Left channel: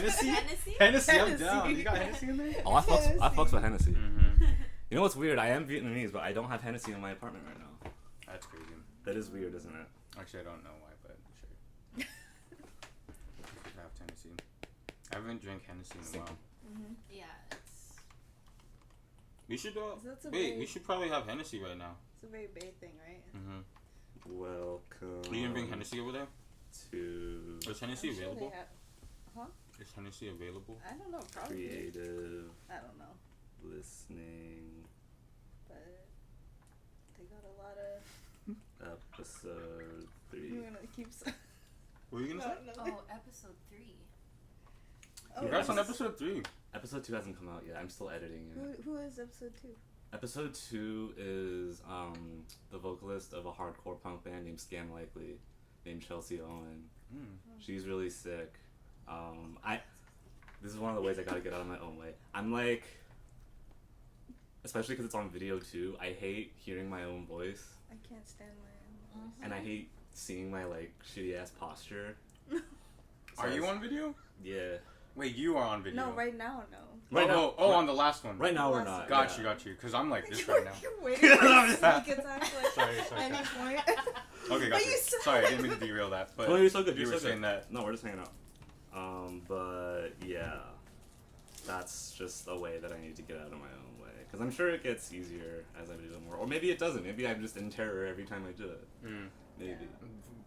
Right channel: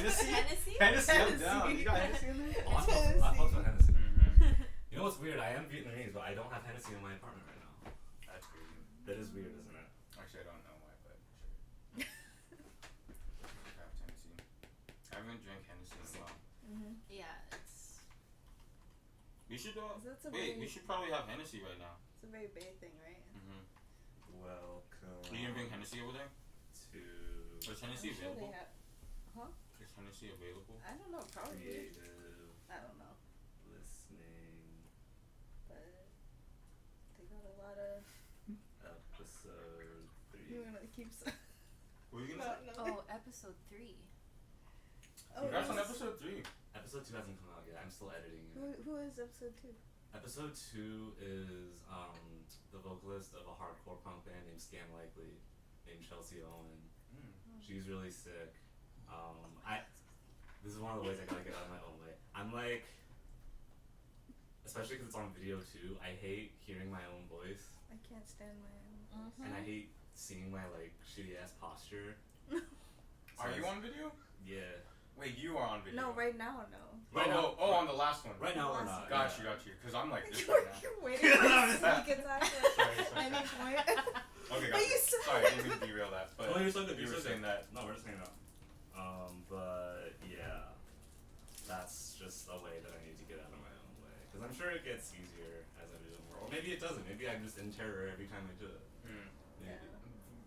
Hennessy? Hennessy, I'm down. You got Hennessy in there? Oh, I fucks with Hennessy. Mm-hmm. You know what's weird? I am Vietnamese, but I don't have Hennessy in my apartment right now. That's crazy. That is weird, isn't it? Actually, I don't know why, but sure. I have Hennessy. I haven't drank Hennessy in a while. Mm-hmm. Yeah, it's... We should Wait, we should probably have Hennessy right now. It's a very Bay thing, right? Mm-hmm. Welcome. Are you gonna bring Hennessy over there? Is Hennessy I'm sure available? they have... Huh? Is Hennessy available? I don't know, probably. Creative I don't know. listening But they got a lot of... episode 3. You wanna keep... What are you gonna say? No. Oh, episode 3. Congrats on episode 3. Episode 2 hasn't come out yet. I'm still editing it. Who is episode 2? Episode 2 is the vocalist of a hardcore punk band named Scam Likely, named Chelsea Owen. She's really sick. This is one of the ways I gotta get out of my own way. I'm like, especially because it's on video too, I hate hearing my own voice. I can't stand my own voice. And I hate seeing my like shitty ass posture. Are you on video? Yeah. Wait, you are on video? No, right now, no. Right now, on the last one. Right now we're not. Got you. Because I'm like this right now. You're waiting for a sneak attack Sorry. at any point. Okay, got But you. you said- Sorry, I didn't mean to derail that. But you're so good. You You're were so saying good. that. No, we're just hanging out. But yeah, that's just a way that I need to get out of my own way. Because I'm sure it gets easier as I do it more. Or maybe it doesn't. Maybe I'm just in terror every time I do it. Maybe. Yeah.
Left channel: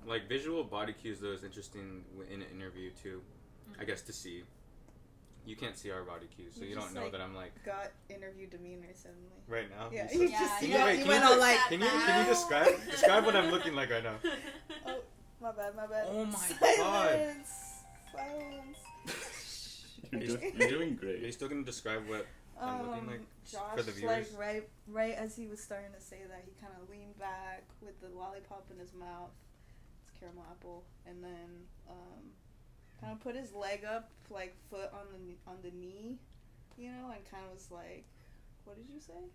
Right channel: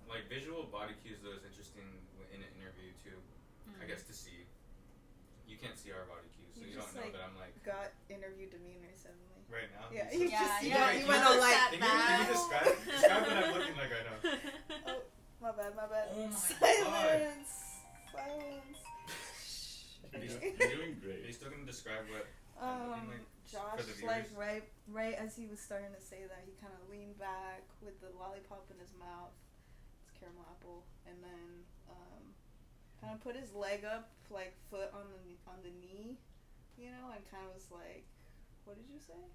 Like visual body cues though is interesting in an interview too. I guess to see. You can't see our body cues, so you don't just, know like, that I'm like got interview demeanor suddenly. right now. Yeah, You you said- just yeah. you went all like. Can you describe what I'm looking like right now? Oh, my bad. Oh my Silence. You're doing Are you great. still gonna describe what I'm looking like Josh, for the viewers? like right as he was starting to say that, he kind of leaned back with the lollipop in his mouth. It's caramel apple, and then kind of put his leg up, like foot on the knee, you know, and kind of was like, what did you say?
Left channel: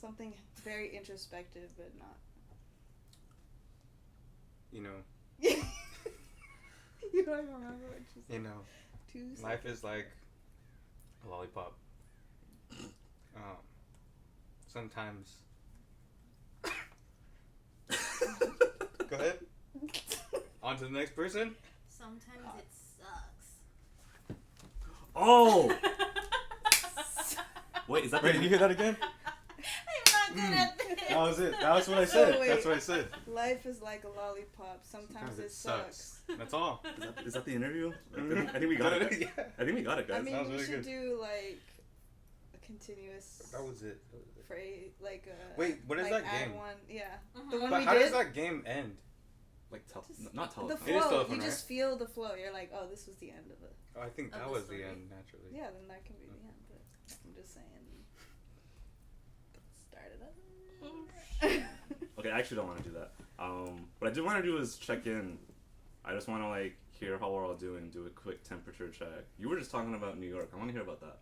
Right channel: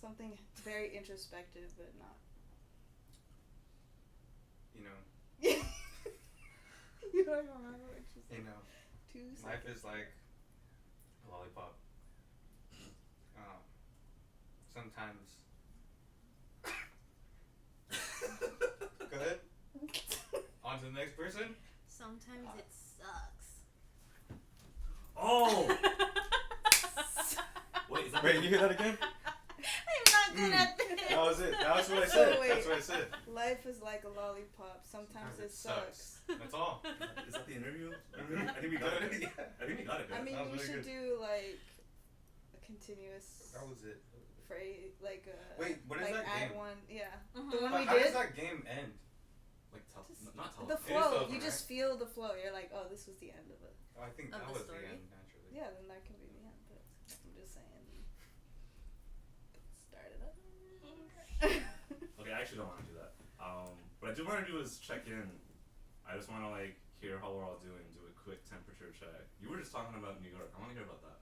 Something very introspective, but not. You know. You don't even remember what you said. You know. 2 seconds. Life is like a lollipop. Sometimes. Go ahead. On to the next person. Sometimes it sucks. Oh! Wait, is that Wait, you hear that again? I'm not good at this. That was it. That's what I said. wait. That's what I said. Life is like a lollipop. Sometimes it sucks. That's all. Is that the interview? Mhm. I think we got it. Yeah. I think we got it, guys. I mean, That was we really should good. do like a continuous That was it. phrase, like a. Wait, what is like that add game? one, yeah. Mhm. The one But we how did. does that game end? Like, Just not the telephone. It is flow. telephone, You just right? feel the flow. You're like, oh, this was the end of it. Oh, I think Of that the was story? the end naturally. Yeah, then that can be the end. But I'm just saying. Start it up. Okay, I actually don't want to do that. What I do want to do is check in. I just want to like hear how we're all doing. Do a quick temperature check. You were just talking about New York. I want to hear about that.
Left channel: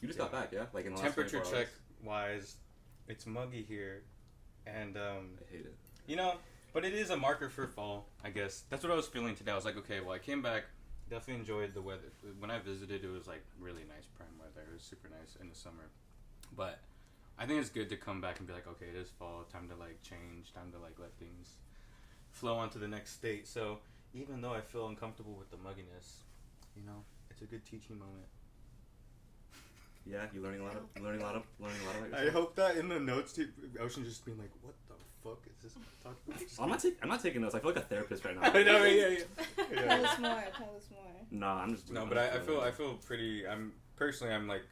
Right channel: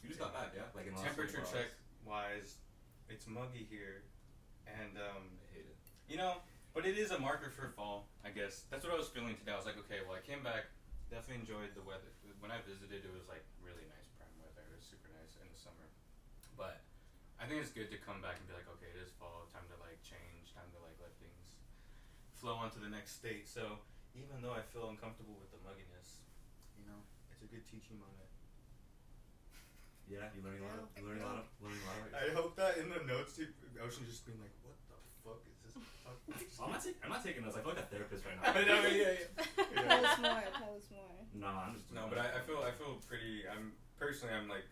You just got back, yeah? Like in the last Temperature 24 check hours. wise, it's muggy here, and I hate it. you know, but it is a marker for fall, I guess. That's what I was feeling today. I was like, okay, well, I came back, definitely enjoyed the weather. When I visited, it was like really nice prime weather. It was super nice in the summer, but I think it's good to come back and be like, okay, it is fall, time to like change, time to like let things flow on to the next state. So even though I feel uncomfortable with the mugginess, you know, it's a good teaching moment. Yeah, you learning a lot. Learning a lot of. I hope that in the notes, Ocean just being like, what the fuck is this? I'm not taking notes. I feel like a therapist right now. I know, yeah. Tell us more. Tell us more. No, I'm just. No, but I feel pretty. I'm like,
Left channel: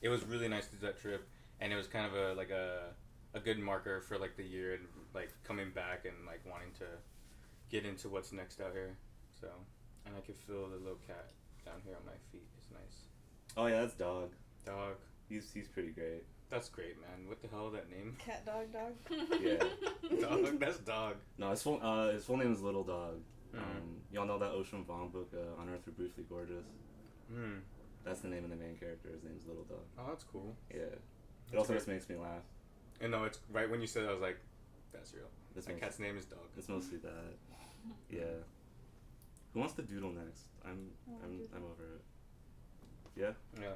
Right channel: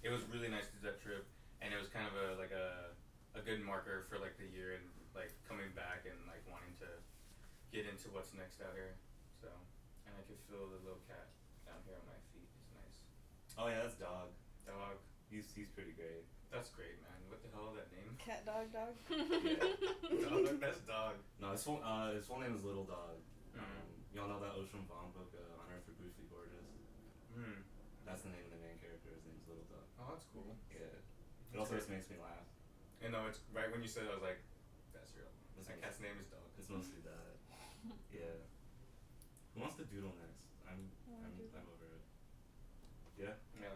it was really nice to do that trip, and it was kind of a good marker for like the year and like coming back and like wanting to get into what's next out here. So, and I could feel the little cat down here on my feet. It's nice. Oh yeah, that's Dog. Dog. He's pretty great. That's great, man. What the hell is that name? Cat, dog. Yeah. Dog. That's Dog. No, his full name is Little Dog. Y'all know that Ocean Vuong book, On Earth We're Briefly Gorgeous? That's the name of the main character. His name's Little Dog. Oh, that's cool. Yeah. It That's also great. just makes me laugh. And no, it's right when you said it, I was like, that's real. It's My mostly- cat's name is Dog. It's mostly that. Yeah. Who wants to doodle next? I'm over it. Yeah? Yeah.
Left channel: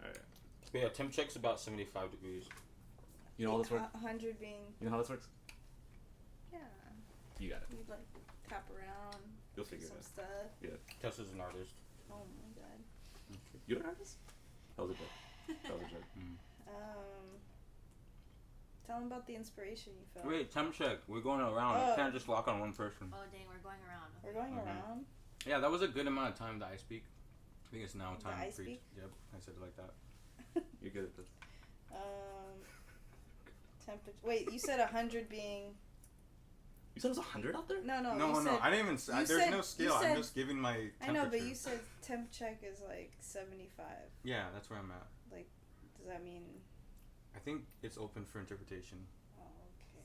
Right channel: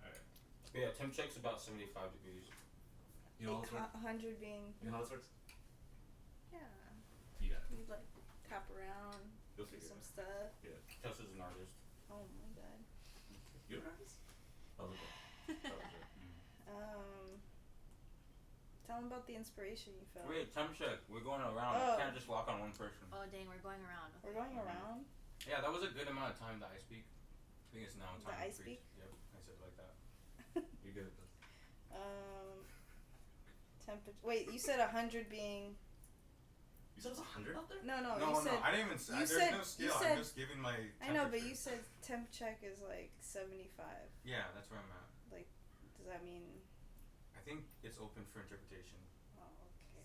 Alright. But yeah, temp check's about 75 degrees. You know how this works? 100 being. You know how this works? Yeah. You got it. You'd like tap around. You'll figure it some out. stuff. Yeah. Tessa's an artist. Oh my god. You're an artist? That was a joke. That was a joke. Tell them about the inspiration you felt. Wait, temp check. We're going around. Oh. We can't just lock on one person. Oh dang, we're going around. Okay. We're going around. Yeah, that was a good amount of time that I speak. I think it's now The time I to speak? Yep, I said it like that. You're good at this. Temperature. Wait, you said 100 being. You said it was 100 out there? No, No, you said. I didn't even say. you There's said- no you scale. said- I'm just giving my temperature. I know, but you said temp check is like 75. Yeah, that's where I'm at. Does that mean? I think it's open for interpretation. Oh, okay.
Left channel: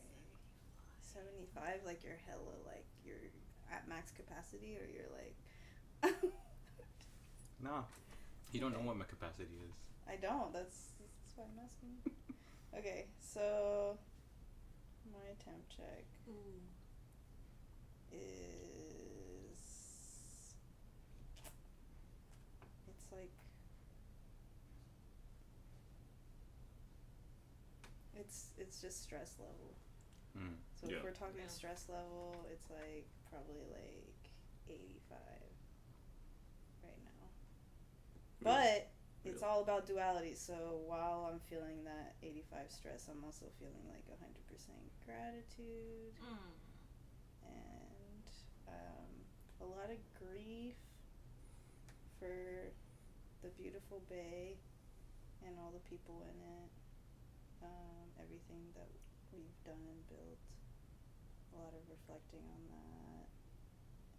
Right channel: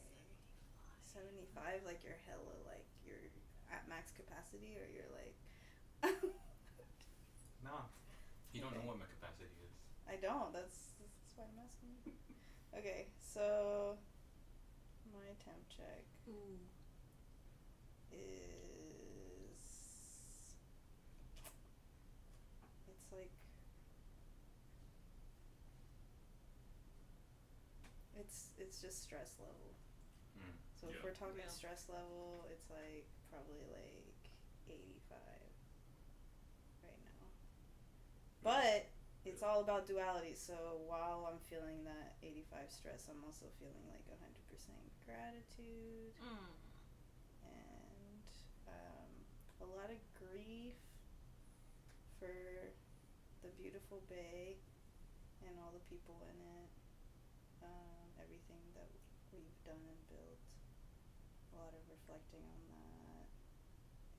75, like you're hella, like you're at max capacity, or you're like. No. You don't Okay. know what my capacity is. I don't. That's why I'm asking. Okay, so my temp check Ooh. is. It's like. It's just stress level. So Yeah. if we're talking Yeah. stress level, it's like probably like 85 right now. But it's all about duality. So while I'm feeling that 85 stress, I'm also feeling like 100% gratitude and a lot of grief for the beautiful bay and all the people in it. Everything that we've done and built. A lot of reflecting on that.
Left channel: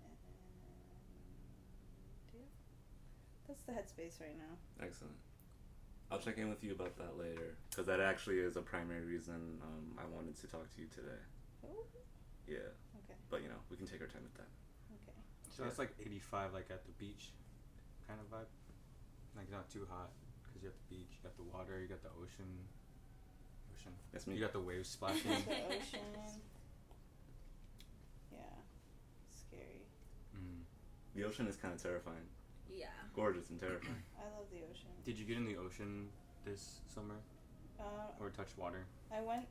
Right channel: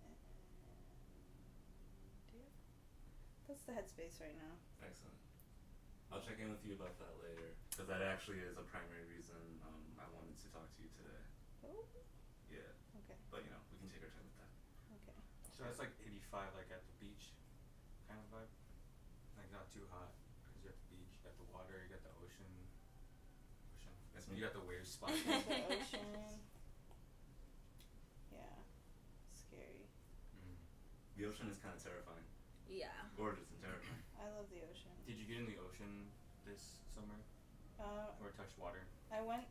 And yeah. That's the headspace right now. Excellent. I'll check in with you about that later, because that actually is a primary reason I wanted to talk to you today. Oh, Yeah. okay. But, you know, we can take our time with that. Okay. So that's like 85, like at the beach kind of vibe. Like not too hot, because you have the beach, you got the water, you got the ocean. That's me. You got the waves splashing. The ocean. Yeah. Scary. The ocean is kind of terrifying. Yeah. Gorgeous and terrifying. I love the ocean. Did you get in the ocean this summer? Or touch water? I went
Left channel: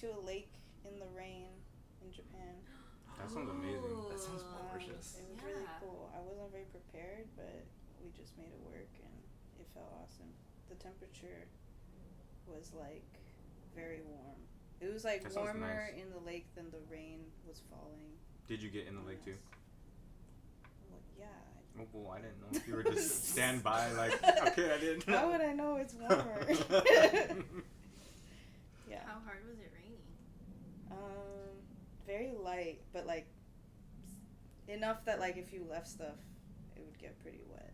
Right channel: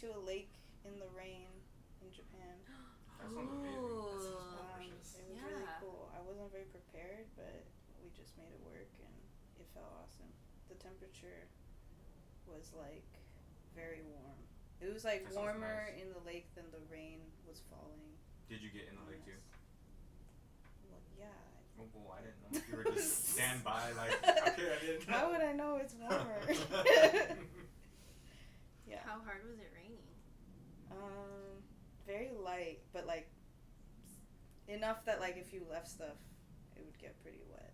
to a lake in the rain in Japan. That sounds amazing. That sounds It gorgeous. was really Yeah. cool. I wasn't very prepared, but we just made it work and it felt awesome. The temperature was like very warm. It was like That sounds warmer nice. in the lake than the rain was falling. Did you get in the lake too? Well, yeah. Oh, well, I didn't know if you were just stand by like, okay, I didn't know. How would I know it's warmer? Yeah. How hard was it raining? Very light, but like enough that like if you left stuff, it would get pretty wet.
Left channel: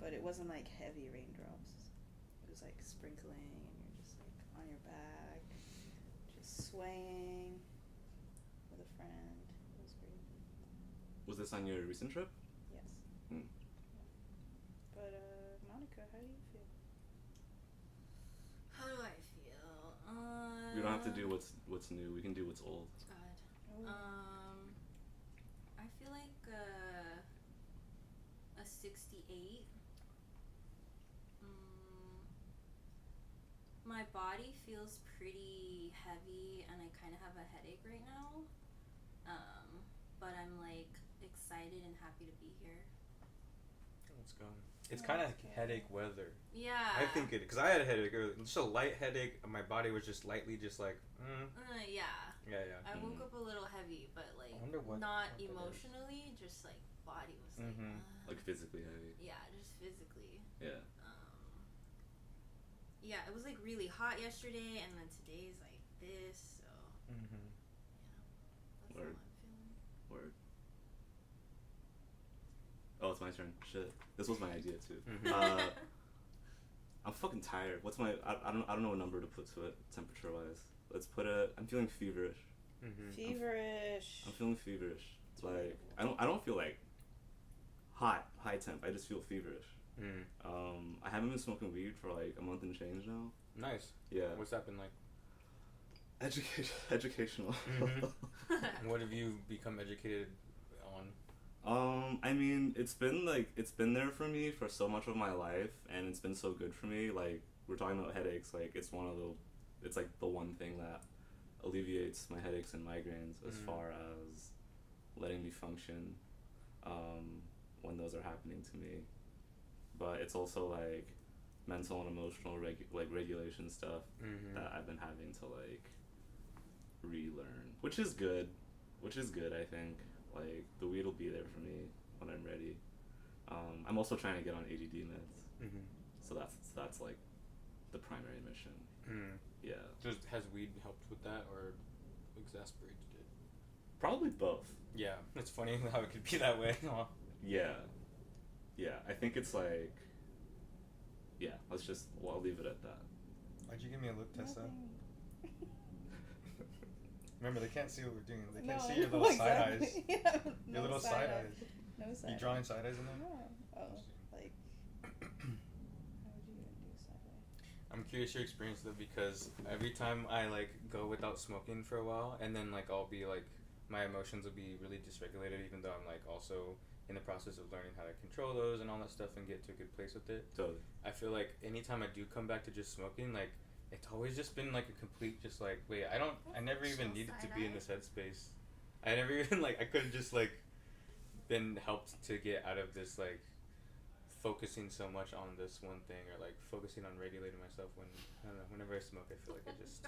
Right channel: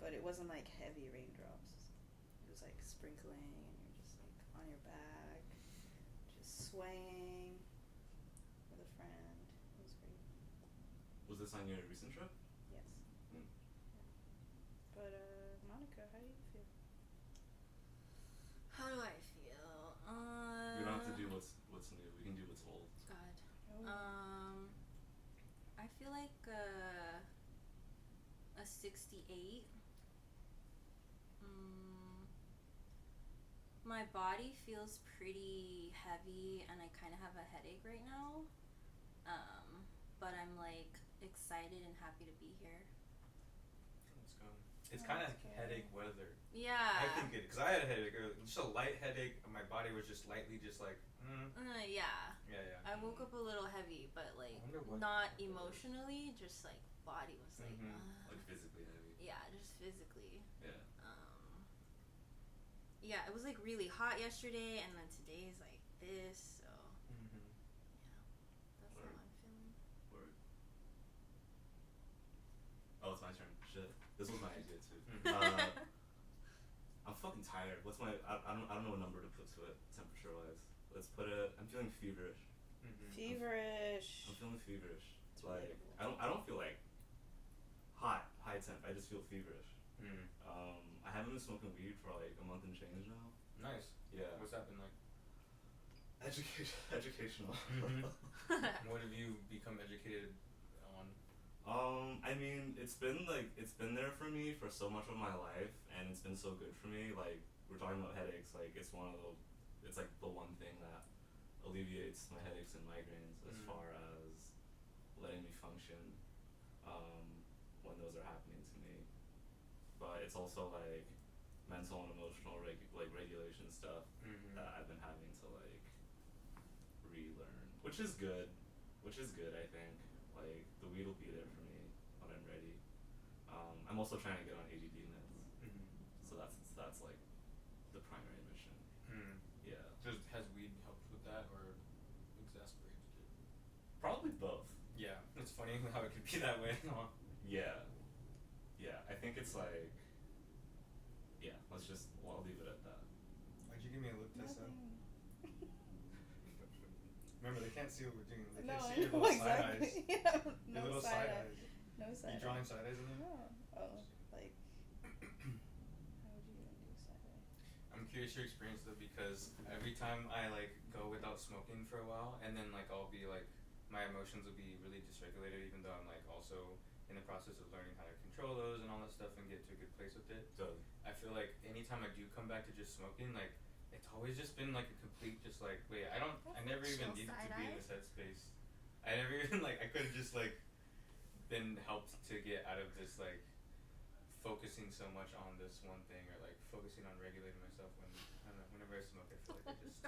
But it wasn't like heavy raindrops. It was like sprinkling, and you're just like on your back, just swaying with a friend. It was great. Was this on your recent trip? Yes. Mm. Yeah. But Monica, how do you feel? How do I feel? We don't have to do what's new. We can do what's old. God. Oh. I feel like a 68. My body feels pretty heavy and I kind of have a headache right now. But I'm like excited and happy to be here. Let's go. It's kind of headache weather. Yeah. I think it, because I had a headache, just a light headache, and my body was just lightly just like, Yeah. Yeah. I woke up a little heavy, but like I wonder what not that is. emotionally, just like body was like, Like physically heavy. yeah, just physically. Yeah. Yeah, it was like really hot yesterday, and then today is like this, so Mm-hmm. that's Word. how I'm feeling. Word. Oh, it's my turn. Shit. This was my idea too. I'm fucking tired. What's my? I don't know what number to put to it temperature wise. Let's put it. I'm feeling feverish. Feverish. I'm feeling feverish. It's Like relatable. I don't feel like high temp. I just feel feverish. I haven't been smoking weed for like a month and change now. Nice. Yeah. What's that been like? Educational. What have you become educated on? I mean, it's been there for me for so much of my life, and it's been so good for me. Like, we're talking about headaches, like it's like the one thing that alleviates my headaches and migraines as far as letting me function when those are happening to me. But it's also like mental and emotional regulation stuff that I've been having to like relearn, which is good. I think like the weed will be there for me when I'm ready. I'm also trying to get on ADD meds, so that's like the primary mission. Yeah. Has weed helped with that or exasperated it? Probably both. Yeah, it's funny how it could be that way. Yeah. I think it's like. Yeah, I'll leave it at that. Why'd you give me a look, Tessa? Nothing. Remember, they can't see what we're doing. They No, can't I see your know little exactly. side eyes. Yeah, Your no little side side eye. eyes. No side You eye. drawing side eyes in there? No. Oh, like, how would you even do side eye? I'm curious your experience though, because every time I like go without smoking for a while, and then like I'll be like, my emotions will be really dysregulated, even though I'm like also in the process of learning how to control those and all that stuff and get to a good place with it. Totally. I feel like anytime I do come back to just smoking, like it's always just been like a complete just like wait, I never even needed to be in this headspace. I never even like I could have just like been helped to get out of this like focusing so much on this one thing or like focusing on regulating myself when I don't know, whenever I smoke I feel like I just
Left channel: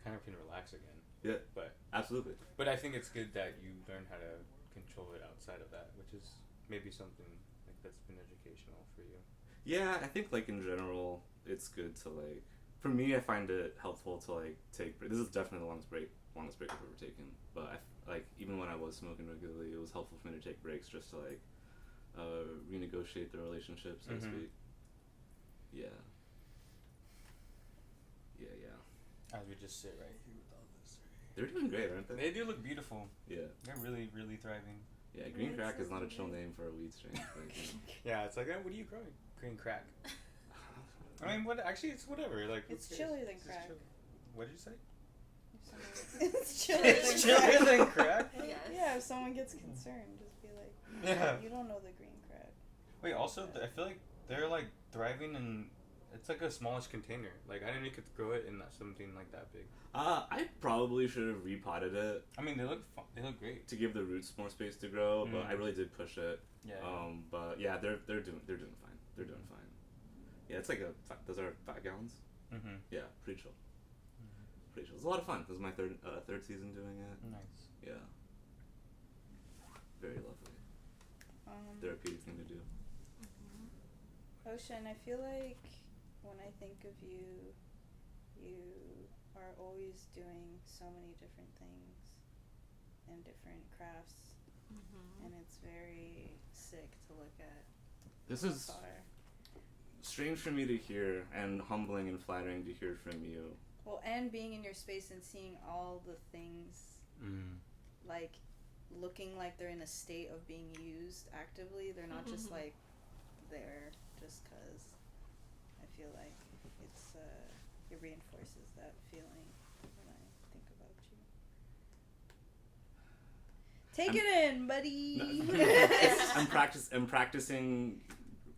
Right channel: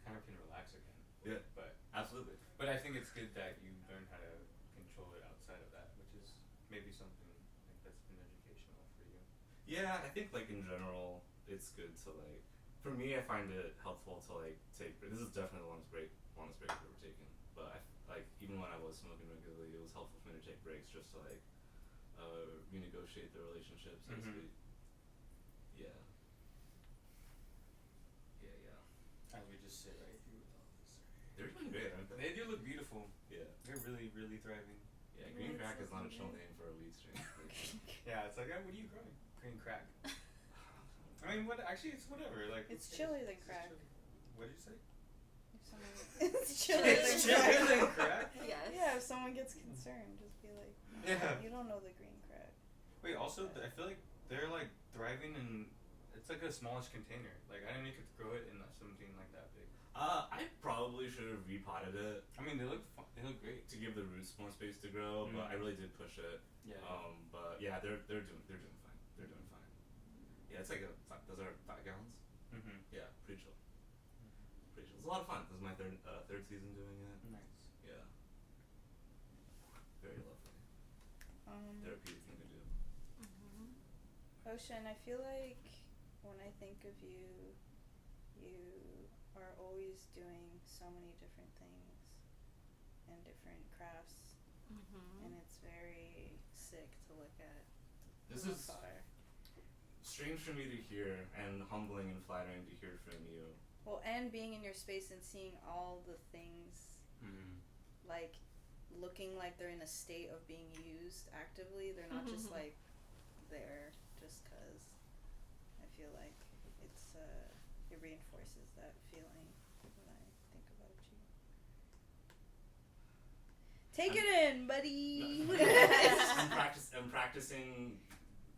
kind of can relax again. Yeah. But absolutely. But I think it's good that you learn how to control it outside of that, which is maybe something like that's been educational for you. Yeah, I think like in general it's good to like for me I find it helpful to like take this is definitely the longest break I've ever taken, but like even when I was smoking regularly it was helpful for me to take breaks just to like renegotiate the relationship, so to speak. Yeah. As we just sit right here with all this. They're doing great, aren't they? They do look beautiful. Yeah. They're really, really thriving. Yeah, green crack is not a chill name for a weed strain. Yeah, it's like, what are you growing? Green crack. I mean, actually, it's whatever. Like, It's chillier than crack. What did you say? It's chillier than It's chillier crack. than crack? Yes. Yeah, if someone gets concerned, just be like, Yeah. you don't know the green crack. Wait, also, I feel like they're like thriving in. It's like a smallish container. Like, I didn't know you could grow it in something like that big. I probably should have repotted it. I mean, they look great. To give the roots more space to grow, but I really did push it. Yeah. But yeah, they're doing fine. They're doing fine. Yeah, it's like those are 5 gallons. Yeah, pretty chill. Pretty chill. It's a lot of fun. This is my third season doing it. Nice. Yeah. Very lovely. Therapeutic thing to do. Ocean, I feel like when I think of you, you are always doing so many different things and different crafts, and it's very sick to look at. This is strange for me to hear, and humbling and flattering to hear from you. Well, and being in your space and seeing all the things, like, looking like they're in a state of being used actively. They're not just, like, there just because. I feel like it reinforces that feeling when I think about you. Take it in, buddy! No, I'm practicing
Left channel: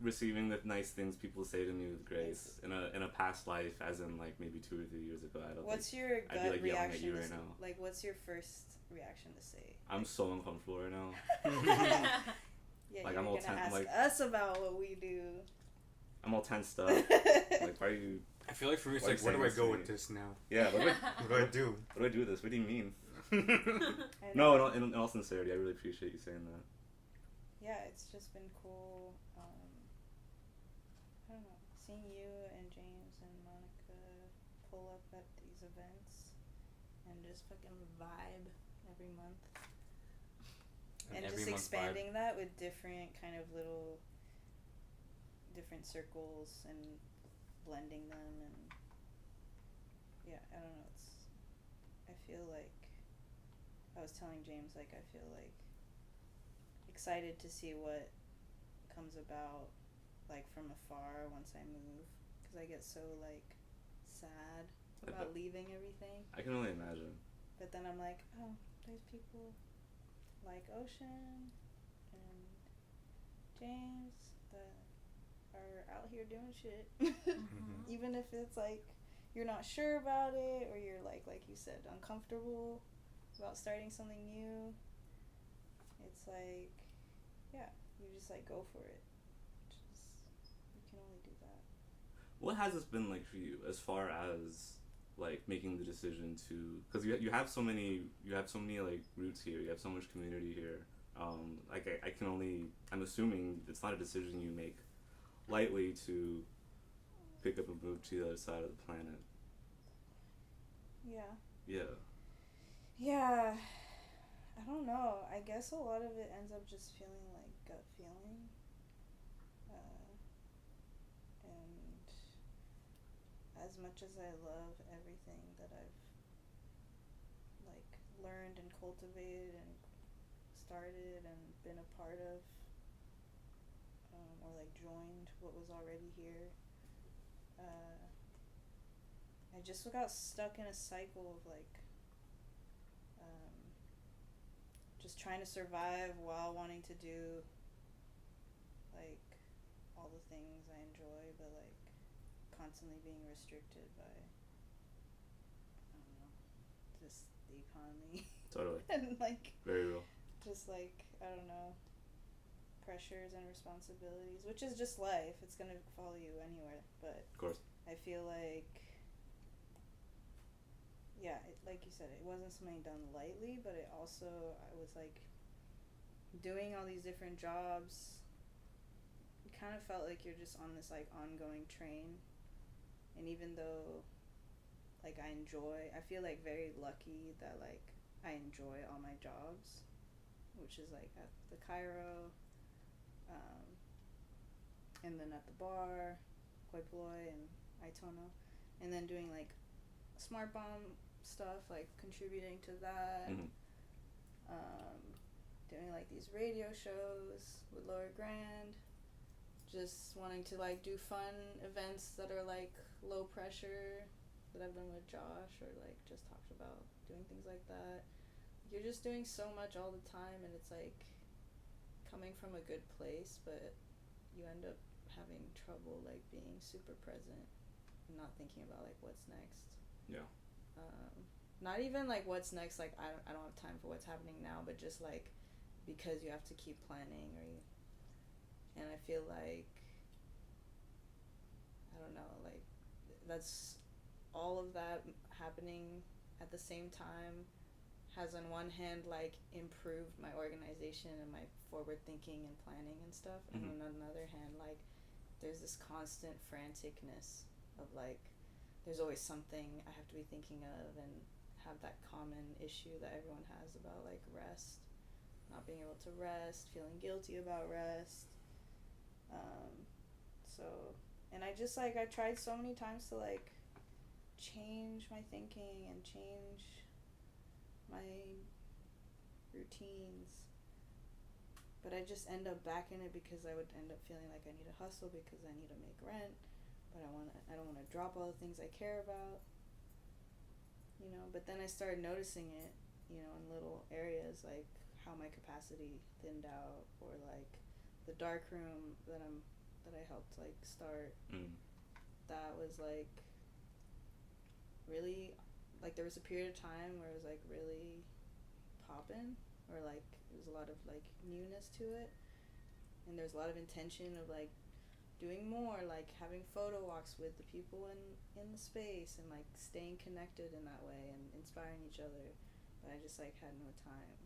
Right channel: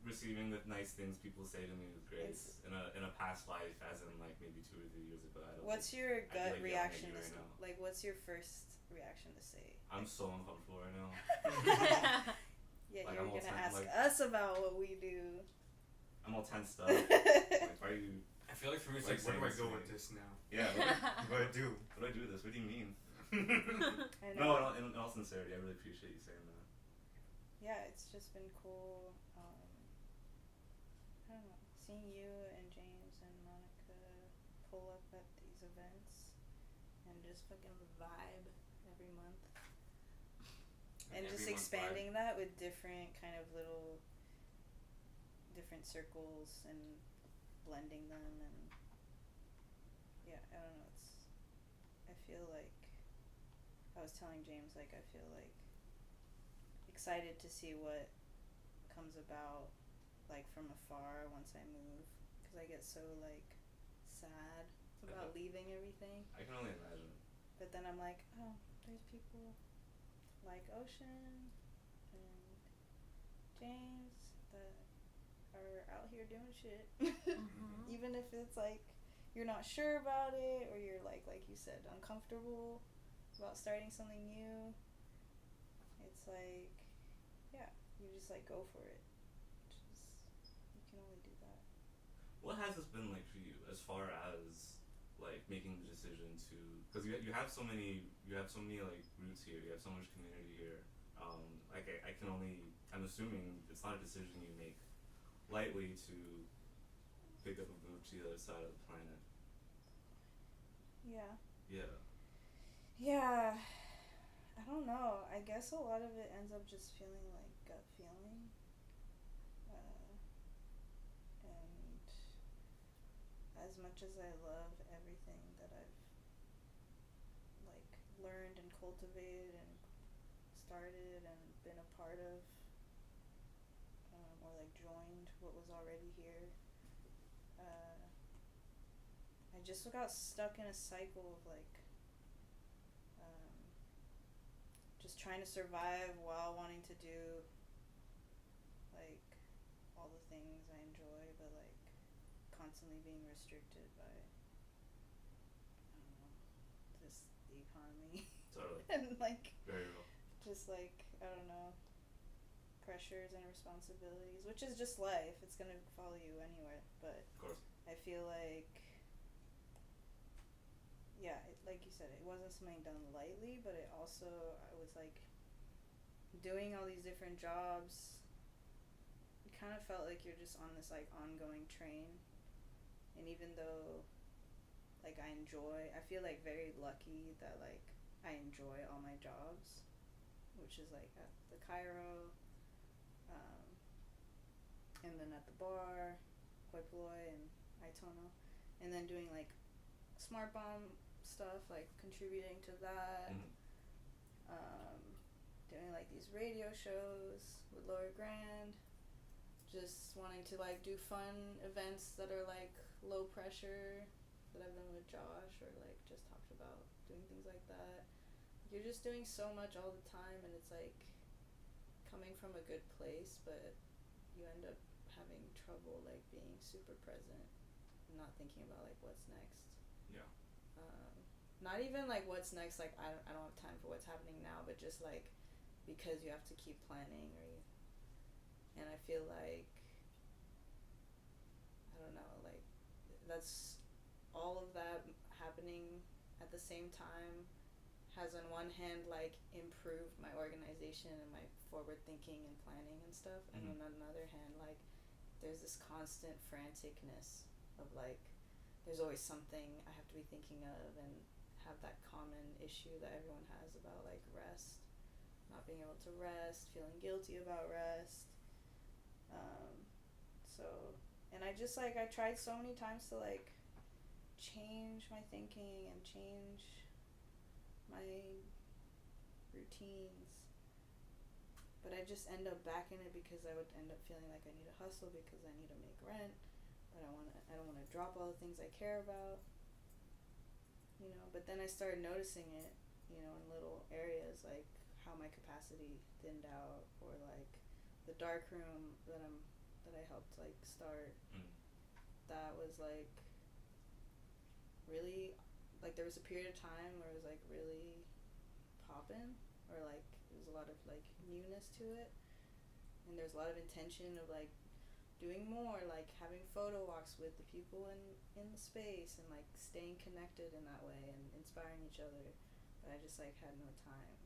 receiving the nice things people say to me with grace in a past life, as in like maybe 2 or 3 years ago. What's your gut reaction right to now. like? What's your first reaction to say? I'm so uncomfortable right now. Yeah, like, you're I'm all gonna ask like, us about what we do. I'm all tensed up. Like, why are you? I feel like for me, it's Why like, where do I saying go this with to me? this now? Yeah. What do I do? What do I do with this? What do you mean? I No, know. in all sincerity, I really appreciate you saying that. Yeah, it's just been cool. I don't know, seeing you and James and Monica pull up at these events and just fucking vibe every month. And just expanding that with different kind of little different circles and blending them, and yeah, I don't know, I feel like I was telling James, like, I feel like excited to see what comes about, like, from afar once I move, because I get so, like, sad about leaving everything. I can only imagine. But then I'm like, oh, there's people like Ocean and here doing shit. Mm-hmm. Even if it's like you're not sure about it, or you're like you said, uncomfortable about starting something new. It's like, yeah, you just like go for it. You can only do that. What has this been like for you as far as like making the decision to, because you have so many like roots here, you have so much community here. Like I can only, I'm assuming it's not a decision you make lightly to pick up a move to the other side of the planet. Yeah. Yeah. I don't know. I guess a lot of it ends up just feeling like gut feeling. And as much as I love everything that I've like learned and cultivated and started and been a part of, or like joined what was already here, I just got stuck in a cycle of like just trying to survive while wanting to do like all the things I enjoy, but like constantly being restricted by, I don't know, just the economy. Totally. And like Very real. just like, I don't know, pressures and responsibilities, which is just life. It's gonna follow you anywhere. But Of course. I feel like, yeah, like you said, it wasn't something done lightly, but it also, I was like doing all these different jobs. It kind of felt like you're just on this like ongoing train. And even though like I feel like very lucky that like I enjoy all my jobs, which is like at the Cairo, and then at the bar, Hoi Polloi and Aitono, and then doing like SMARTBOMB stuff, like contributing to that, doing like these radio shows with Lower Grand, just wanting to like do fun events that are like low pressure that I've done with Josh, or like just talked about doing things like that. You're just doing so much all the time, and it's like coming from a good place, but you end up having trouble like being super present and not thinking about like what's next. Yeah. Not even like what's next, like I don't have time for what's happening now, but just like because you have to keep planning, and I feel like, I don't know, like that's all of that happening at the same time has on one hand like improved my organization and my forward thinking and planning and stuff, and on another hand like there's this constant franticness of like there's always something I have to be thinking of, and have that common issue that everyone has about like rest, not being able to rest, feeling guilty about rest. And I just like, I tried so many times to like change my thinking and change my routines, but I just end up back in it because I would end up feeling like I need to hustle because I need to make rent, but I don't want to drop all the things I care about, you know. But then I started noticing it, you know, in little areas, like how my capacity thinned out, or like the dark room that I helped like start. That was like really, like there was a period of time where it was like really poppin', or like there was a lot of like newness to it, and there's a lot of intention of like doing more, like having photo walks with the people in the space, and like staying connected in that way and inspiring each other. But I just like had no time,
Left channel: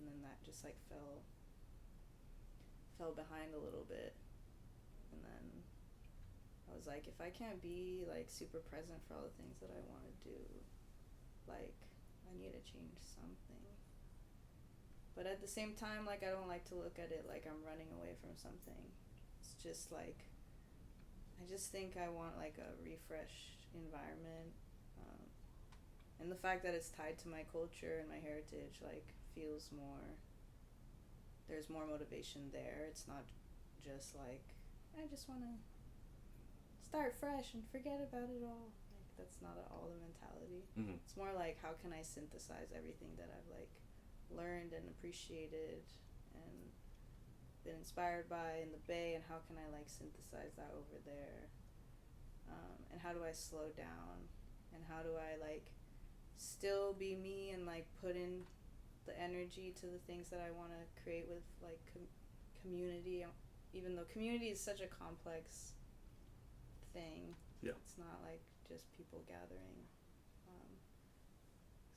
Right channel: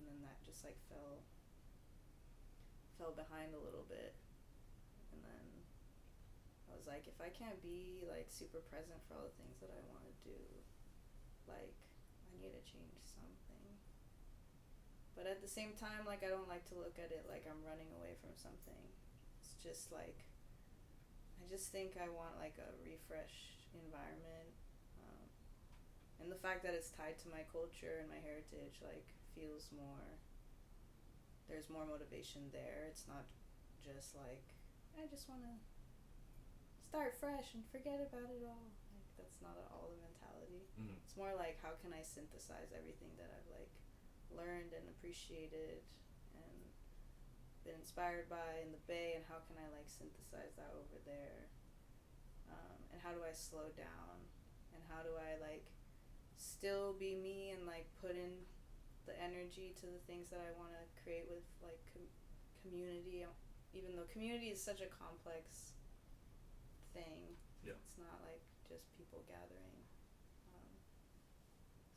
and then that just like fell behind a little bit. And then I was like, if I can't be like super present for all the things that I want to do, like I need to change something. But at the same time, like I don't like to look at it like I'm running away from something. It's just like, I just think I want like a refreshed environment, and the fact that it's tied to my culture and my heritage like feels more, there's more motivation there. It's not just like I just want to start fresh and forget about it all. Like that's not at all the mentality. It's more like, how can I synthesize everything that I've like learned and appreciated and been inspired by in the Bay, and how can I like synthesize that over there, and how do I slow down, and how do I like still be me and like put in the energy to the things that I want to create with like community, even though community is such a complex thing. Yeah. It's not like just people gathering.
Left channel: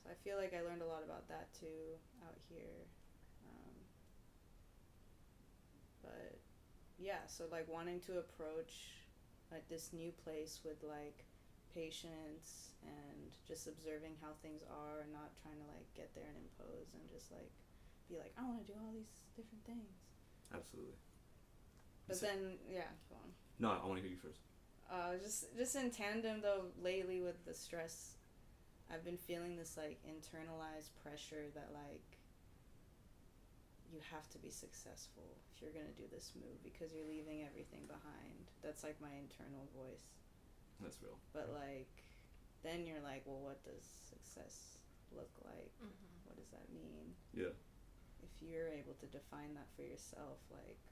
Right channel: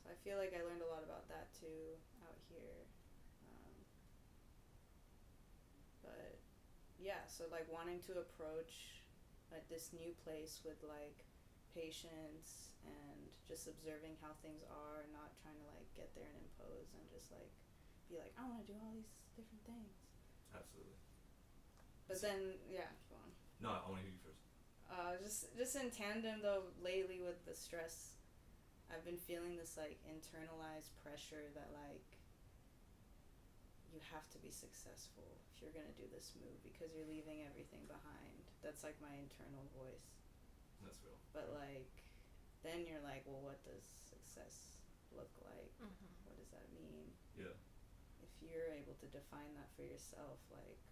So I feel like I learned a lot about that too out here. But yeah, so like wanting to approach like this new place with like patience and just observing how things are and not trying to like get there and impose and just like be like, I want to do all these different things. Absolutely. But then, yeah, go on. No, I want to hear you first. Just in tandem though, lately with the stress, I've been feeling this like internalized pressure that like you have to be successful if you're gonna do this move because you're leaving everything behind. That's like my internal voice. That's real. But like, then you're like, well, what does success look like? Mm-hmm. What does that mean? Yeah. If you're able to define that for yourself, like,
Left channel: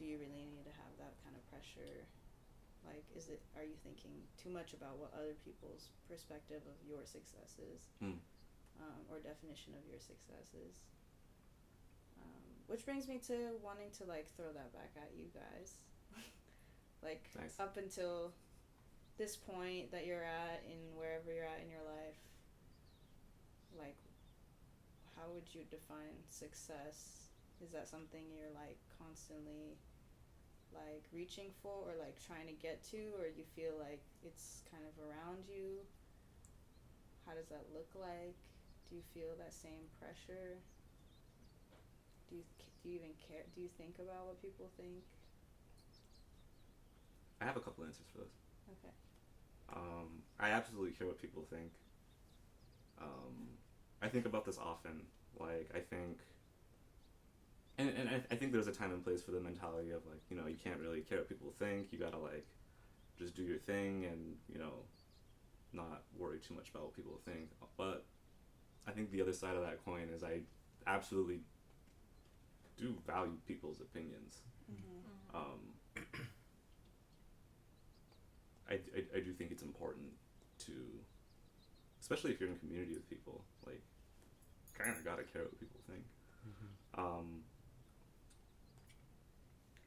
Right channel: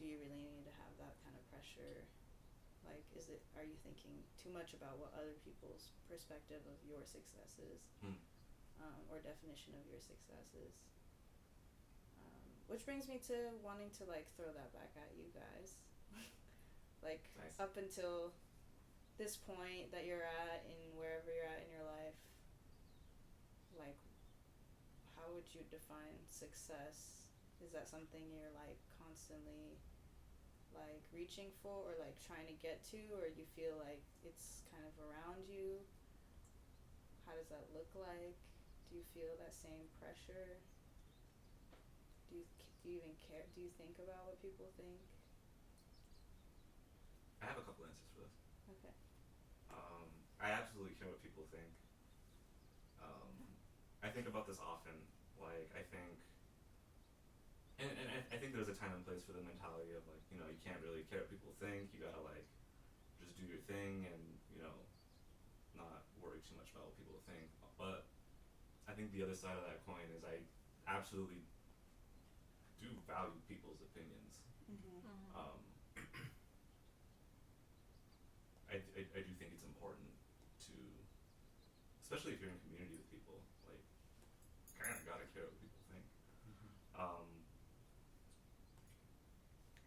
do you really need to have that kind of pressure? Like, are you thinking too much about what other people's perspective of your success is, or definition of your success is? Which brings me to wanting to like throw that back at you guys. Like, nice. Up until this point that you're at in wherever you're at in your life, like, how would you define success? Is that something you're like constantly like reaching for or like trying to get to, or you feel like it's kind of around you? How does that look like? Do you feel that same pressure? Do you even care? Do you think about what people think? I have a couple answers for this. Okay. I absolutely care what people think. I think about this often. Like, I think, and I think there's a time and place for the mentality of like, you know, you can't really care what people think. You gotta like, just do your thing and, you know, not worry too much about what people think. But I think the other side of that coin is I absolutely do value people's opinions. I do think it's important to, especially if you're in a community with people, like, kind of gotta care what people think.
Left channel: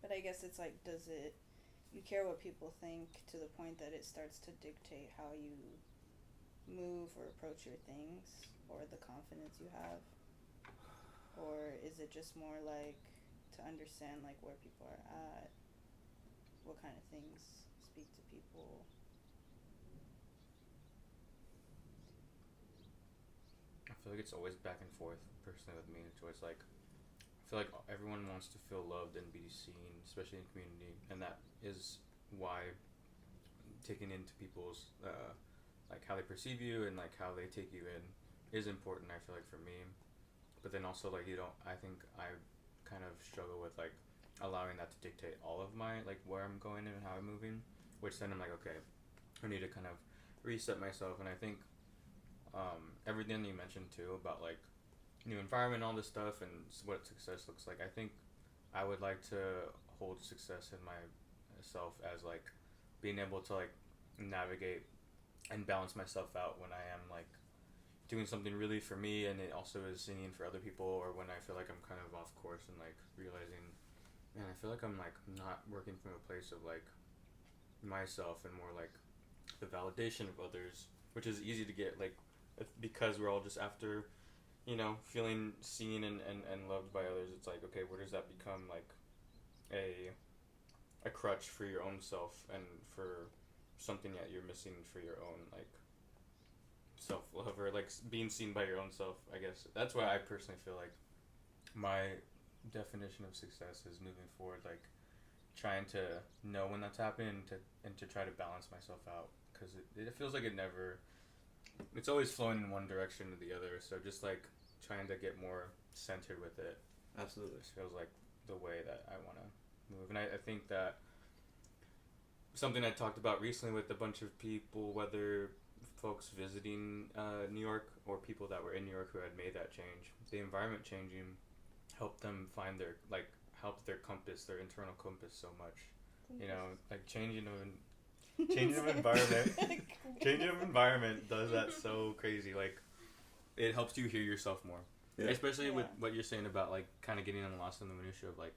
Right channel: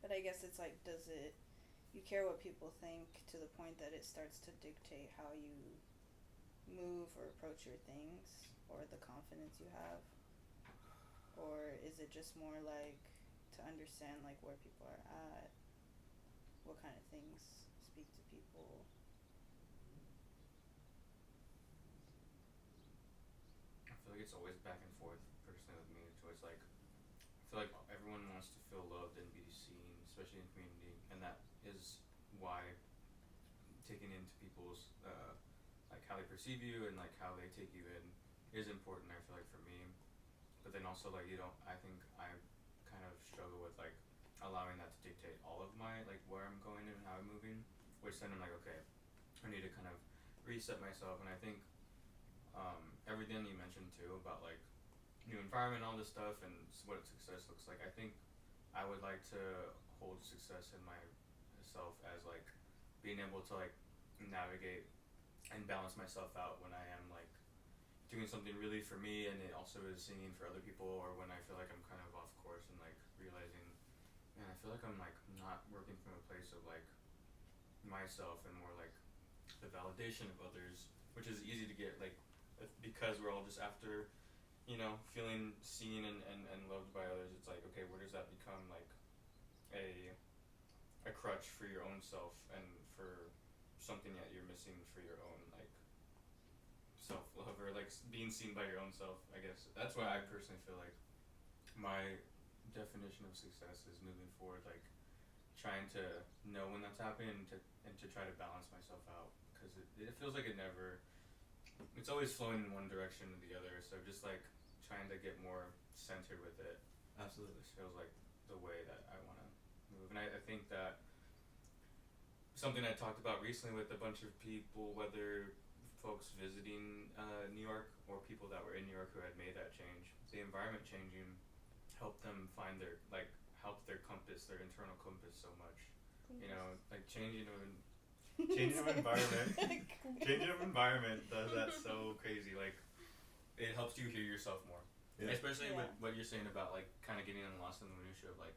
But I guess it's like, you care what people think to the point that it starts to dictate how you move or approach your things, or the confidence you have? Or is it just more like to understand like where people are at, what kind of things speak to people? I feel like it's always back and forth personally with me. It's always like, I feel like everyone wants to feel loved and be seen, especially in community, and that is why taking into people's like how they perceive you and like how they take you in is important. I feel like for me, but then also like I think I kind of struggle with like allowing that to dictate all of my like where I'm going and how I'm moving, which then I'm like, okay, I need to kind of reset myself. And I think everything you mentioned too about like new environment, all this stuff, and what success looks like, I think I would like to hold success in myself as like being able to like navigate and balance myself out when I am like doing something really for me and it also is singing for other people, or when I feel like I'm kind of off course and like realizing, man, I feel like I'm like not working from a place of like myself and more like the validation of others, which is easy to get like because we're all just after, you know, feeling seen and loved by others. It's like, okay, where does that become like a crutch for your own self and for something that you're missing for your own like self-love, or like being seen by your own self, I guess. That's why I personally feel like my definition of success is moving forward, like trying to know when that's happening and to try to balance myself out, because it feels like it's always flowing in one direction or the other, so just like trying to get more centered with it. Absolutely. It feels like the way that I want to move. And I think that something I talked about recently with a bunch of people, whether folks visiting New York or people that were in New York who had made that change, the environment changing helped them find their like help their compass, their internal compass, so much. You know, like changing of environment does that so crazy. Like, it helps you hear yourself more. Yeah. Especially with what you're saying about like kind of getting lost in the minutia of like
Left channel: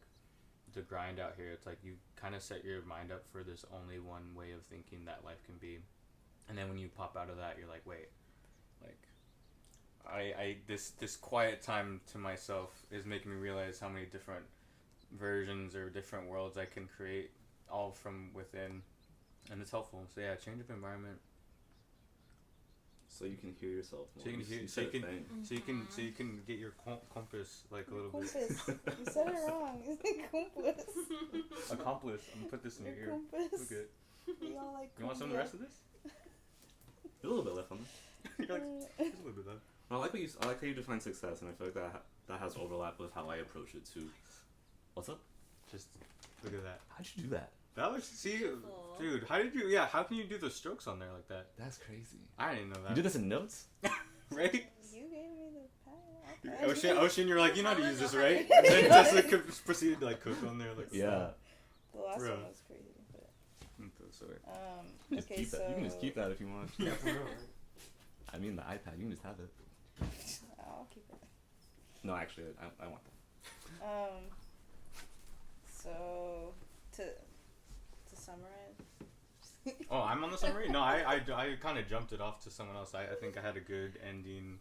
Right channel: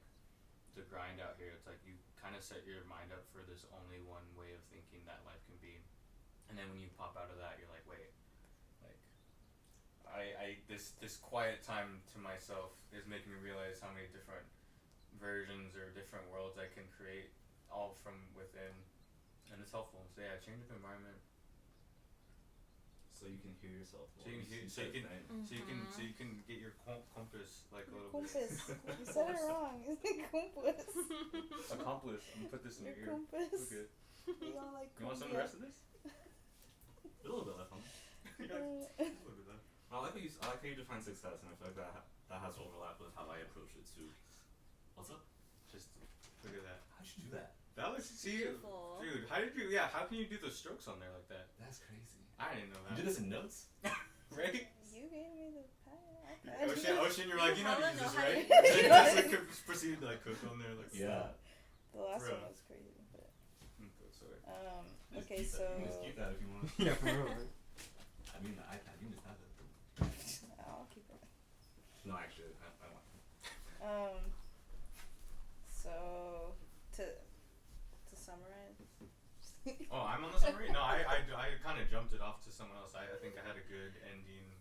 the grind out here. It's like you kind of set your mind up for this only one way of thinking that life can be, and then when you pop out of that, you're like, wait, like this quiet time to myself is making me realize how many different versions or different worlds I can create, all from within, and it's helpful. So yeah, change of environment. So you can hear yourself more. So you can hear. So you can get your compass like a little compass. bit. You said it wrong. It's compass. Accomplice. I'm gonna put this in your ear. Compass. Look good. We all like. You want some of the rest of this? A little bit left on it. Just a little bit left. I like how you define success, and I feel like that has overlap with how I approach it too. What's up? Just look at that. How'd you do that? That looks Beautiful. dude. How did you? Yeah, how can you do the strokes on there like that? That's crazy. I didn't know that. You did this in notes? Right? You gave me the pie. Ocean, you're like, you know how to use this, How right? to And then use Tessa proceeded to like cook on there, like Yeah. The last Bro. one was crazy, but Sorry. You just okay, keep so that. You can just keep that if you want. Yeah, for real. I mean, the iPad. You can just have it. I'll keep it. No, actually, I want it. So to summarize. Oh, I'm on the summary? No, I kind of jumped it off to someone else. I think I had a good ending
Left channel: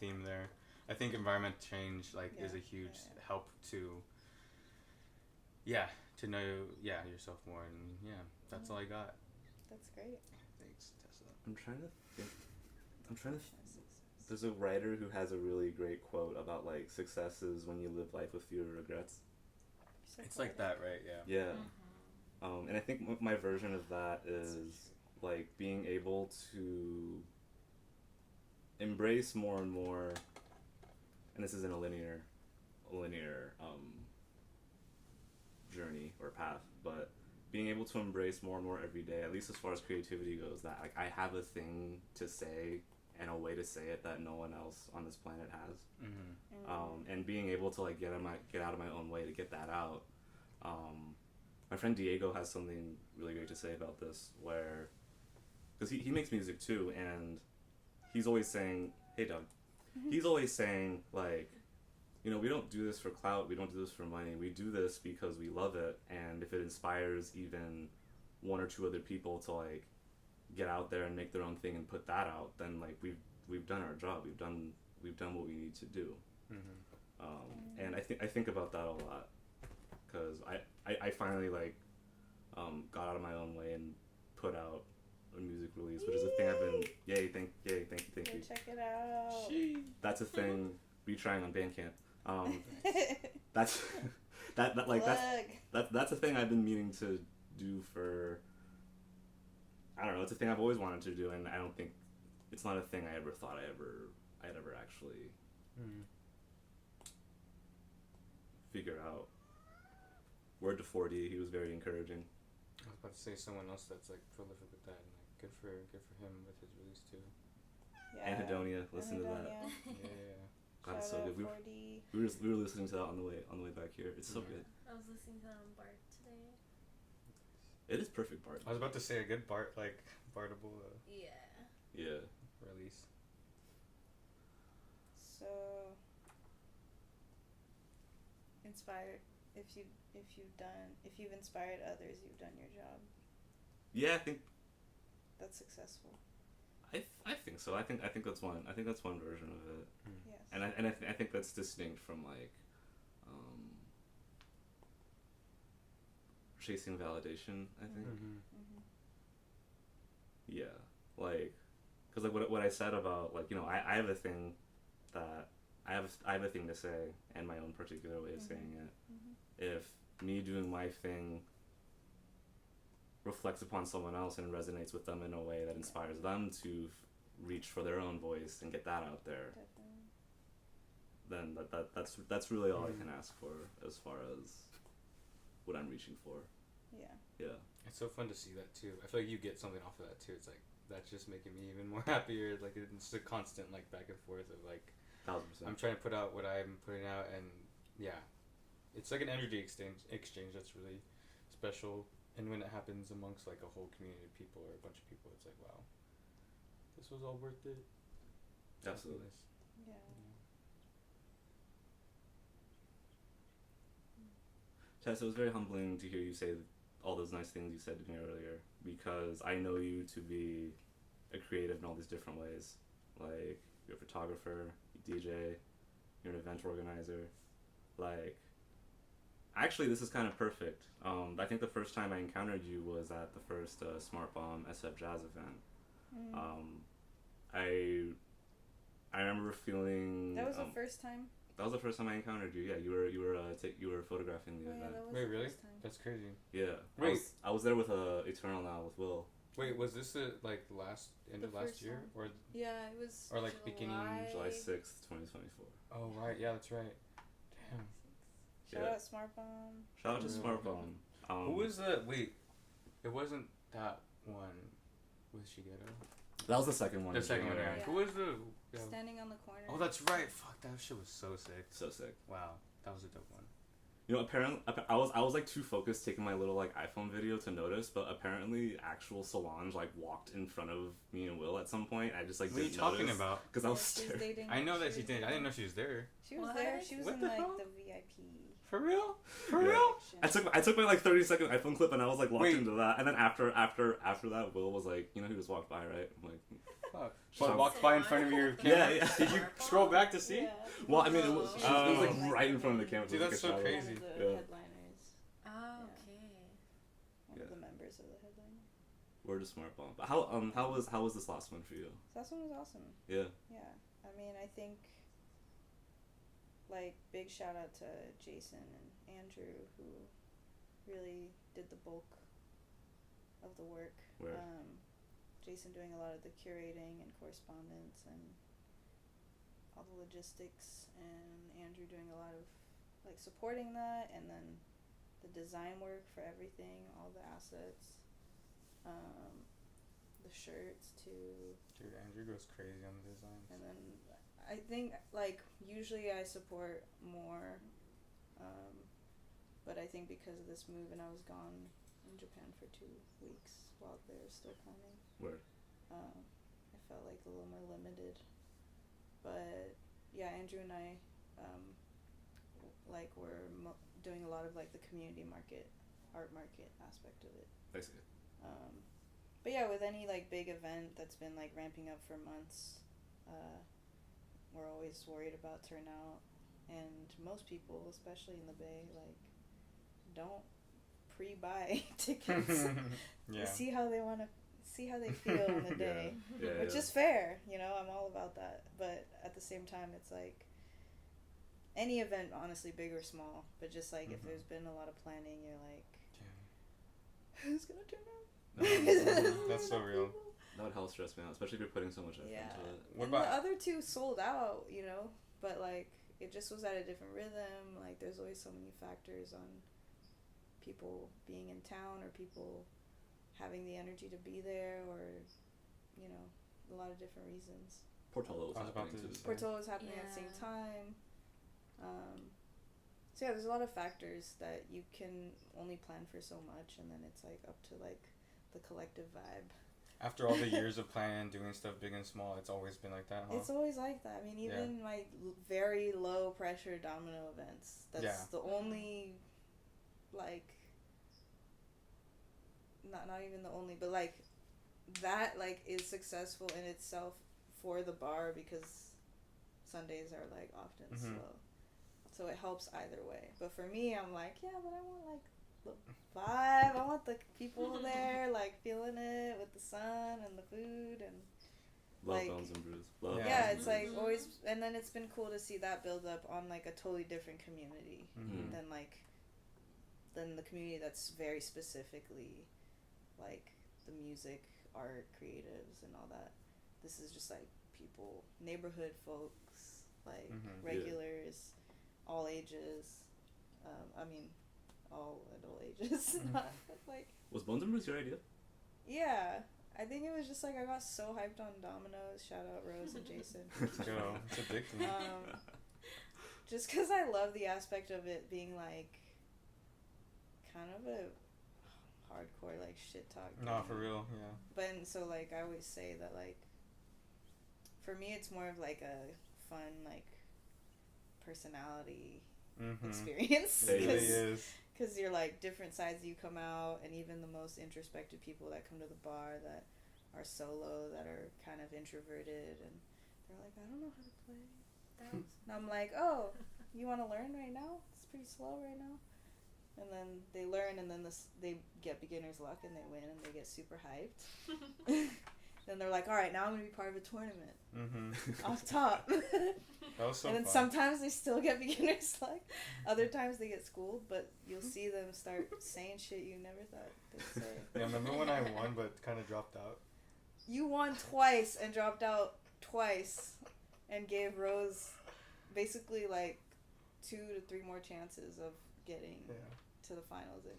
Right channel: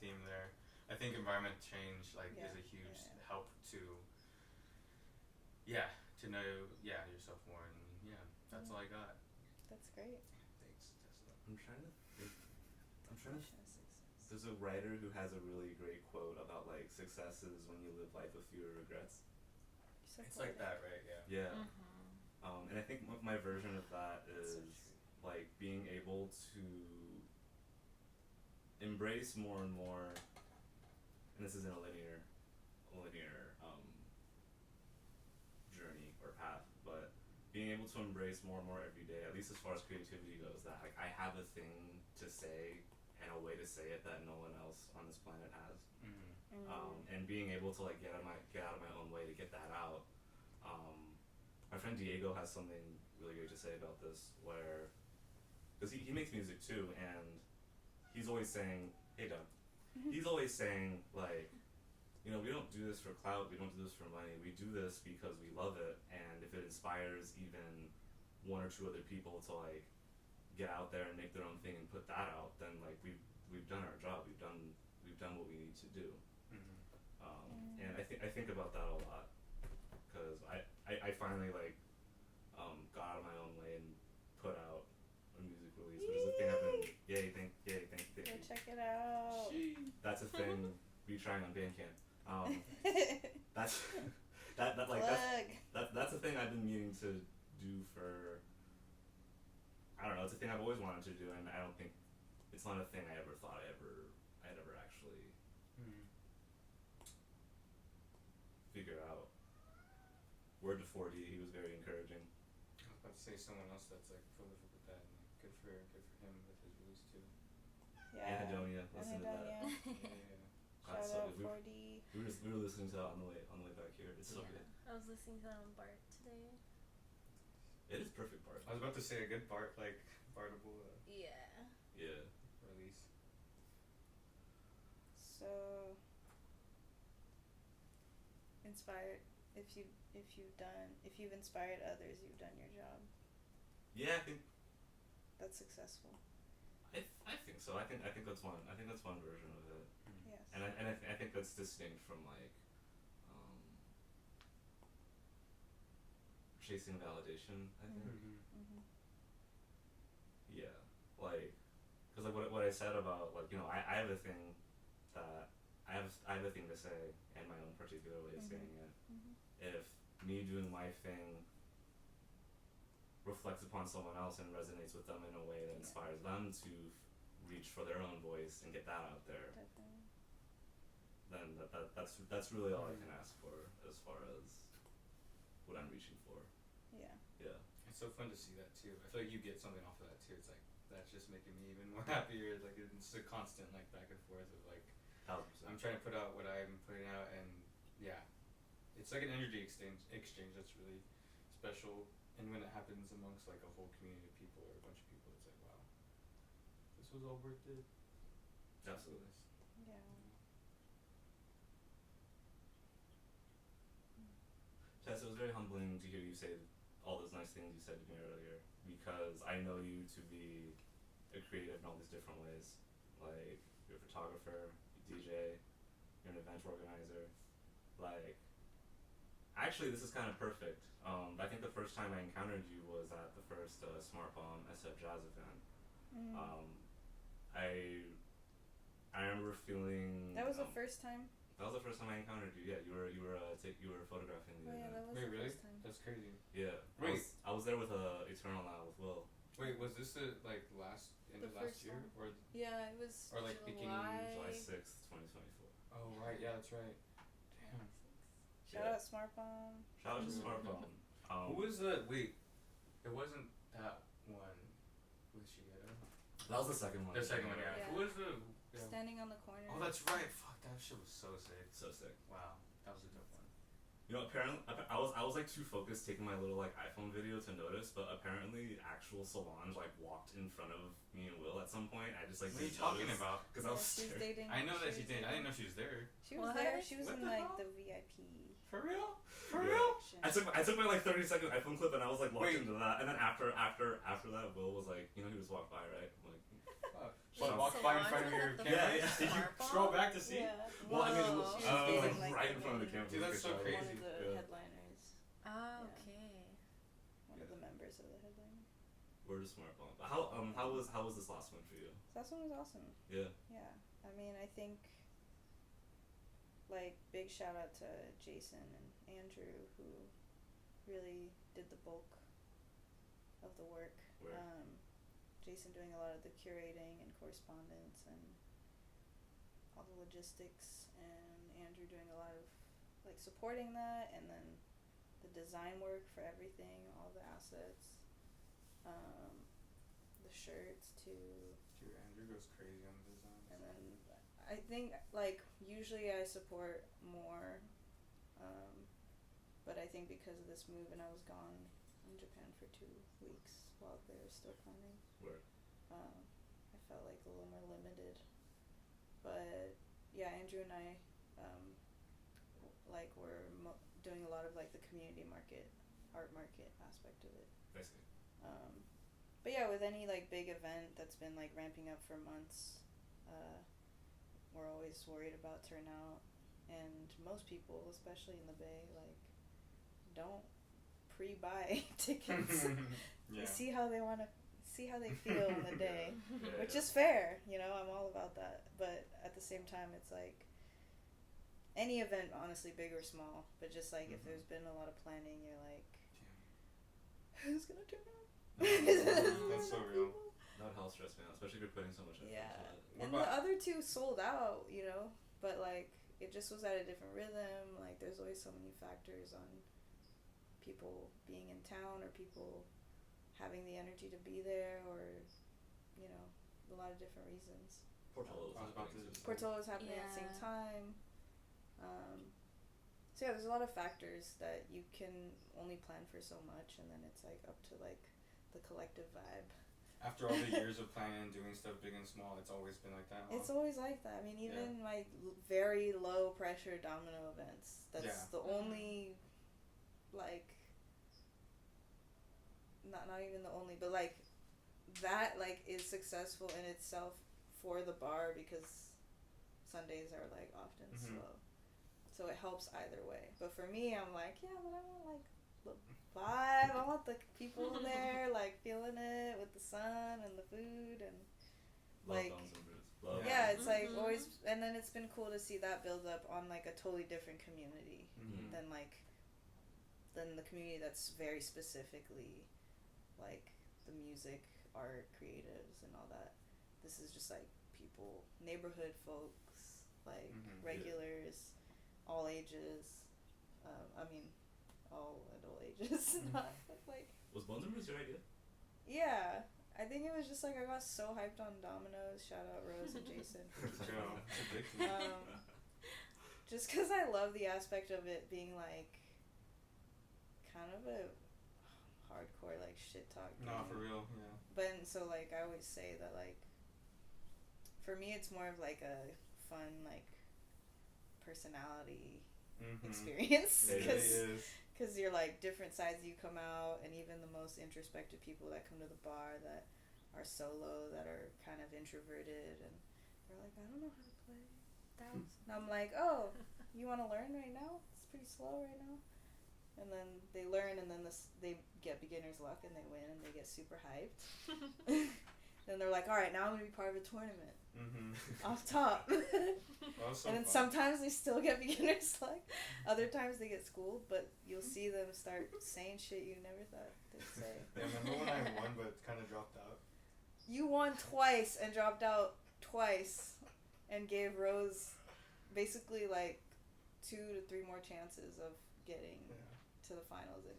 theme there. I think environment change is a huge help to know yourself more, and that's all I got. That's great. Thanks, Tessa. I'm trying to think. There's a writer who has a really great quote about like success is when you live life with fewer regrets. It's like that, right? Yeah. Yeah. And I think my version of that is like being able to embrace more and more, and this isn't a linear journey or path, but being able to embrace more and more every day, at least as far as creativity goes, that like, I have a thing to say and a way to say it that no one else on this planet has. And being able to like get out of my own way to get that out. My friend Diego has something really great to say about this, where, because he makes music too, and he's always saying, hey Doug, he's always saying like, you know, we don't do this for clout, we don't do this for money, we do this because we love it, and if it inspires even one or two other people to like get out there and make their own thing and put that out, then like we've done our job, we've done what we need to do. And I think about that a lot, because I finally like got out of my own way and put out a music release, which is a thing I've been thank you. Go check it out. That's a thing. Be trying on Bandcamp. That's that's a thing I've been meaning to do for, I don't know, it's a thing I've always wanted to do, and I don't think it's not a thing I ever thought I'd ever actually figure out. Word to 40, he was very encouraging. I was about to say someone else that's like prolific with that, and like, good for him with his release too. Yeah. Anhedonia, listen to that. Yeah. God, Shout so out good. 40. We were listening to that on the way back here. It's so good. I was listening to that on BART today. It is perfect part. I was about to say a good Bartable Yeah. release. So inspired. If you've inspired others, you've done your job. Yeah, I think That's successful. I think so. I think that's one. I think that's one version of it. Yes. And I think that's distinct from like chasing validation. I think. Yeah, like, cause like what I said about like, you know, I have a thing that I have a thing to say and my own particular way of saying it. If me doing my thing reflects upon someone else and resonates with them in a way that inspires them to reach for their own voice and get that out there, Definitely. then that's really all I can ask for as far as what I'm reaching for. Yeah. Yeah. It's so fun to see that too. I feel like you get something off of that too. It's like that's just making me even more happier. Like it's a constant like back and forth of like 1,000%. I'm trying to put out what I'm putting out, and it's like an energy exchange that's really special. And when it happens amongst like a whole community of people or a bunch of people, it's like, wow, this was all worth it. Absolutely. Yeah. Tess, it was very humbling to hear you say all those nice things you said to me earlier, because I know you to be a creative in all these different ways. Like, you're a photographer, you DJ, you're an event organizer. Like, actually, this is kind of perfect. I think the first time I encountered you was at the first SMARTBOMB SF Jazz event. I remember feeling. That was the first time. That was the first time I encountered you. Yeah, you were photographing the Oh, yeah, event. that was Wait, the really? first time. That's crazy. Yeah. Wait. I was there with Eternal Now with Will. Wait, was this the like last end The of last first year one. or Yeah, it was. or like beginning July 6th, 2024. Oh right, yeah, that's right. Damn. Shout Yeah. out SMARTBOMB. Shout out to Mm. SMARTBOMB. Who was the wait? It wasn't that one with Shigeru. That was the second one. The second one, yeah. Yeah. Who was the? Yeah. Standing on the corner. Oh, that's right. Fuck, that shit was so sick. So sick. Wow, that was a dope one. You know, apparently, I was like too focused taking my little like iPhone video to notice, but apparently actual Solange like walked in front of me and Will at some point. I just like What are you didn't talking notice, about? Because I was she's staring. dating. I know that she did. I dating- didn't know she was there. She was What? there. She was What in the like hell? the VIP. For real? For Yeah. real? section. I took my like 30-second iPhone clip and I was like locked Wait. into that, and then after that, Will was like, you know, he just walked by, right? I'm like, Fuck. Shut What, up. walked by in front of your Yeah, camera? yeah. Did you scroll back to see? Yeah. well, I mean, it was, Whoa. it was like Oh. right in front of the camera. Dude, that's so It was like a crazy. One of the Yeah. headliners. Oh, Yeah. okay. One of the members of the headliner. Word of SMARTBOMB. How was this last one for you? So that one was awesome. Yeah. Yeah. I mean, I think, like, big shout out to Jason and Andrew, who really did the bulk of the work. Word. Jason doing a lot of the curating and correspondence and all the logistics, and Andrew doing a lot of, like, supporting that, and then the design work for everything, all the assets, the shirts too. Dude, Andrew goes crazy on the design. And then I think, like, usually I support more, but I think because of this move and I was gone in Japan for 2 weeks while they were still planning, Word. I felt like a little more limited. But yeah, Andrew and I, like, were doing a lot of, like, the community market, art market aspect of it. Basically. But yeah, with any, like, big event that's been, like, ramping up for months, we're always worried about turnout, and most people, especially in the Bay, like, don't pre-buy tickets. Yeah. See how they feel on the day, Yeah, which yeah. is fair, you know, I'm all about that, but at the same time, it's like, any event, honestly, big or small, but just, like, if Mhm. there's been a lot of planning, you're like, Damn. who's gonna turn out? That's so real. That would help stress me out, especially if you're putting so much effort Yeah. into it. What And about- the other two sold out, you know, but, like, it just was at a different rhythm. Like, there's always so many factors on people being in town or people having the energy to be there, or, you know, a lot of different reasons. Portola was I was about happening to too. say- Portola was happening at the same Yeah. time. So yeah, there's a lot of factors that you can only plan for so much, and then it's, like, up to, like, the collective vibe. After all the years of planning and doing stuff big and small, it's always been like that, huh? It's always like that. I mean, even my very low pressure domino events, that's Yeah. the only, like, not even the only, but, like, that, like, is successful in itself for the bar, because Sundays are, like, often Mhm. slow. So it helps either way. But for me, I'm like, yeah, but I want, like, the vibe. I want the people there, like, feeling it with the sun and the food and Love like- Bones and Brews. Love yeah, Bones it's and like Brews. always, and then it's been cool to see that build up on, like, a totally different community Mhm. than, like, than the community that's very specifically, like, the music, art, creatives, and all that. This is just, like, people, neighborhood folks, like, Mhm. Yeah. regulars, all ages. I mean, all adult ages, Mhm. not like. Was Bones and Brews your idea? Yeah, I think it was just, like, I got so hyped on Domino's. Shout out Rose and Jason. for keeping Girl, me. it's addicting. just because I love the aspect of it being like kind of a hardcore like shit talk thing. No, for real, yeah. But and so like I always say that like for me it's more of like a fun like personality experience It really is. because you're like different sides you come out, and even the most introspective people that come to the bar that are solo, that are kind of introverted, and they're like, I don't know how to play that. And I'm like, oh, you want to learn right now? It's pretty slow right now. And then they learn, and then they get beginner's luck, and they win, and they get super hyped. Then they're like, all right, now I'm going to be part of a tournament. Off top. That was so and then fun. sometimes they still get beginner's luck. Other times they get schooled, but you'll see them start saying shit you never thought they'd say. Yeah, remember when I won but kind of dropped out? You won twice and dropped out twice and gave Rose basically like 2 to 3 more chances of getting to the finals, and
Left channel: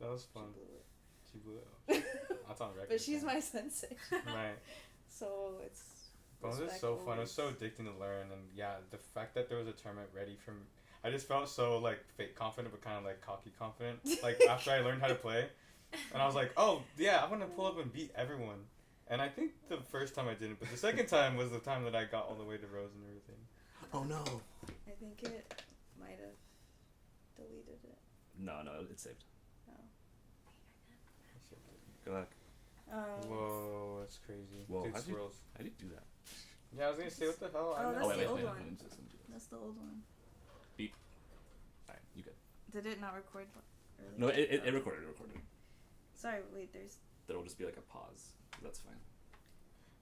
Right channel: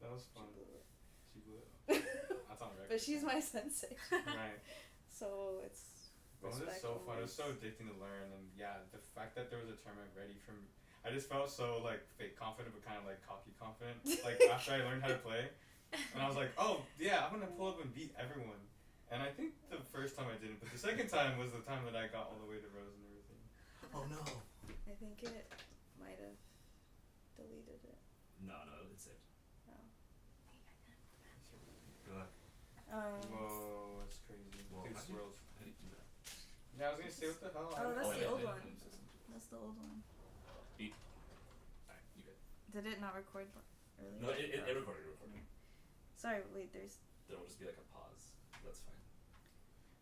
that was fun. She blew it. That's on record. But she's my sensei. Right. So it's Well, it was so fun. It was so addicting to learn, and yeah, the fact that there was a tournament ready from, I just felt so like fake confident, but kind of like cocky confident. Like after I learned how to play, and I was like, oh yeah, I'm gonna pull up and beat everyone. And I think the first time I didn't, but the second time was the time that I got all the way to Rose and everything. Oh no. I think it might have deleted it. No, it's saved. Oh. Good luck. Whoa, that's crazy. Whoa, Dude, how swirls. do you do that? Yeah, I was gonna say, what the hell? Oh, that's wait, the old wait, one. let me just do this. That's the old one. Alright, you good. Did it not record earlier? No, it recorded. Sorry, wait, there's... There will just be like a pause. That's fine.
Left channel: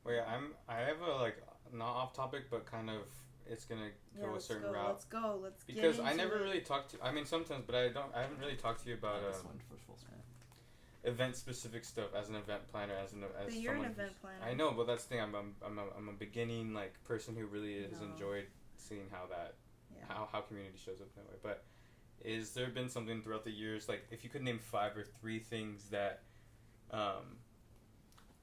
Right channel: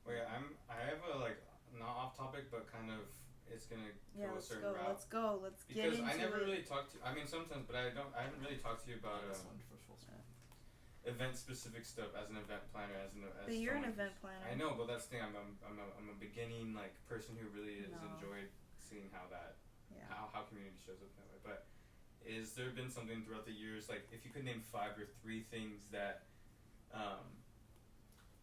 Wait, I have a like not off topic, but kind of it's gonna go a certain route. Let's go. Let's get Because into I never it. really talked to. I mean, sometimes, but I haven't really talked to you about This one for full screen. event specific stuff as an event planner, as But you're an event planner. I know, but that's the thing. I'm a beginning like person who really has enjoyed seeing how that how community shows up that way. But is there been something throughout the years, like if you could name 5 or 3 things that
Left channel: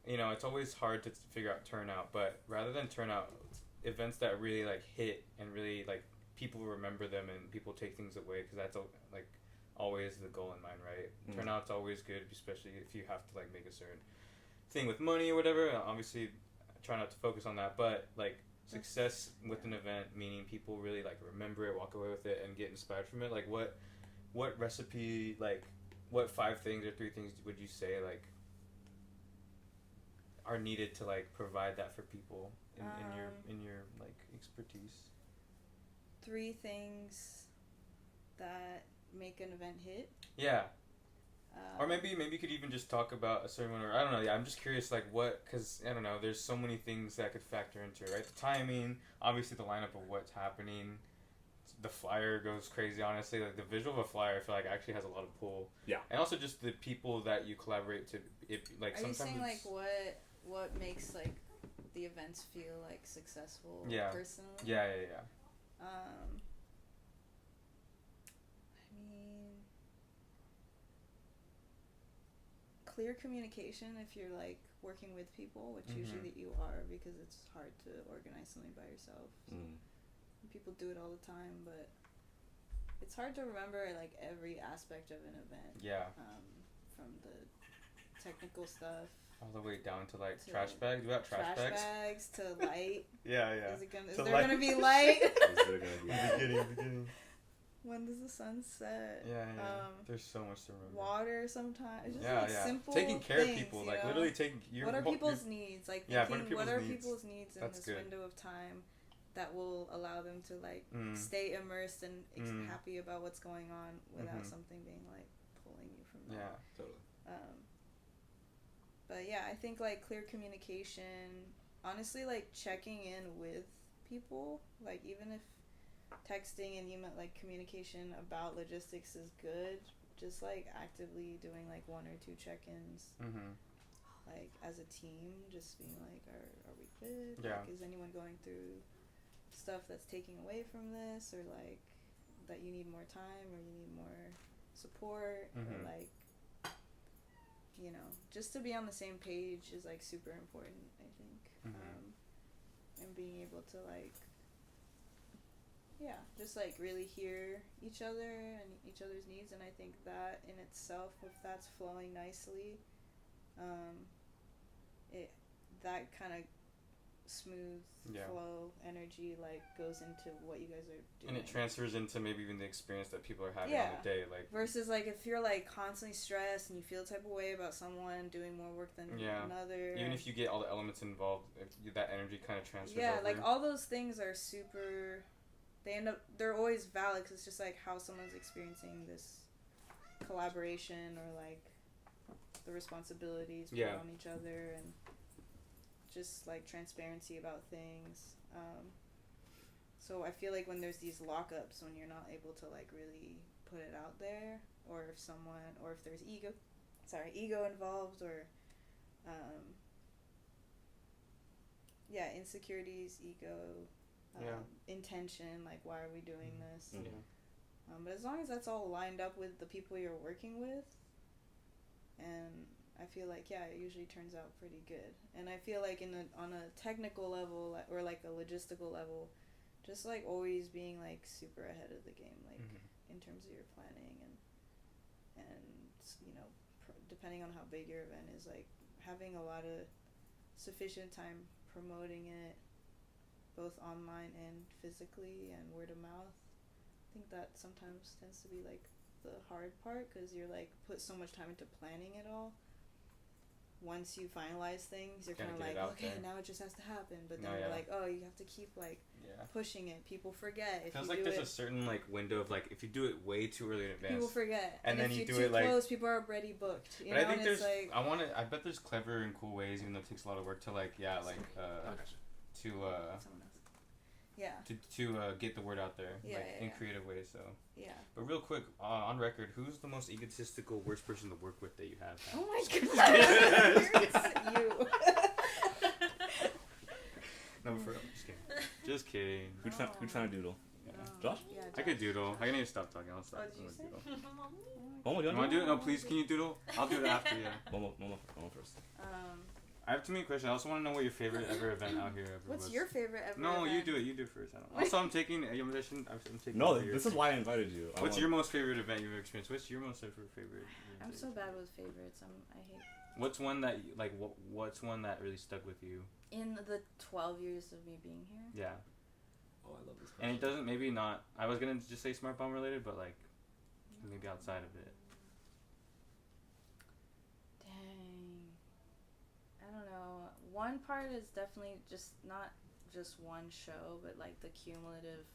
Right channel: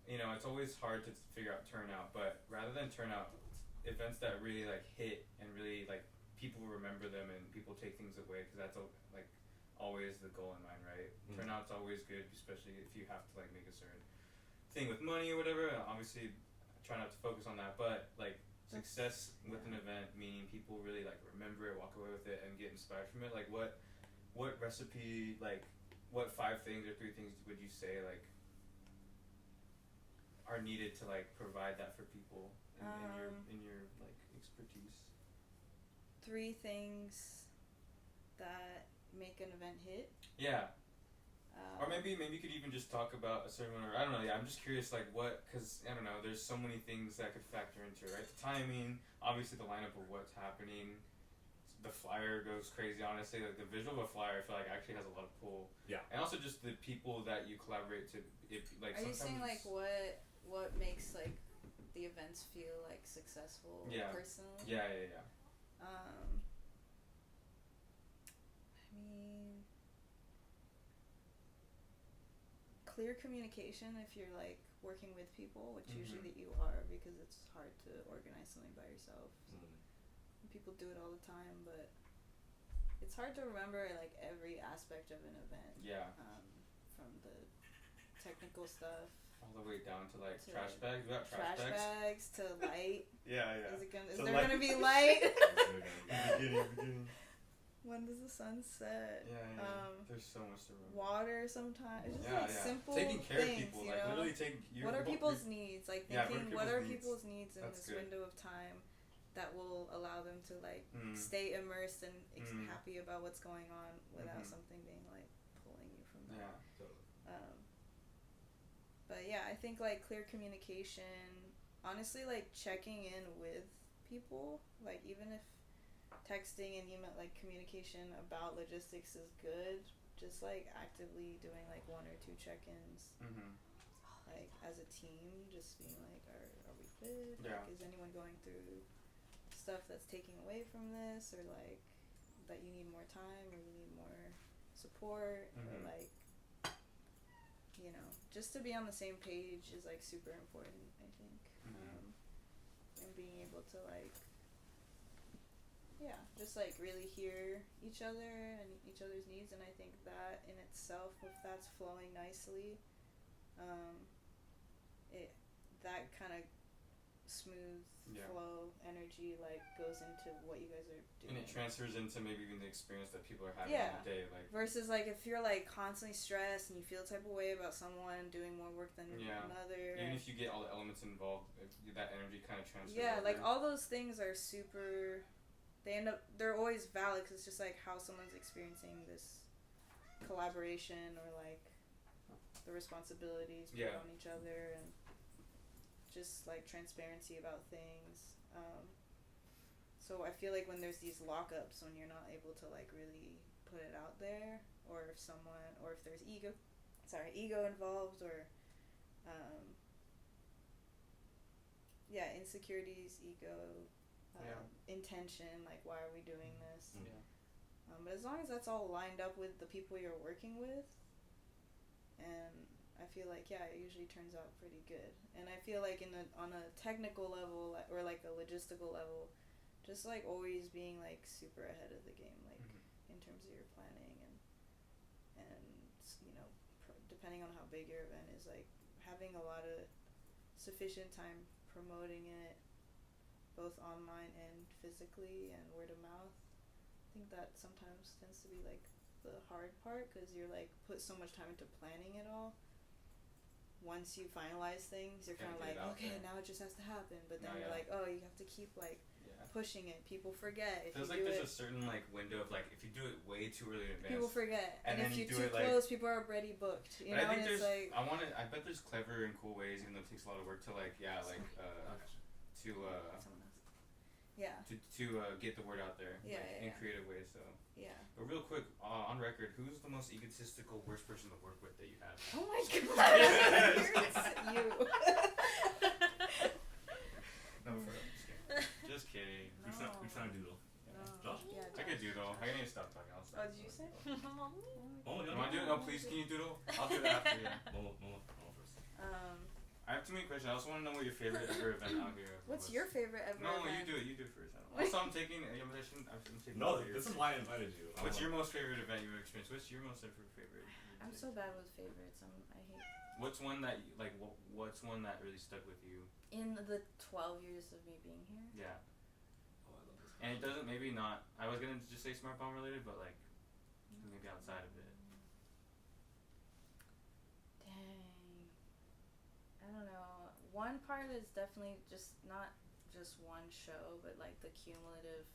you know, it's always hard to figure out turnout, but rather than turnout, events that really like hit and really like people remember them and people take things away, because that's like always the goal in mind, right? Turnout's always good, especially if you have to like make a certain thing with money or whatever. Obviously, I try not to focus on that, but like success with an event, meaning people really like remember it, walk away with it, and get inspired from it. Like what recipe, like what 5 things or 3 things would you say like are needed to like provide that for people in your like expertise? 3 things that make an event hit. Yeah. Or maybe you could even just talk about a certain one, or I don't know. Yeah, I'm just curious, like what, because I don't know. There's so many things that could factor into it, right? The timing, obviously the lineup of what's happening. The flyer goes crazy, honestly. Like the visual of a flyer, I feel like actually has a lot of pull. Yeah. And also just the people that you collaborate to. Like are you sometimes saying like what makes like the events feel like successful personally? Yeah. I mean, clear communication if you're like working with people, which usually that you are, because it's hard to organize something by yourself. So people do it all the time, but it's hard to remember like every aspect of an event. Yeah. From the technical stuff all the way down to like trash bags. We got trash bags to light. Yeah. Is there gonna be light? beginning. When does the sun set? Yeah. There's so much to remember. Water sometimes. It's just simple taking care things, of people, you like know? literally taking. What are people's needs? Like thinking, what are people's needs in That's this good. window of time that will allow them to like stay immersed and happy about what's going on without something being like pulling you from that. Yeah, totally. But yeah, I think like clear communication, honestly, like checking in with people, like even if texting and email, like communication about logistics is good, just like actively doing like 1 or 2 check-ins, like as a team, just being like, are we good? Yeah. Like, is anyone going through stuff that's taking away from this, or like that you need more time, or you need more support, or like, you know, just to be on the same page is like super important, I think. And being able to like yeah, just like really hear each other and each other's needs, and I think that in itself, if that's flowing nicely, it that kind of smooth flow energy like goes into what you guys are doing, and it transfers into maybe even the experience that people are having on the day, like versus like if you're like constantly stressed and you feel the type of way about someone doing more work than another, even if you get all the elements involved, that energy kind of transfers over. like all those things are super, they're always valid because it's just like how someone's experiencing this collaboration or like the responsibilities put on each other, and just like transparency about things. So I feel like when there's these lockups, when you're not able to like really put it out there, or if there's ego involved, or insecurities, ego, intention, like why are we doing this? But as long as that's all lined up with the people you're working with, and I feel like it usually turns out pretty good. And I feel like on a technical level or like a logistical level, just like always being like super ahead of the game, like in terms of your planning and depending on how big your event is, like having a lot of sufficient time promoting it, both online and physically, and word of mouth. I think that sometimes tends to be like the hard part, because you're like put so much time into planning it all. Once you finalize things, you're kind of like, okay, now it just has to happen. But then you're like, oh, you have to keep like pushing it. People forget if feels you like do there's a certain like window of like if you do it way too early in advance, people forget, and then if you you're do too it close, like, people are already booked. You but know, I think and it's like I bet there's clever and cool ways, even though it takes a lot of work to like to get the word out there in creative ways. So but real quick, on record, who's the most egotistical worst person to work with that you have? Oh my god, it's you. No, for real, just kidding. Who's trying to doodle? Josh? Yeah, I could doodle. I need to stop talking. I'll stop. Oh, did you say? Momo, you want to do it? No, please. Can you doodle? I'll do it after. Momo first. I have too many questions. I also want to know what your favorite ever event out here ever What's was. your favorite ever No, event? you do it. You do it first. I don't know. Also, I'm taking. No, this is why I invited you. What's your most favorite event you've experienced? What's your most favorite? I'm so bad with favorites. I hate. What's one that What's one that really stuck with you? In the 12 years of me being here. Yeah. Oh, I love this. And it doesn't. Maybe not. I was gonna just say SMARTBOMB related, but like maybe outside of it. Dang. I don't know. One part is definitely just not just one show, but like the cumulative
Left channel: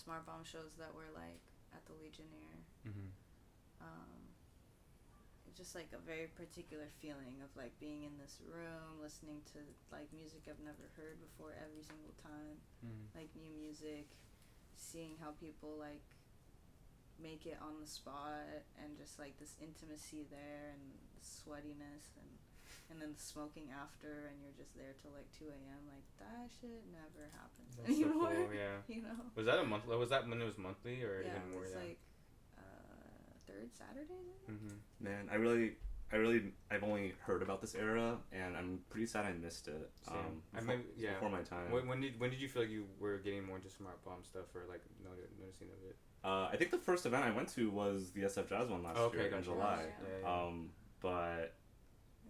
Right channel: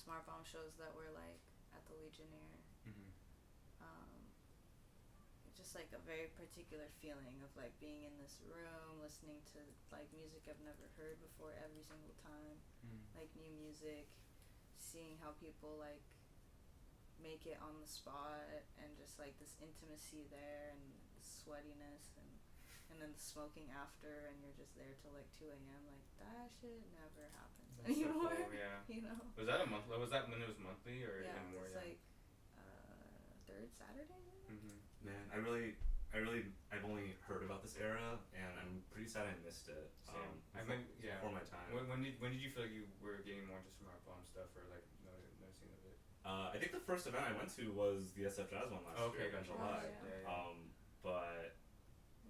SMARTBOMB shows that were like at the Legionnaire. Just like a very particular feeling of like being in this room, listening to like music I've never heard before every single time, like new music, seeing how people like make it on the spot, and just like this intimacy there, and the sweatiness, and then the smoking after, and you're just there till like 2 a.m. Like that shit never happens anymore. So cool, yeah. You know. Was that a month? Was that when it was monthly or even more? It's like third Saturday. Man, I've only heard about this era, and I'm pretty sad I missed it. Before my time. When did you feel like you were getting more into SMARTBOMB stuff, or like noticing of it? I think the first event I went to was the SF Jazz one last year in July. But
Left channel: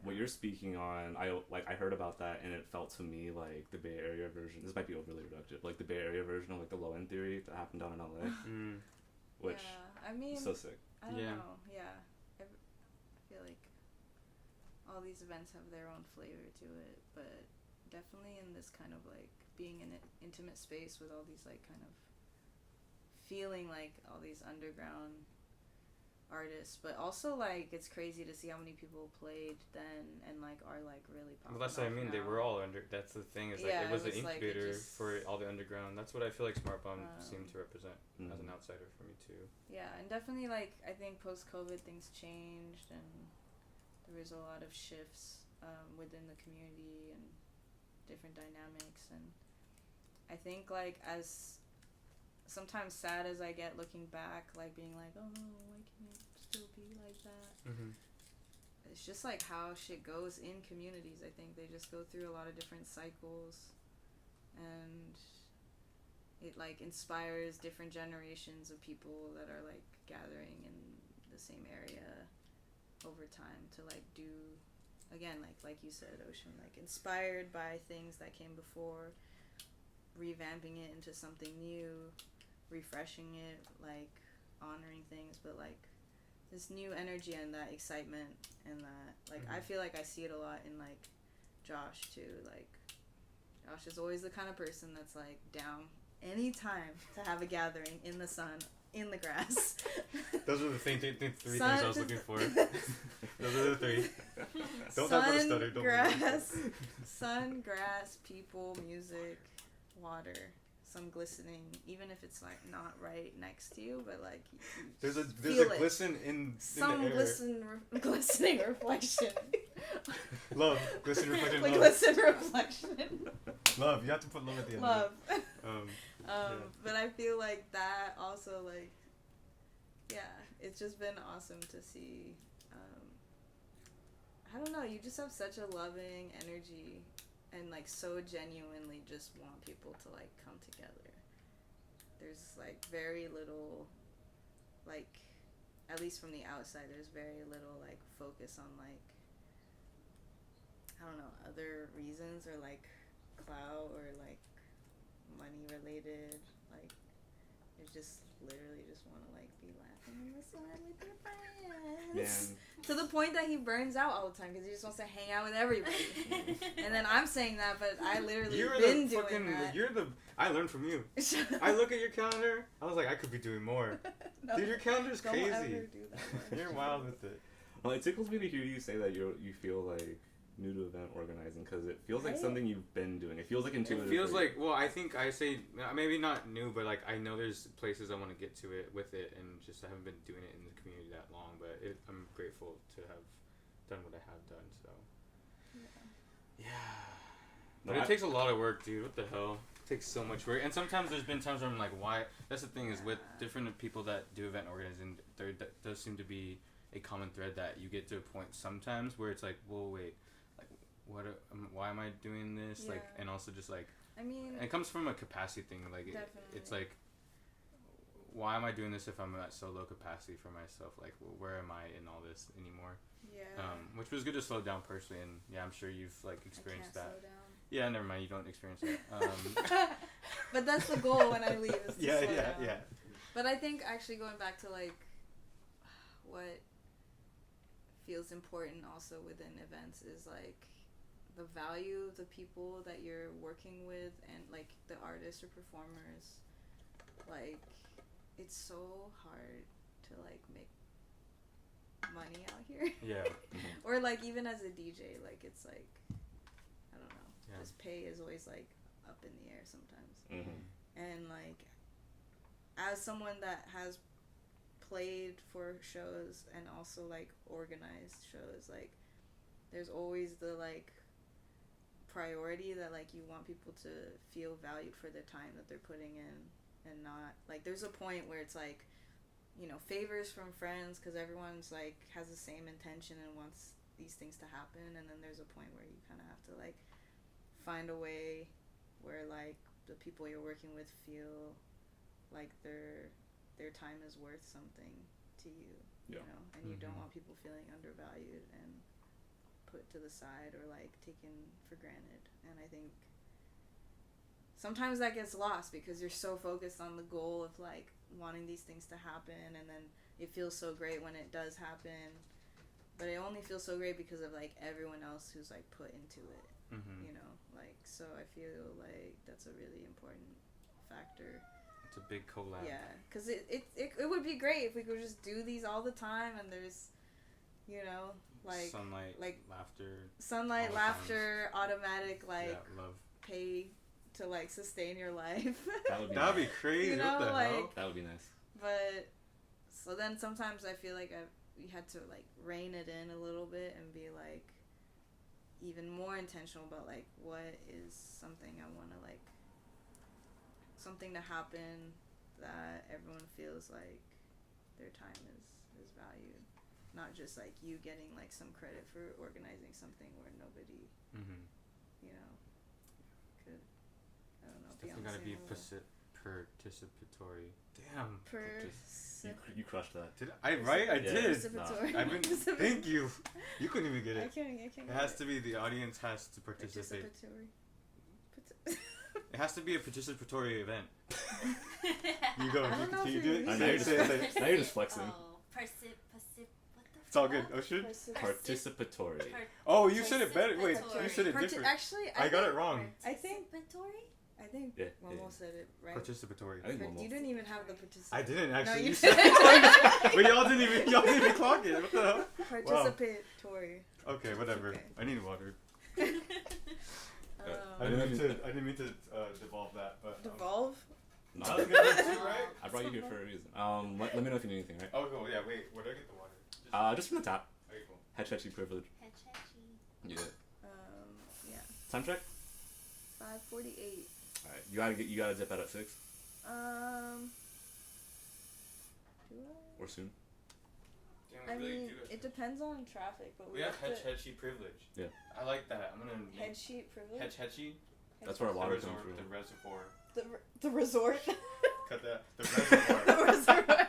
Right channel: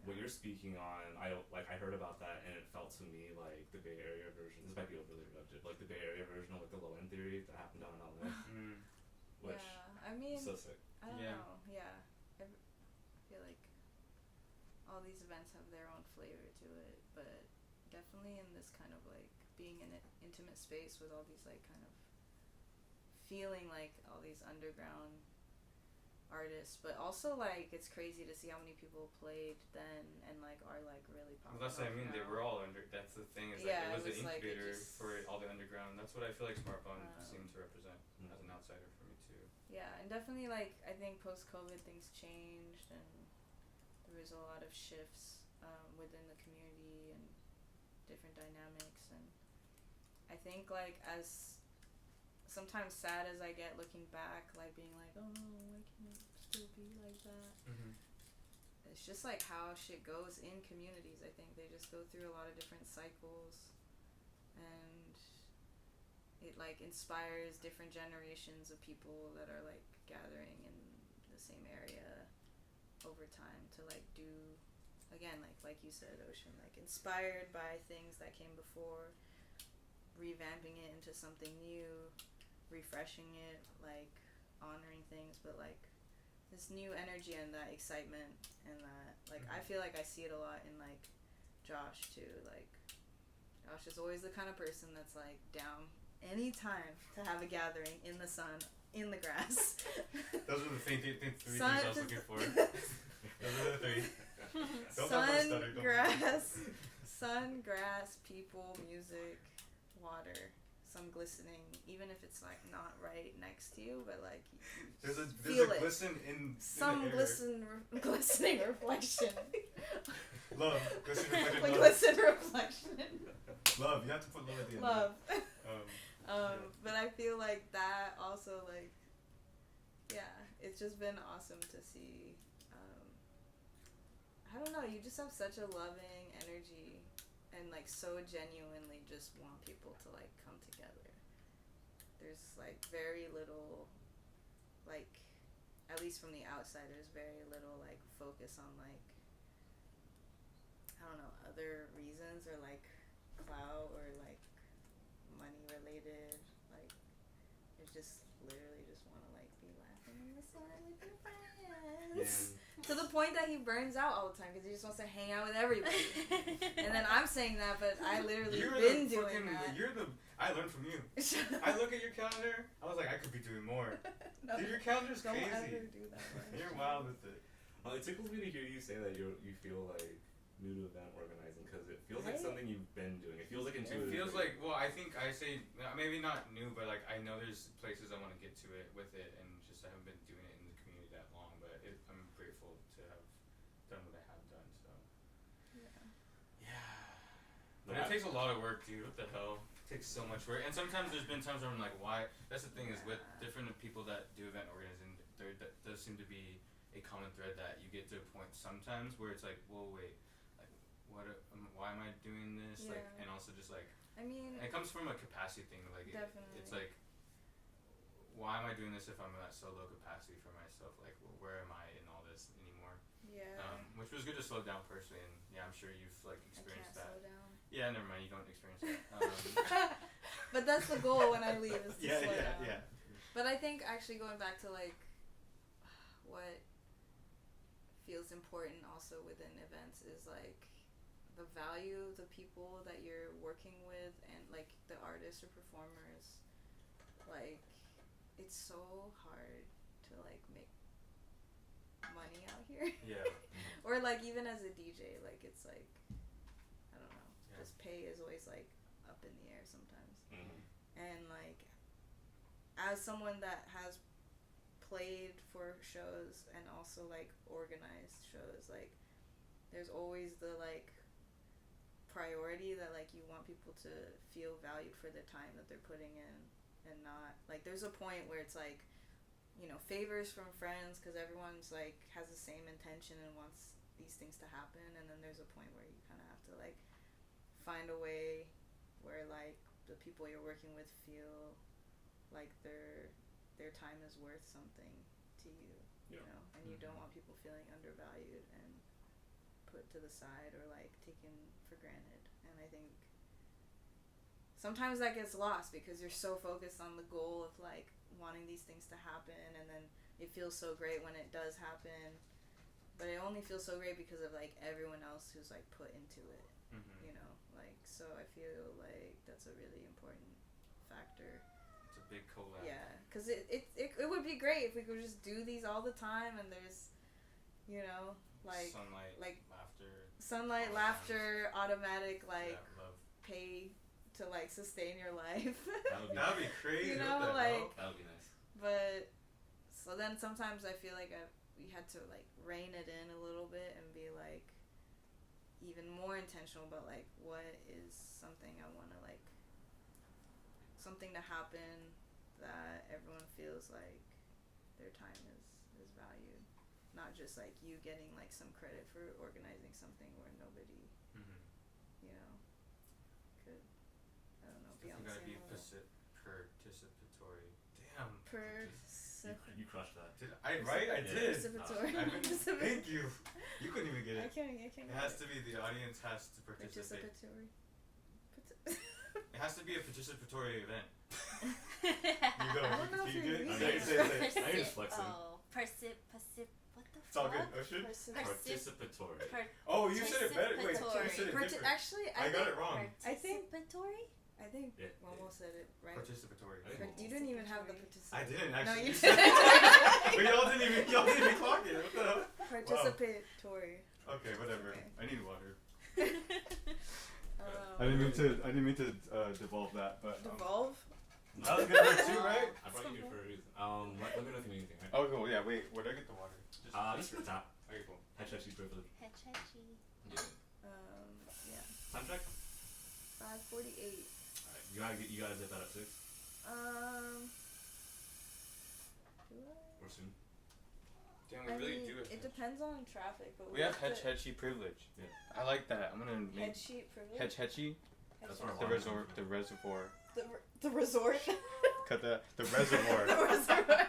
what you're speaking on, I heard about that, and it felt to me like the Bay Area version. This might be overly reductive, like the Bay Area version of like the Low End Theory that happened down in LA. Which I mean, so sick. I don't know. Yeah, I feel like all these events have their own flavor to it, but definitely in this kind of like being in an intimate space with all these like kind of feeling like all these underground artists, but also like it's crazy to see how many people played then and like are like really popular. Well, that's what I mean. They were all under. That's the thing. Is like it was an incubator for all the underground. That's what I feel like SMARTBOMB seemed to represent as an outsider for me too. Yeah, and definitely like I think post-COVID things changed, and there was a lot of shifts within the community and different dynamics, and I think like as sometimes sad as I get looking back, like being like, oh no, why can't it still be like that? It's just like how shit goes in communities. I think they just go through a lot of different cycles, and it like inspires different generations of people that are like gathering in the same area over time to like do, again, like you said, Ocean, like inspired by things that came before, revamping it into something new, refreshing it, like honoring things, but like this new energy and that excitement and that, like, I feel like I see it a lot in like Josh too. Like Josh is always the kind of person that's like down anytime to have a gathering in the sun, in the grass. Those are the three things I was looking for. Those are the three. Don't talk about stutter. Sun, grass, people, music, water, some glistening, even if it's like not right next to you, but like there's a it. glisten in some the air. Glistening reflection. Love, glisten reflection. Like love. glisten reflection. Love, you have to put love at the end. Love. Yeah. But I feel like that also, like, yeah, it's just been awesome to see. I don't know, you just have such a loving energy and like so genuinely just want people to like come together. There's like very little, like, at least from the outside, there's very little like focus on like, I don't know, other reasons or like clout or like money related. Like, you just literally just want to like be laughing in the sun with your friends. To the point that he burns out all the time because he just wants to hang out with everybody. And then I'm saying that, but I literally been doing that. I learned from you. I look at your calendar, I was like, I could be doing more. No, dude, your calendar's crazy. Don't ever do that much. You're wild with it. Well, it tickles me to hear you say that you feel like new to event organizing, because it feels like something you've been doing. It feels like intuitive. It feels like, well, I think I say, maybe not new, but like I know there's places I want to get to it with it, and just I haven't been doing it in the community that long, but I'm grateful to have done what I have done, so. Yeah. But it takes a lot of work, dude. What the hell? It takes so much work. And sometimes there's been times where I'm like, why? That's the thing is with different people that do event organizing, there does seem to be a common thread that you get to a point sometimes where it's like, well, wait, like, why am I doing this? Yeah. Like, and also just like, I mean, it comes from a capacity thing. Like, it's like, why am I doing this if I'm at so low capacity for myself? Like, where am I in all this anymore? Yeah. Which was good to slow down personally, and yeah, I'm sure you've like experienced that. Slow down. Yeah, never mind. You don't experience that. But that's the goal when I leave is to slow down. Yeah. But I think actually going back to like what feels important also within events is like the value of the people that you're working with and like the artists or performers. Like, it's so hard to like make money out here. Yeah. Or like even as a DJ, like it's like, I don't know, this pay is always like up in the air sometimes. And like as someone that has played for shows and also like organized shows, like there's always the like priority that like you want people to feel valued for the time that they're putting in, and not like there's a point where it's like, you know, favors from friends because everyone's like has the same intention and wants these things to happen, and then there's a point where you kind of have to like find a way where like the people you're working with feel like their time is worth something to you, you know, and you don't want people feeling undervalued and put to the side or like taken for granted. And I think sometimes that gets lost because you're so focused on the goal of like wanting these things to happen, and then it feels so great when it does happen, but it only feels so great because of like everyone else who's like put into it. You know, like, so I feel like that's a really important factor. It's a big collab. Yeah, because it would be great if we could just do these all the time, and there's, you know, like sunlight, laughter, automatic like love, pay to like sustain your life. That'd be crazy. You know, what the like hell? That would be nice. But so then sometimes I feel like we had to like rein it in a little bit and be like even more intentional about like what is something I want to like, something to happen that everyone feels like their time is valued, not just like you getting like some credit for organizing something where nobody you know could, I don't know, it's gotta be Participatory. Damn. You crushed that. Did I right? I did. Participatory. I've been, thank you. You couldn't even get I it. can't It has to be the audience has to participate. Participatory. It has to be a participatory event. You You go. I don't know Can if you you're do it? using Now Say you're it. Now you're just flexing. Oh, what the It's all fuck? good. Oh shit. Participatory. Oh, you said it better. Wait, you said it different. Actually, I got it wrong. I think Participatory? Yeah, Momo said it right. Participatory. I think But you didn't even have the participatory. I didn't No, actually. you said didn't. it. But y'all didn't even clock it. What the hell? Participatory. Okay, whatever. Okay. I need water. I Um, didn't mean to devolve that, but devolve. That was good one too, right? I brought you here for a reason. Let me know if you need anything, right? Oh, cool. Yeah. Wait. Where do I get the water? Just from the top. Okay, cool. Hechechi privilege. Hechechi. Yeah. Yeah. Time check. 5:48. All right. You gotta dip out at 6 Do or soon. Damn, I? I we really mean, do it depends on traffic, but We have to- Hechi privilege. Yeah. I like that. I'm gonna head make sheet privilege. Hechi. That's where The water reservoir. comes The from. reservoir. The resort. Cut that. The reservoir. The reservoir.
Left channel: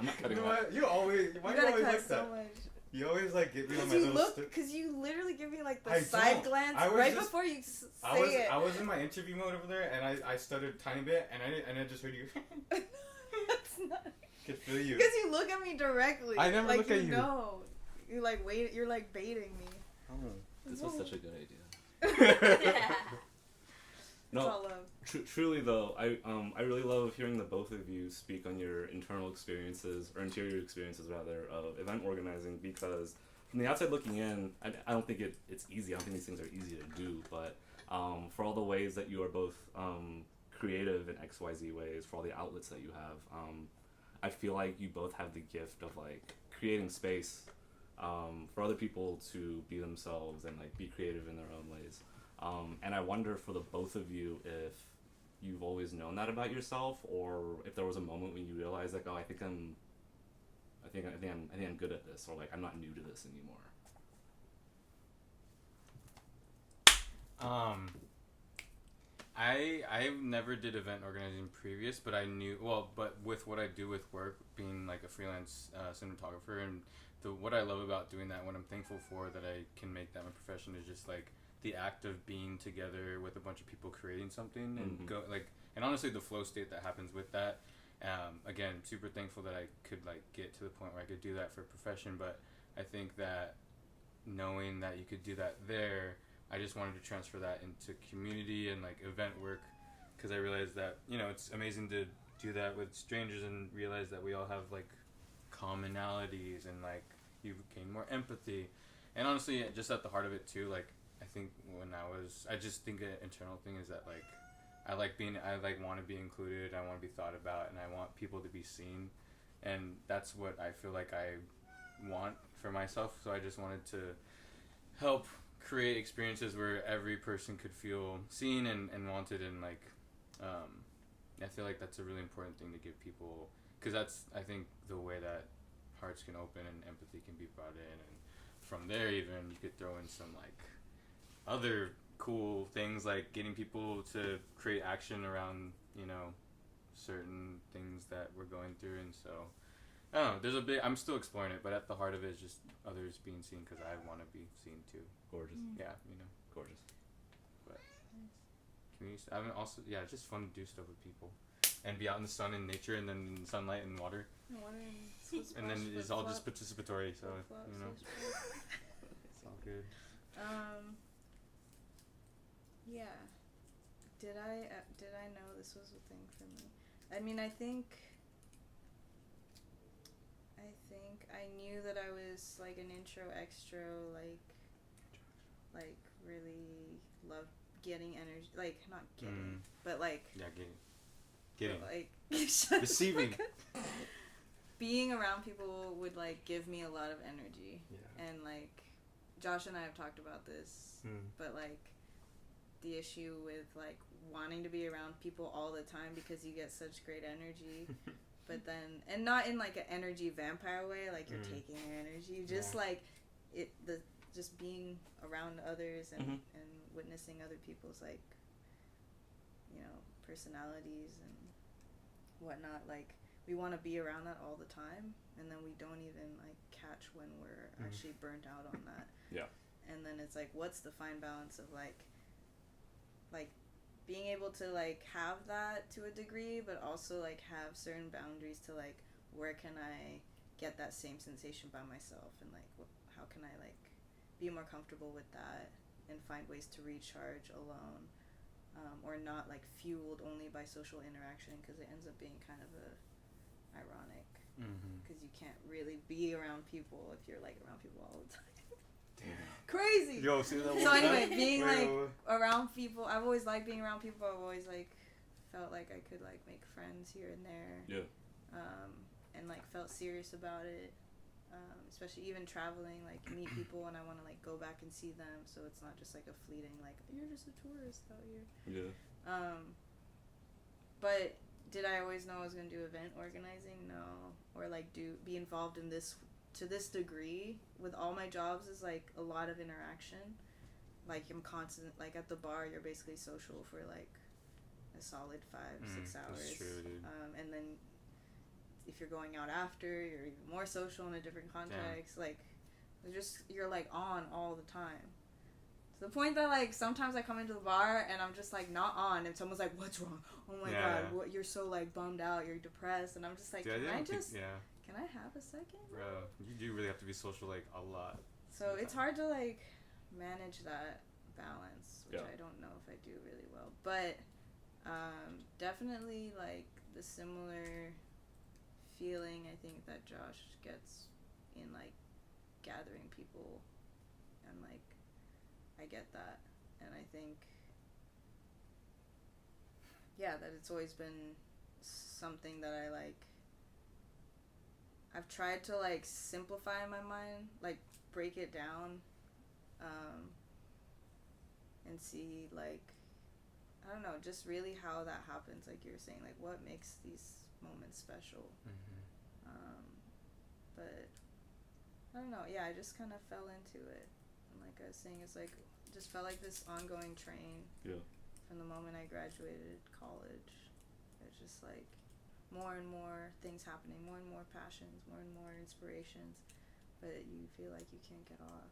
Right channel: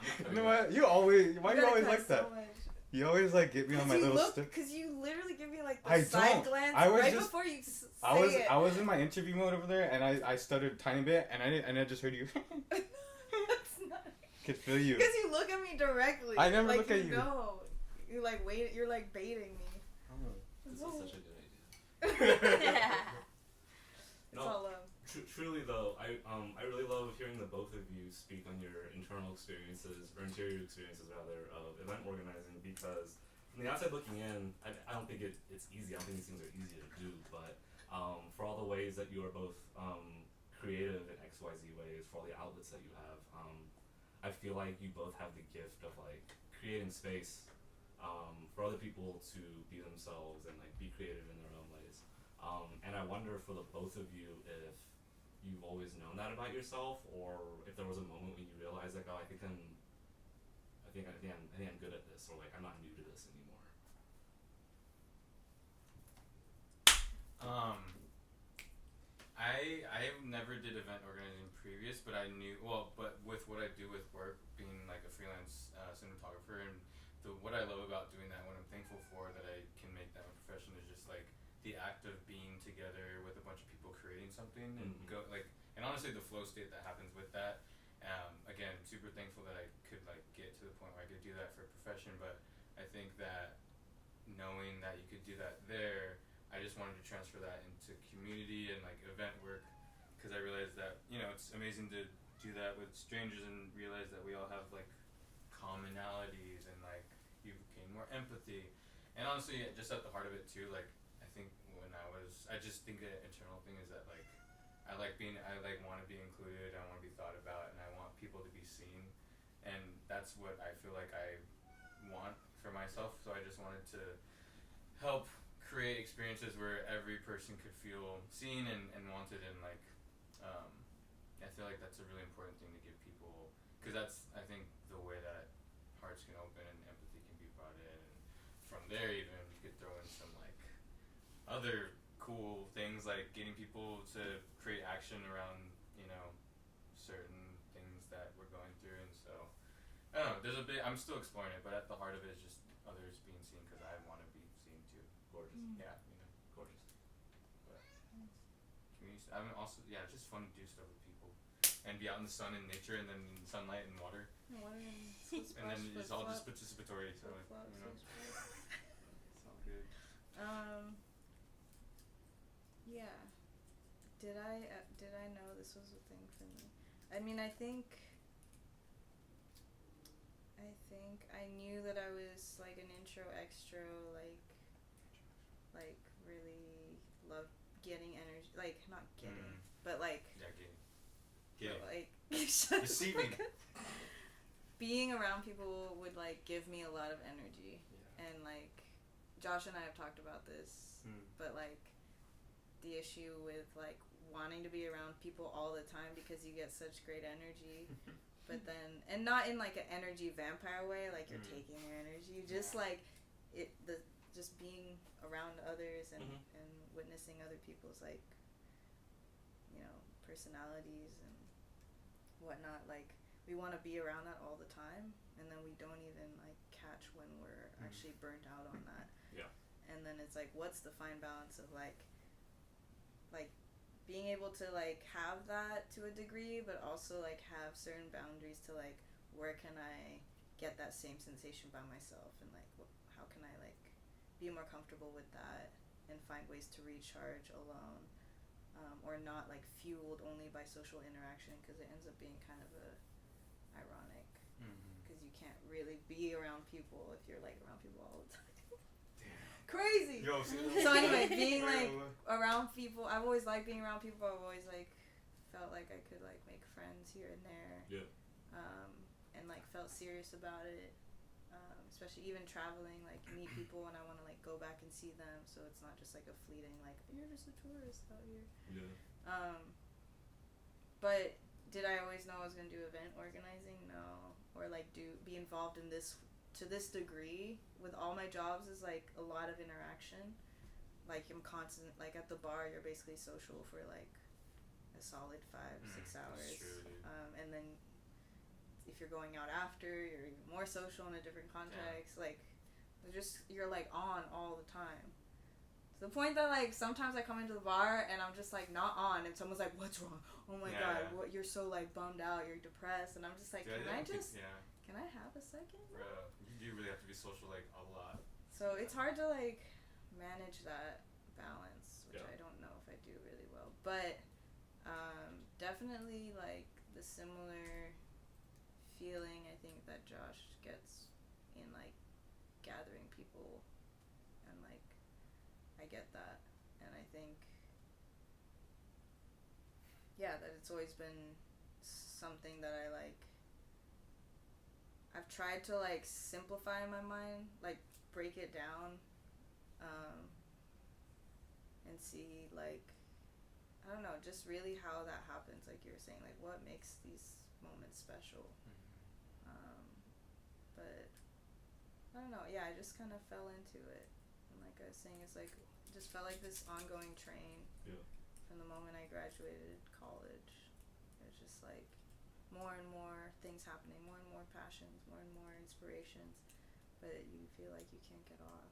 I'm not You cutting know that. what? You always. Why You you gotta always cut like that? so much. You always like get me on my you little look, stick. because you literally give me like the I side don't. glance I was right just- before you say I was it. in my interview mode over there, and I stuttered a tiny bit, and I just heard you. That's not. Could feel you. Because you look at me directly. I never like look at you. Know. You like wait. You're like baiting me. Oh. This was such a good idea. It's all love. Truly though, I really love hearing the both of you speak on your internal experiences, or interior experiences rather, of event organizing, because from the outside looking in, I don't think it's easy. I don't think these things are easy to do, but for all the ways that you are both creative in XYZ ways, for all the outlets that you have, I feel like you both have the gift of like creating space for other people to be themselves and like be creative in their own ways. And I wonder for the both of you if you've always known that about yourself, or if there was a moment when you realized like, oh, I think I'm good at this, or like I'm not new to this anymore. I never did event organizing previous, but I knew but with what I do with work, being like a freelance cinematographer, and what I love about doing that, what I'm thankful for that I can make that my profession, is just like the act of being together with a bunch of people creating something, and and honestly the flow state that happens with that. Again, super thankful that I could like get to the point where I could do that for a profession, but I think that knowing that you could do that there, I just wanted to transfer that into community and like event work, because I realized that, you know, it's amazing to do that with strangers and realize that we all have like commonalities, and like you gain more empathy. And honestly, just at the heart of it too, like I think I just think an internal thing is that like I want to be included, I want to be thought about, and I want people to be seen, and that's what I feel like I want for myself. So I just wanted to help create experiences where every person could feel seen and wanted, and like I feel like that's a really important thing to give people, because that's, I think, the way that hearts can open and empathy can be brought in, and from there even you could throw in some like other cool things, like getting people to create action around, you know, certain things that we're going through. And so I don't know, I'm still exploring it, but at the heart of it is just others being seen, because I want to be seen too. Gorgeous. Yeah, you know, Gorgeous. but community, I mean, also, yeah, it's just fun to do stuff with people and be out in the sun and nature, and then sunlight and water, and then it's all just participatory, so you know, it's all good. Yeah. Did I know this was a thing for me? I mean, I think I knew that I was like an intro extro, like really loved getting energy, like not getting, but like Getting. like shut the Receiving. fuck up. Being around people would like give me a lot of energy, and like Josh and I have talked about this, but like the issue with like wanting to be around people all the time because you get such great energy, but then, and not in like an energy vampire way, like you're taking their energy, just like just being around others and witnessing other people's like, you know, personalities and whatnot. Like, we want to be around that all the time, and then we don't even like catch when we're actually burnt out on that. Yeah. And then it's like, what's the fine balance of like being able to like have that to a degree, but also like have certain boundaries to like, where can I get that same sensation by myself, and like how can I like be more comfortable with that and find ways to recharge alone, or not like fueled only by social interaction, because it ends up being kind of a ironic, because you can't really be around people if you're like around people all the time. Damn. Crazy. Yo, see that? So anyway, being like around people, I've always liked being around people. I've always like felt like I could like make friends here and there. Yeah. And like felt serious about it. Especially even traveling, like meet people and I want to like go back and see them. So it's not just like a fleeting like, you're just a tourist out here. Yeah. But did I always know I was gonna do event organizing? No. Or like be involved in this to this degree. With all my jobs is like a lot of interaction. Like I'm constant, like at the bar you're basically social for like a solid 5-6 hours. That's true, dude. And then if you're going out after, you're even more social in a different context. Yeah. Like you're like on all the time. To the point that like sometimes I come into the bar and I'm just like not on, and someone's like, "What's wrong? Oh my god, what? You're so like bummed out. You're depressed." And I'm just like, Dude, can I have a second? Bro, you do really have to be social like a lot. So it's hard to like manage that balance, which I don't know if I do really well. But definitely like the similar feeling I think that Josh gets in like gathering people, and like I get that, and I think that it's always been something that I like. I've tried to like simplify in my mind, like break it down, and see like, I don't know, just really how that happens, like you were saying, like what makes these moments special. But I don't know, I just kind of fell into it, and like I was saying, it's like just felt like this ongoing train from the moment I graduated college. It's just like more and more things happening, more and more passions, more and more inspirations, but you feel like you can't get off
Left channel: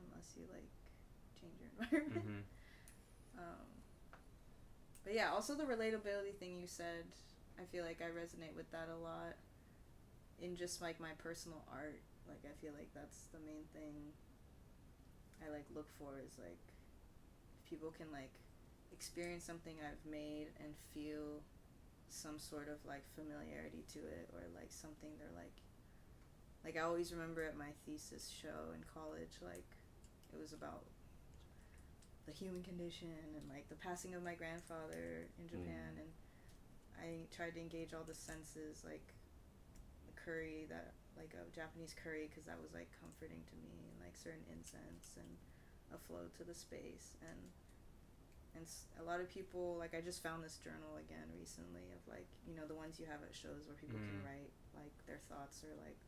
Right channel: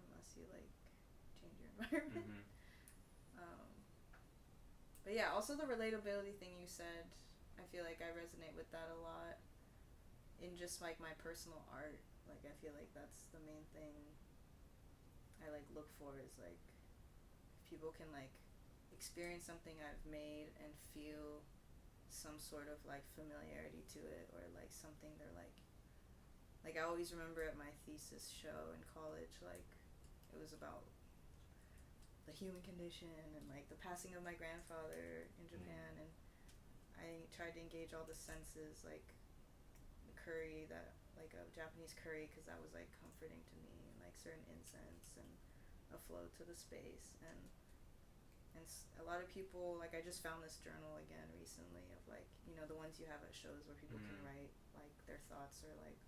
unless you like change your environment. But also the relatability thing you said, I feel like I resonate with that a lot in just like my personal art. Like I feel like that's the main thing I like look for, is like if people can like experience something I've made and feel some sort of like familiarity to it, or like something they're like I always remember at my thesis show in college, like it was about the human condition and like the passing of my grandfather in Japan, and I tried to engage all the senses, like the curry, that like a Japanese curry, because that was like comforting to me, and like certain incense and a flow to the space, and a lot of people, like I just found this journal again recently of like, you know, the ones you have at shows where people can write like their thoughts or like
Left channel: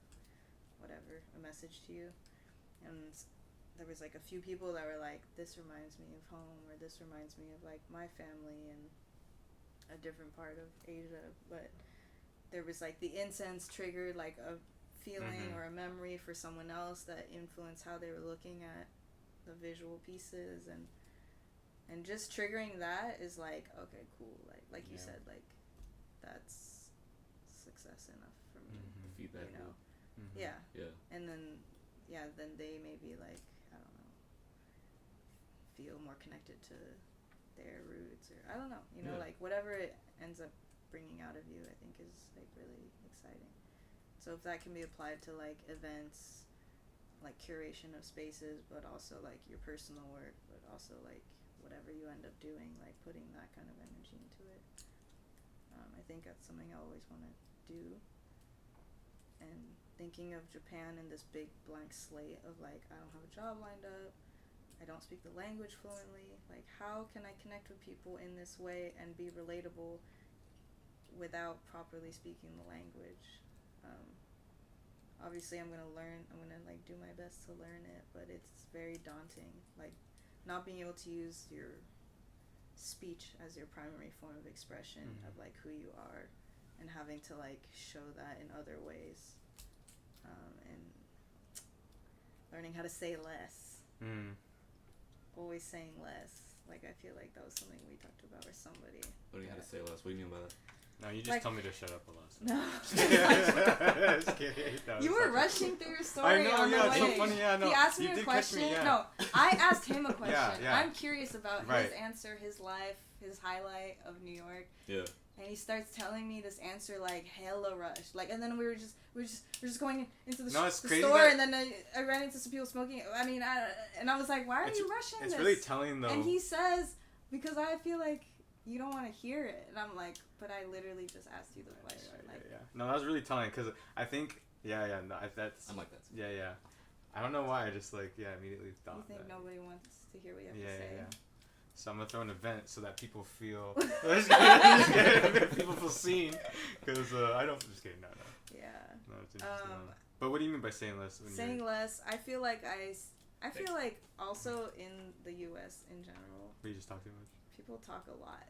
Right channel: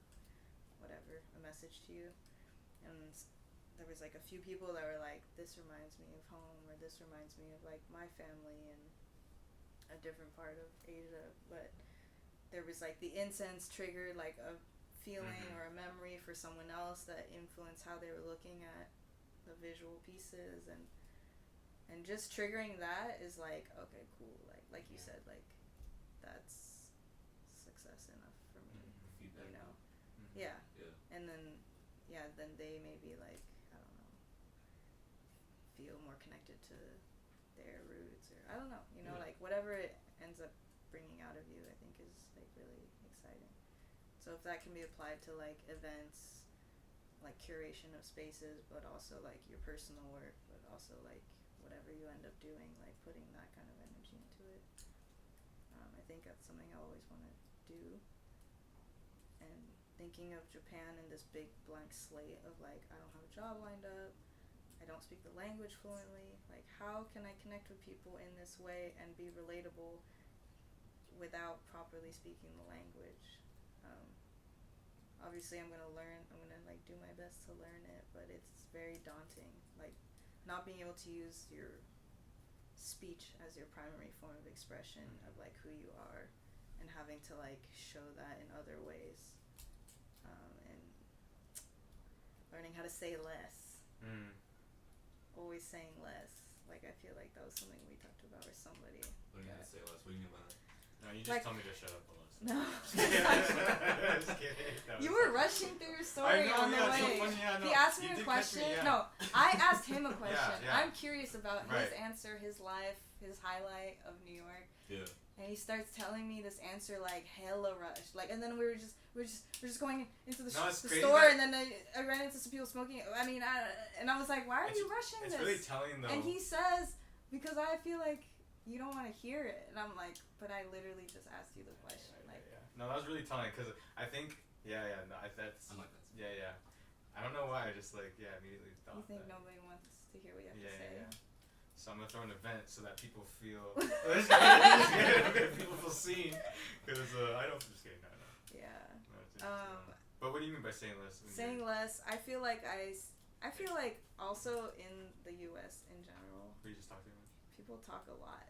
whatever, a message to you, and there was like a few people that were like, this reminds me of home, or this reminds me of like my family in a different part of Asia. But there was like the incense triggered like a feeling or a memory for someone else that influenced how they were looking at the visual pieces, and just triggering that is like, okay, cool, like you said, like that's success enough for me. The feedback, you know. Yeah. And then then they maybe like, I don't know, feel more connected to their roots, or I don't know, you know, like whatever it ends up bringing out of you, I think is like really exciting. So if that can be applied to like events, like curation of spaces, but also like your personal work, but also like whatever you end up doing, like putting that kind of energy into it, I think that's something I always want to do. And thinking of Japan in this big blank slate of like, I don't have a job lined up, I don't speak the language fluently, like how can I connect with people in this way and be relatable without properly speaking the language? Obviously I'm gonna like do my best to learn it, but it's very daunting, like not being able to use your speech as your primary form of expression of like who you are, and having to like show that in other ways, and learning how to say less. Always saying less. Like, I feel like that was something we talked about, or somebody. Learning how to say less. What do you mean by that? No, you just like, tell me to shut up a lot. No. Just kidding. No, You were rushing through your story I know, on the yeah, way. it's so funny, yeah, no. He asked me You a did catch question. me, yeah. No, I asked him a question. Yeah. I'm curious about his Right. answer, his life, his highlight of New York. Yeah. And he starts telling me this answer like hella rushed. Like, and then we're just going into the, the store, and then I ran into some people smoking. I mean, and I was like, why are you rushing this? It's really telling though. And he says, because I feel like you don't want to hear it. And I'm like, but I literally just asked you the question. Yeah. No, that was really telling, because I think, no, that's... I'm like that. Yeah. I don't know why, I just, immediately thought You think that. Nobody wants to hear what you have to say? Yeah. So I'm going to throw an event so that people feel... just kidding. People feel seen, because I don't... Just kidding, no. Yeah. No, it's interesting. But what do you mean by saying less? Saying less, I feel like I feel like also in the U.S. in general... You just talk too much? People talk a lot.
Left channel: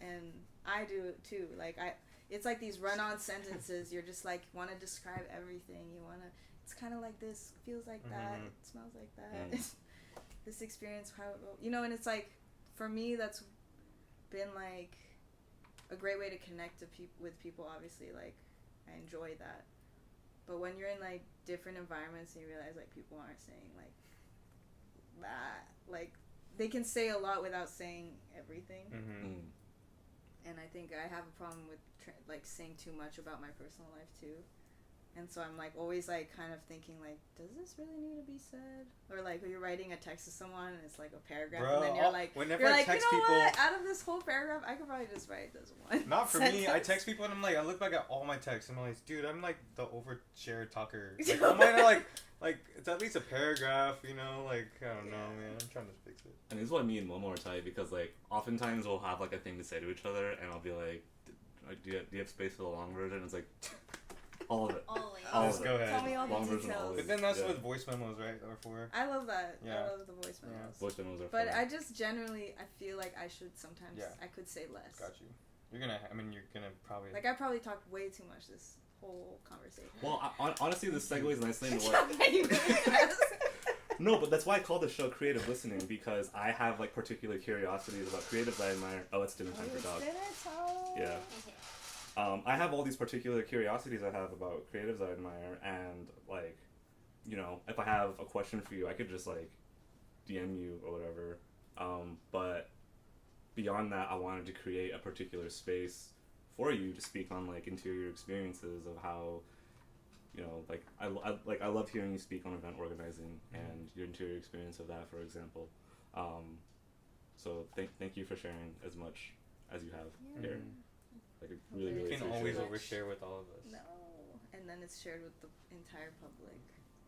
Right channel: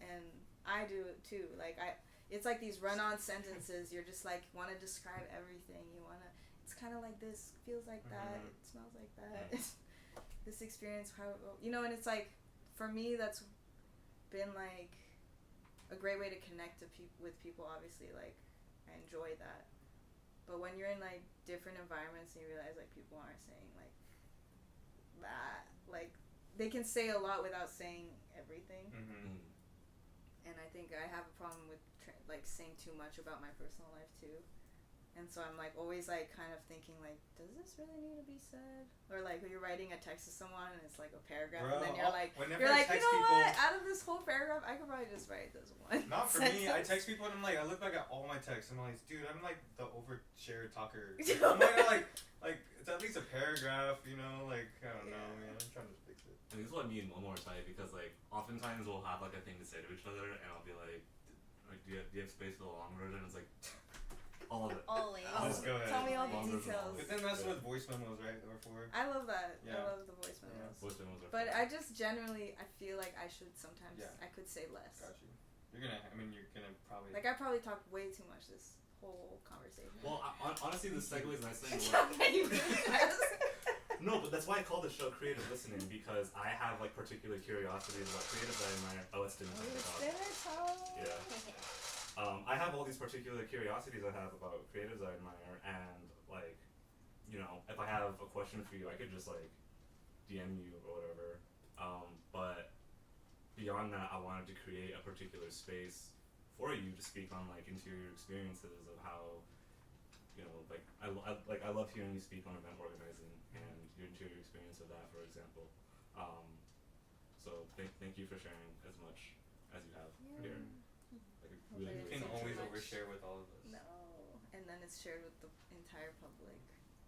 And I do it too. It's like these run-on sentences. You're just like, want to describe everything. You want to, it's kind of like this, feels like that, it smells like that. This experience, and it's like, for me, that's been like a great way to connect with people, obviously. Like, I enjoy that. But when you're in like different environments and you realize like people aren't saying like that, like they can say a lot without saying everything. And I think I have a problem with saying too much about my personal life too, and so I'm like always like kind of thinking like, does this really need to be said? Or like when you're writing a text to someone and it's like a paragraph, and then you're like, you know what? Out of this whole paragraph, I could probably just write this one. Not for sentence. me. I text people and I'm like, I look back at all my texts and I'm like, dude, I'm like the overshare talker. Like, I'm like it's at least a paragraph, you know? Like, I don't know, man. I'm trying to fix it. And this is what me and Momo are tight, because like oftentimes we'll have like a thing to say to each other, and I'll be like, do you have space for the long version? It's like all of it. Always. Just go ahead. Tell me all the Long version, details. But then that's what voice memos, right? Or for. I love that. Yeah. I love the voice memos. Voice memos are But fun. I just generally, I feel like I should sometimes, I could say less. Got you. You're gonna probably. Like, I probably talked way too much this whole conversation. Well, honestly, this segues nicely into Not what... that you really does. No, but that's why I call the show Creative Listening, because I have like particular curiosities about creatives I admire. Oh, it's dinner time. It's dinner time. Yeah. I have all these particular curiosities I have about creatives I admire, and like, if I have a question for you, I could just like DM you or whatever. But beyond that, I wanted to create a particular space for you to speak on like interior experiences of how, I love hearing you speak on event organizing and your interior experience of that, for example. So thank you for sharing as much as you have here. Like, it really, You really can appreciate always it. overshare with all of us. No. And then it's shared with the entire public.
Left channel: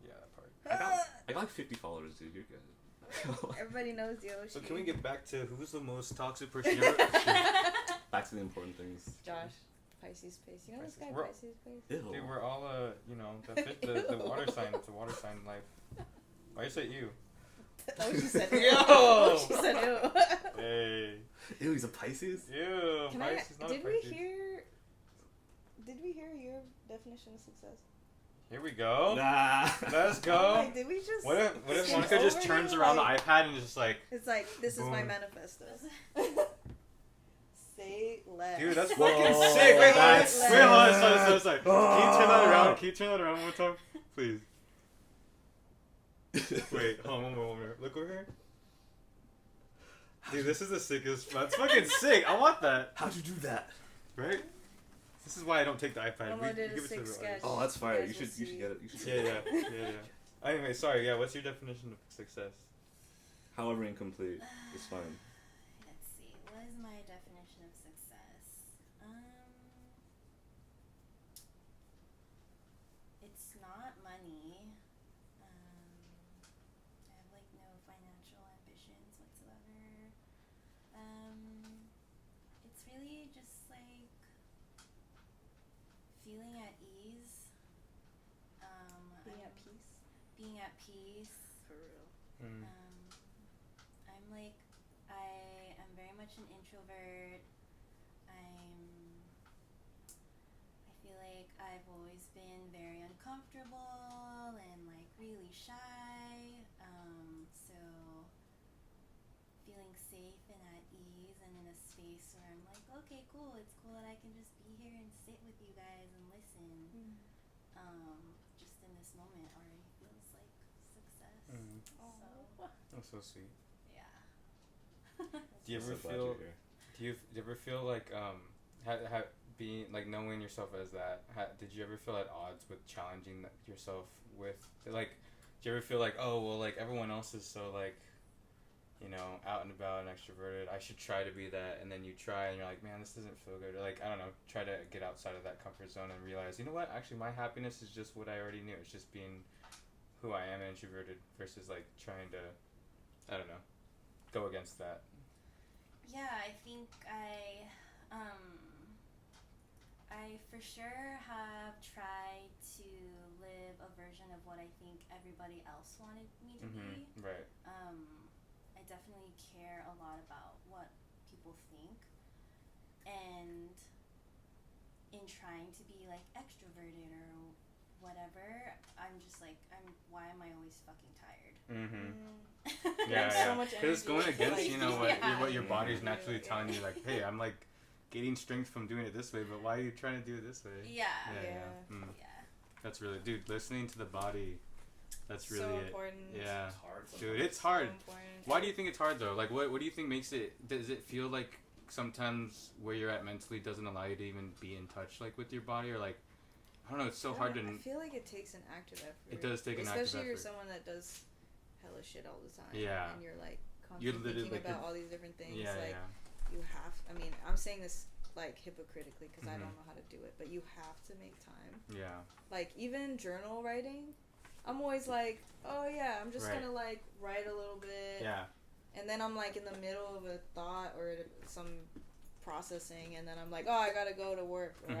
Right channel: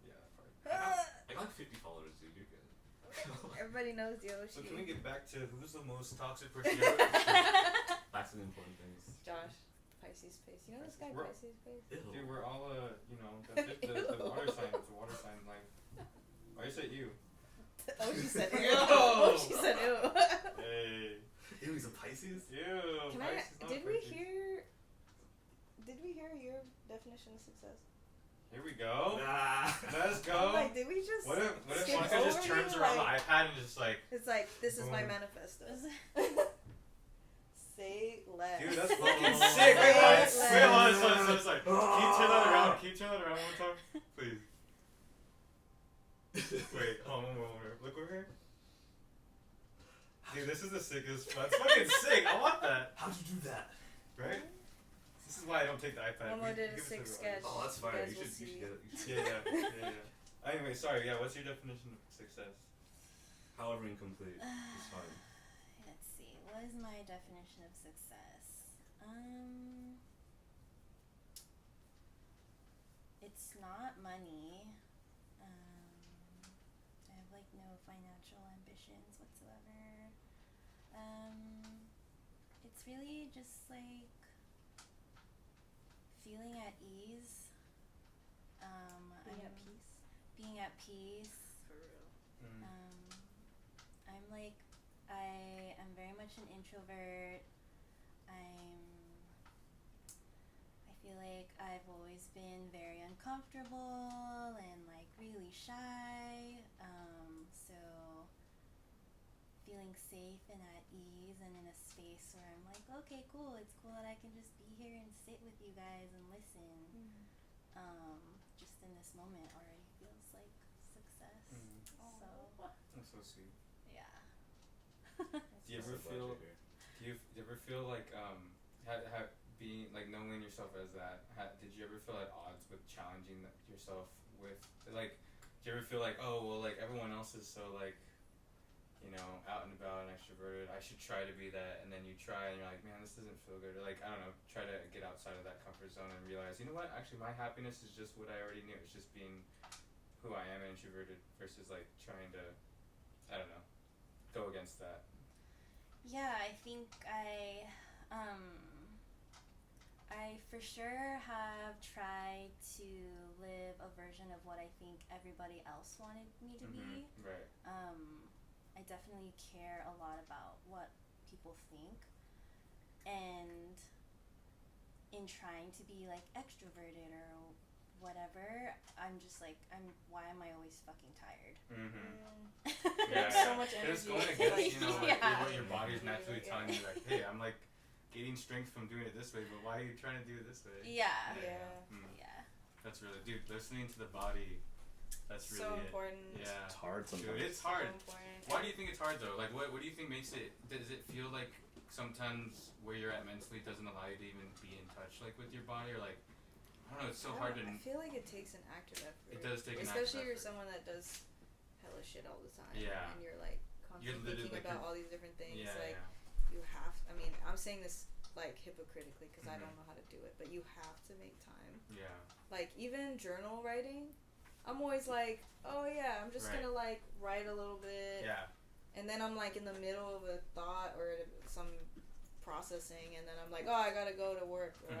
Yeah, that part. I got like 50 followers, dude. You're good. Everybody knows Yoshi. So can we get back to who's the most toxic person you ever? Back to the important things. Josh, Pisces Space. You know this guy, We're- Pisces Space? Ew. Dude, we're all the water sign. It's a water sign. Like, why you say you? Oh, she said ew. Yo! Oh, she said ew. Hey. Ew, he's a Pisces? Ew. Can Pisces, not did Pisces. Did we hear your definition of success? Here we go. Nah. Let's go. I'm like, did we just What if skip Monica just over turns you? around Like, the iPad and just like, it's like, this is my Boom. manifesto. Say less. dude, that's Whoa. fucking sick. Say Wait, hold on. less. Wait, hold on. Sorry. Can you turn that around? Can you turn that around one more time? Please. Wait, hold on, one more. Look over here. Dude, this is the sickest. That's fucking sick. I want that. How'd you do that? Right? This is why I don't take the iPad. Momo did a give it to sick the sketch. Oh, that's You fire. guys You will should see. get it. You should Yeah. Anyway, sorry. Yeah, what's your definition of success? However incomplete, it's fine. Let's see. What is my definition of success? It's not money. I have like no financial ambitions whatsoever. It's really just like feeling at ease. Being at peace. Being at peace. For real. I'm like I am very much an introvert. I feel like I've always been very uncomfortable and like really shy. So feeling safe and at ease and in a space where I'm like, okay, cool. It's cool that I can just be here and sit with you guys and listen. Just in this moment already feels like success. So That's so sweet. yeah. Do you ever feel? Do you ever feel like being like knowing yourself as that? Did you ever feel at odds with challenging yourself with like? Do you ever feel like, oh well, like everyone else is so like, you know, out and about and extroverted, I should try to be that, and then you try and you're like, man, this doesn't feel good, or like, I don't know, try to get outside of that comfort zone and realize, you know what, actually my happiness is just what I already knew, it's just being who I am, introverted, versus like trying to, I don't know, go against that. Yeah, I think I for sure have tried to live a version of what I think everybody else wanted me to be. Right. I definitely care a lot about what people think, and in trying to be like extroverted or whatever, I'm just like, why am I always fucking tired? Yeah, So much because it's going energy. against, Like, you know, what your body's Yeah. naturally telling you, like, hey, I'm like getting strength from doing it this way, but why are you trying to do it this way? Yeah. That's really, dude, listening to the body, that's really so it. important. Yeah. It's hard sometimes. Dude, it's hard. So important. Why do you think it's hard though? Like, what do you think makes it? Does it feel like sometimes where you're at mentally doesn't allow you to even be in touch, like with your body, or like, I don't know. It's so hard to. I feel like it takes an active effort. It does take an active especially if you're effort. someone that does hella shit all the time. Yeah. And you're like You're constantly literally thinking like about all these different things. Yeah, like yeah. you have. I mean, I'm saying this like hypocritically because I Mhm. don't know how to do it, but you have to make time. Yeah. Like even journal writing, I'm always like, oh yeah, I'm just Right. gonna like write a little bit. Yeah. And then I'm like in the middle of a thought or some processing, and then I'm like, oh, I gotta go to work, or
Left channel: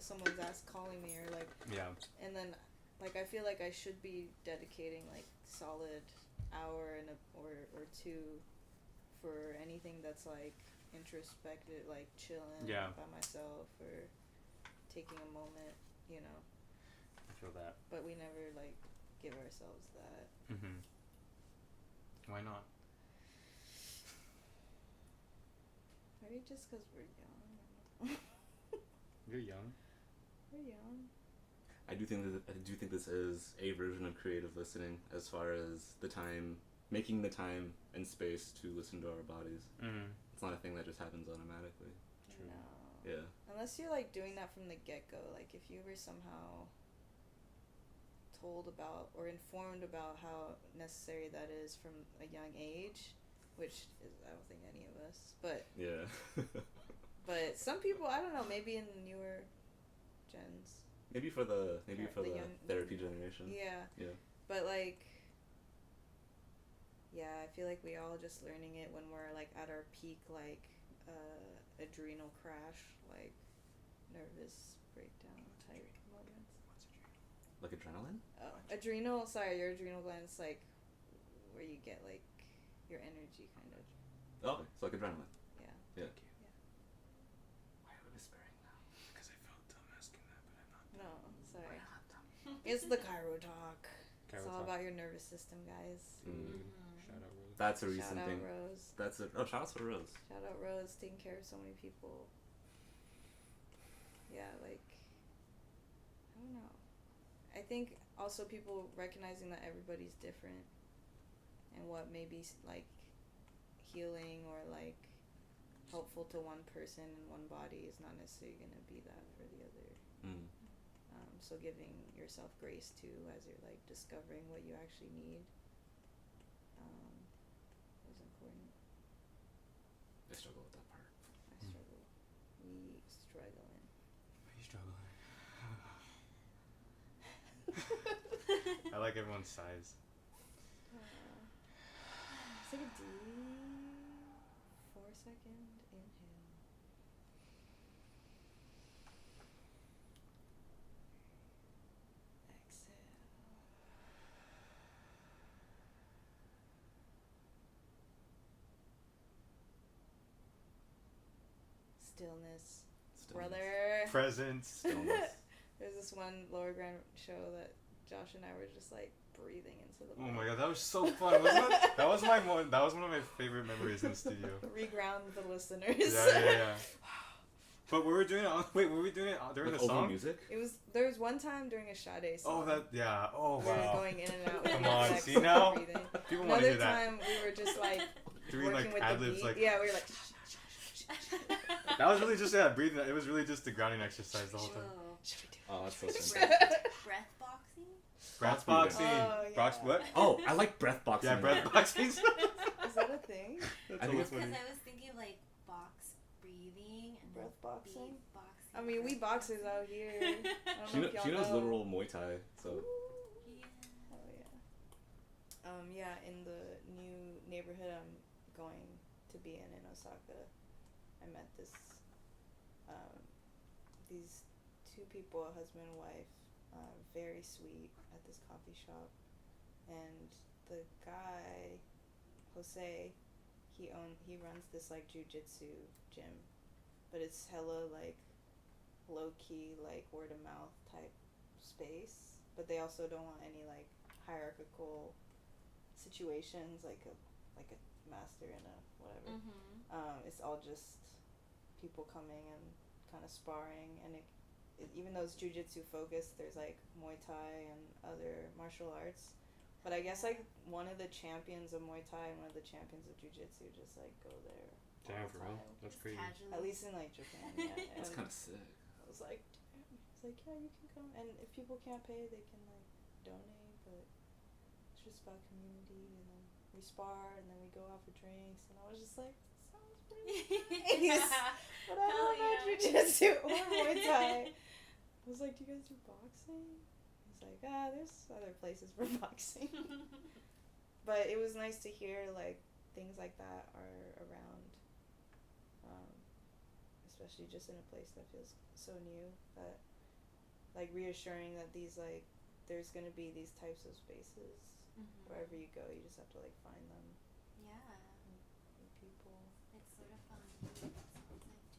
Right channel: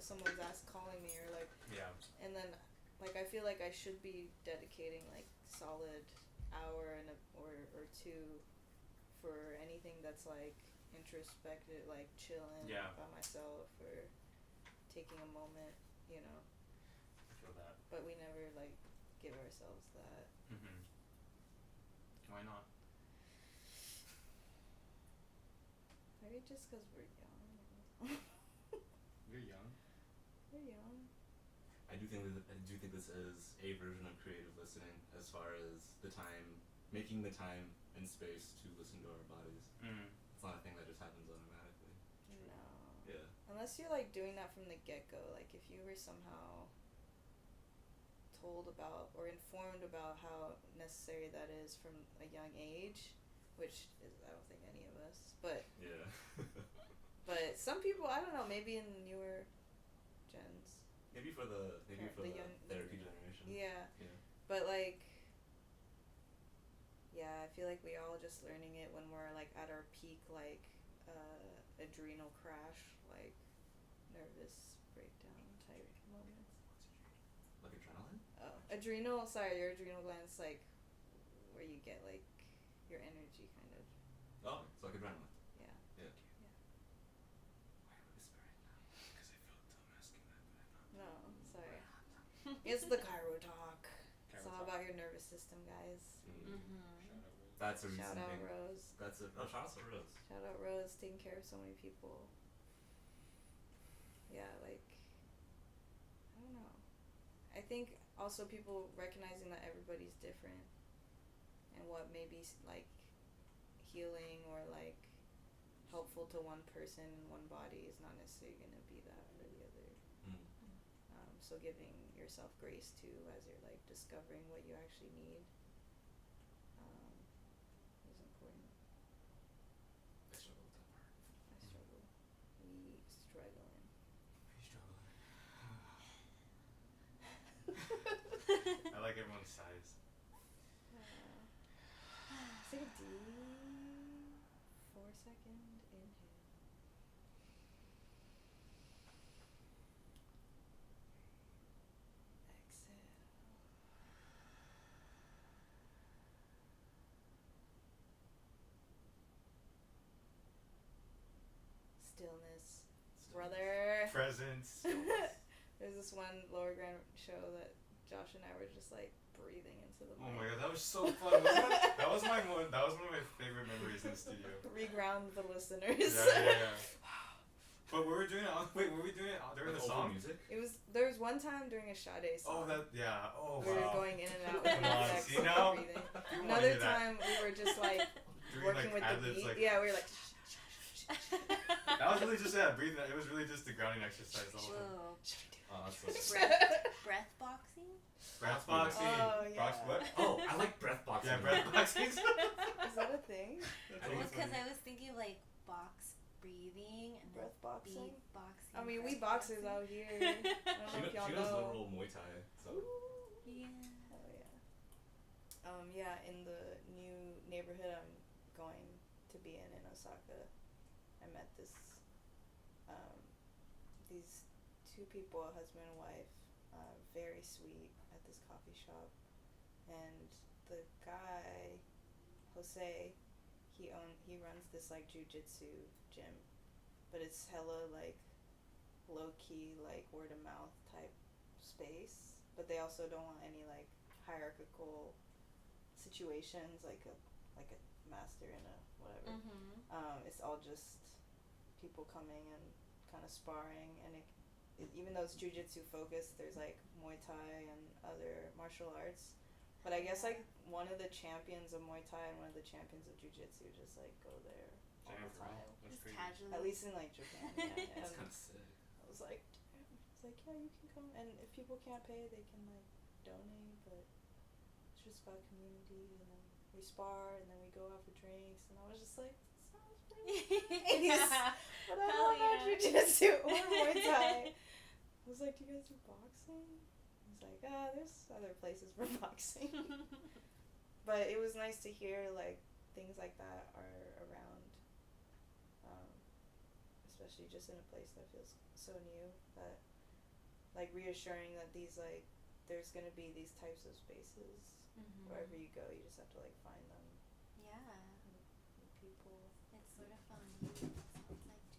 someone's calling me, or like, Yeah. and then like I feel like I should be dedicating like solid hour and or two for anything that's like introspective, like chilling by myself or taking a moment, you know. I feel that. But we never like give ourselves that. Why not? Maybe just because we're young. You're young. We're young. I do think this is a version of creative listening, as far as the time, making the time and space to listen to our bodies. It's not a thing that just happens automatically. True. No. Yeah. Unless you're like doing that from the get-go, like if you were somehow told about or informed about how necessary that is from a young age, which is, I don't think any of us, but Yeah. but some people, I don't know, maybe in the newer gens. maybe for the young therapy generation. Yeah. Yeah. But like, yeah, I feel like we all just learning it when we're like at our peak, like adrenal crash, like nervous breakdown type moments. Like adrenaline? Oh, adrenal. Sorry, your adrenal glands, like where you get like your energy, kind of. Oh, it's like adrenaline. Yeah. Yeah. Yeah. Why are we whispering now? Because I felt dumb asking that, but I'm not. No, sorry. It's the Cairo talk. It's all Talk. about your nervous system, guys. Shout out, Rose. That's a recent Shout out thing. Rose. Shout out to Rose. Shout out Rose, taking care of so many people. Yeah, like, I don't know. I think also people recognizing that everybody's different, and what maybe like healing or like helpful to one person and one body is not necessarily going to be that for the other. So giving yourself grace too as you're like discovering what you actually need is important. I struggle with that part. I struggle. We struggling. I like everyone's size. Take a deep 4-second inhale. Exhale. Stillness. brother. Presence. There's this one lower ground show that Josh and I were just like breathing into the Oh mic. my god, that was so fun. Wasn't it? That was one of my favorite memories in the studio. Reground the listeners. Yeah. But we were doing it. Were we doing it during the song? Music? There was one time during a Sade song. Oh, we were wow. going in and out. Come with on, sex see and now? breathing. People want to Another hear that. time we were just like Doing working like with ad-libs, the beat. like Yeah, we were like. that was really just breathing. It was really just the grounding exercise the whole time. Whoa. Oh, that's so Breath boxing? Breath boxing. Oh, yeah. What? Oh, I like breath boxing. Yeah, breath boxing. Is that a thing? That's I always think Because funny. I was thinking like box breathing and Breath boxing? beat boxing. I mean, we breath boxers boxing. out here. I don't know if y'all She knows know. literal Muay Thai, so. Yeah. Oh yeah. Yeah, in the new neighborhood I'm going to be in Osaka, I met these two people, a husband and wife, very sweet, at this coffee shop, and the guy, Jose, he runs this like jujitsu gym, but it's hella like low key, like word of mouth type space, but they also don't want any like hierarchical situations like a master and a whatever. It's all just people coming and kind of sparring, and it even though it's jujitsu focused, there's like Muay Thai and other martial arts, but I guess like one of the champions of Muay Thai and one of the champions of jujitsu just like go there all Damn, the for real? time. That's Just crazy. casually. At least in like Japan, yeah. It's And kind of sick. I was like, damn. It's like, yeah, you can come, and if people can't pay, they can like donate, but it's just about community, and then we spar, and then we go out for drinks, and I was just like, sounds pretty nice. But I Hell don't know yeah. jujitsu or Muay Thai. I was like, do you guys do boxing? He's like, there's other places for boxing. But it was nice to hear like things like that are around, especially just in a place that feels so new, that like reassuring that these like there's gonna be these types of spaces wherever you go. You just have to like find them. Yeah. And people. It's sort of fun. It sounds like too.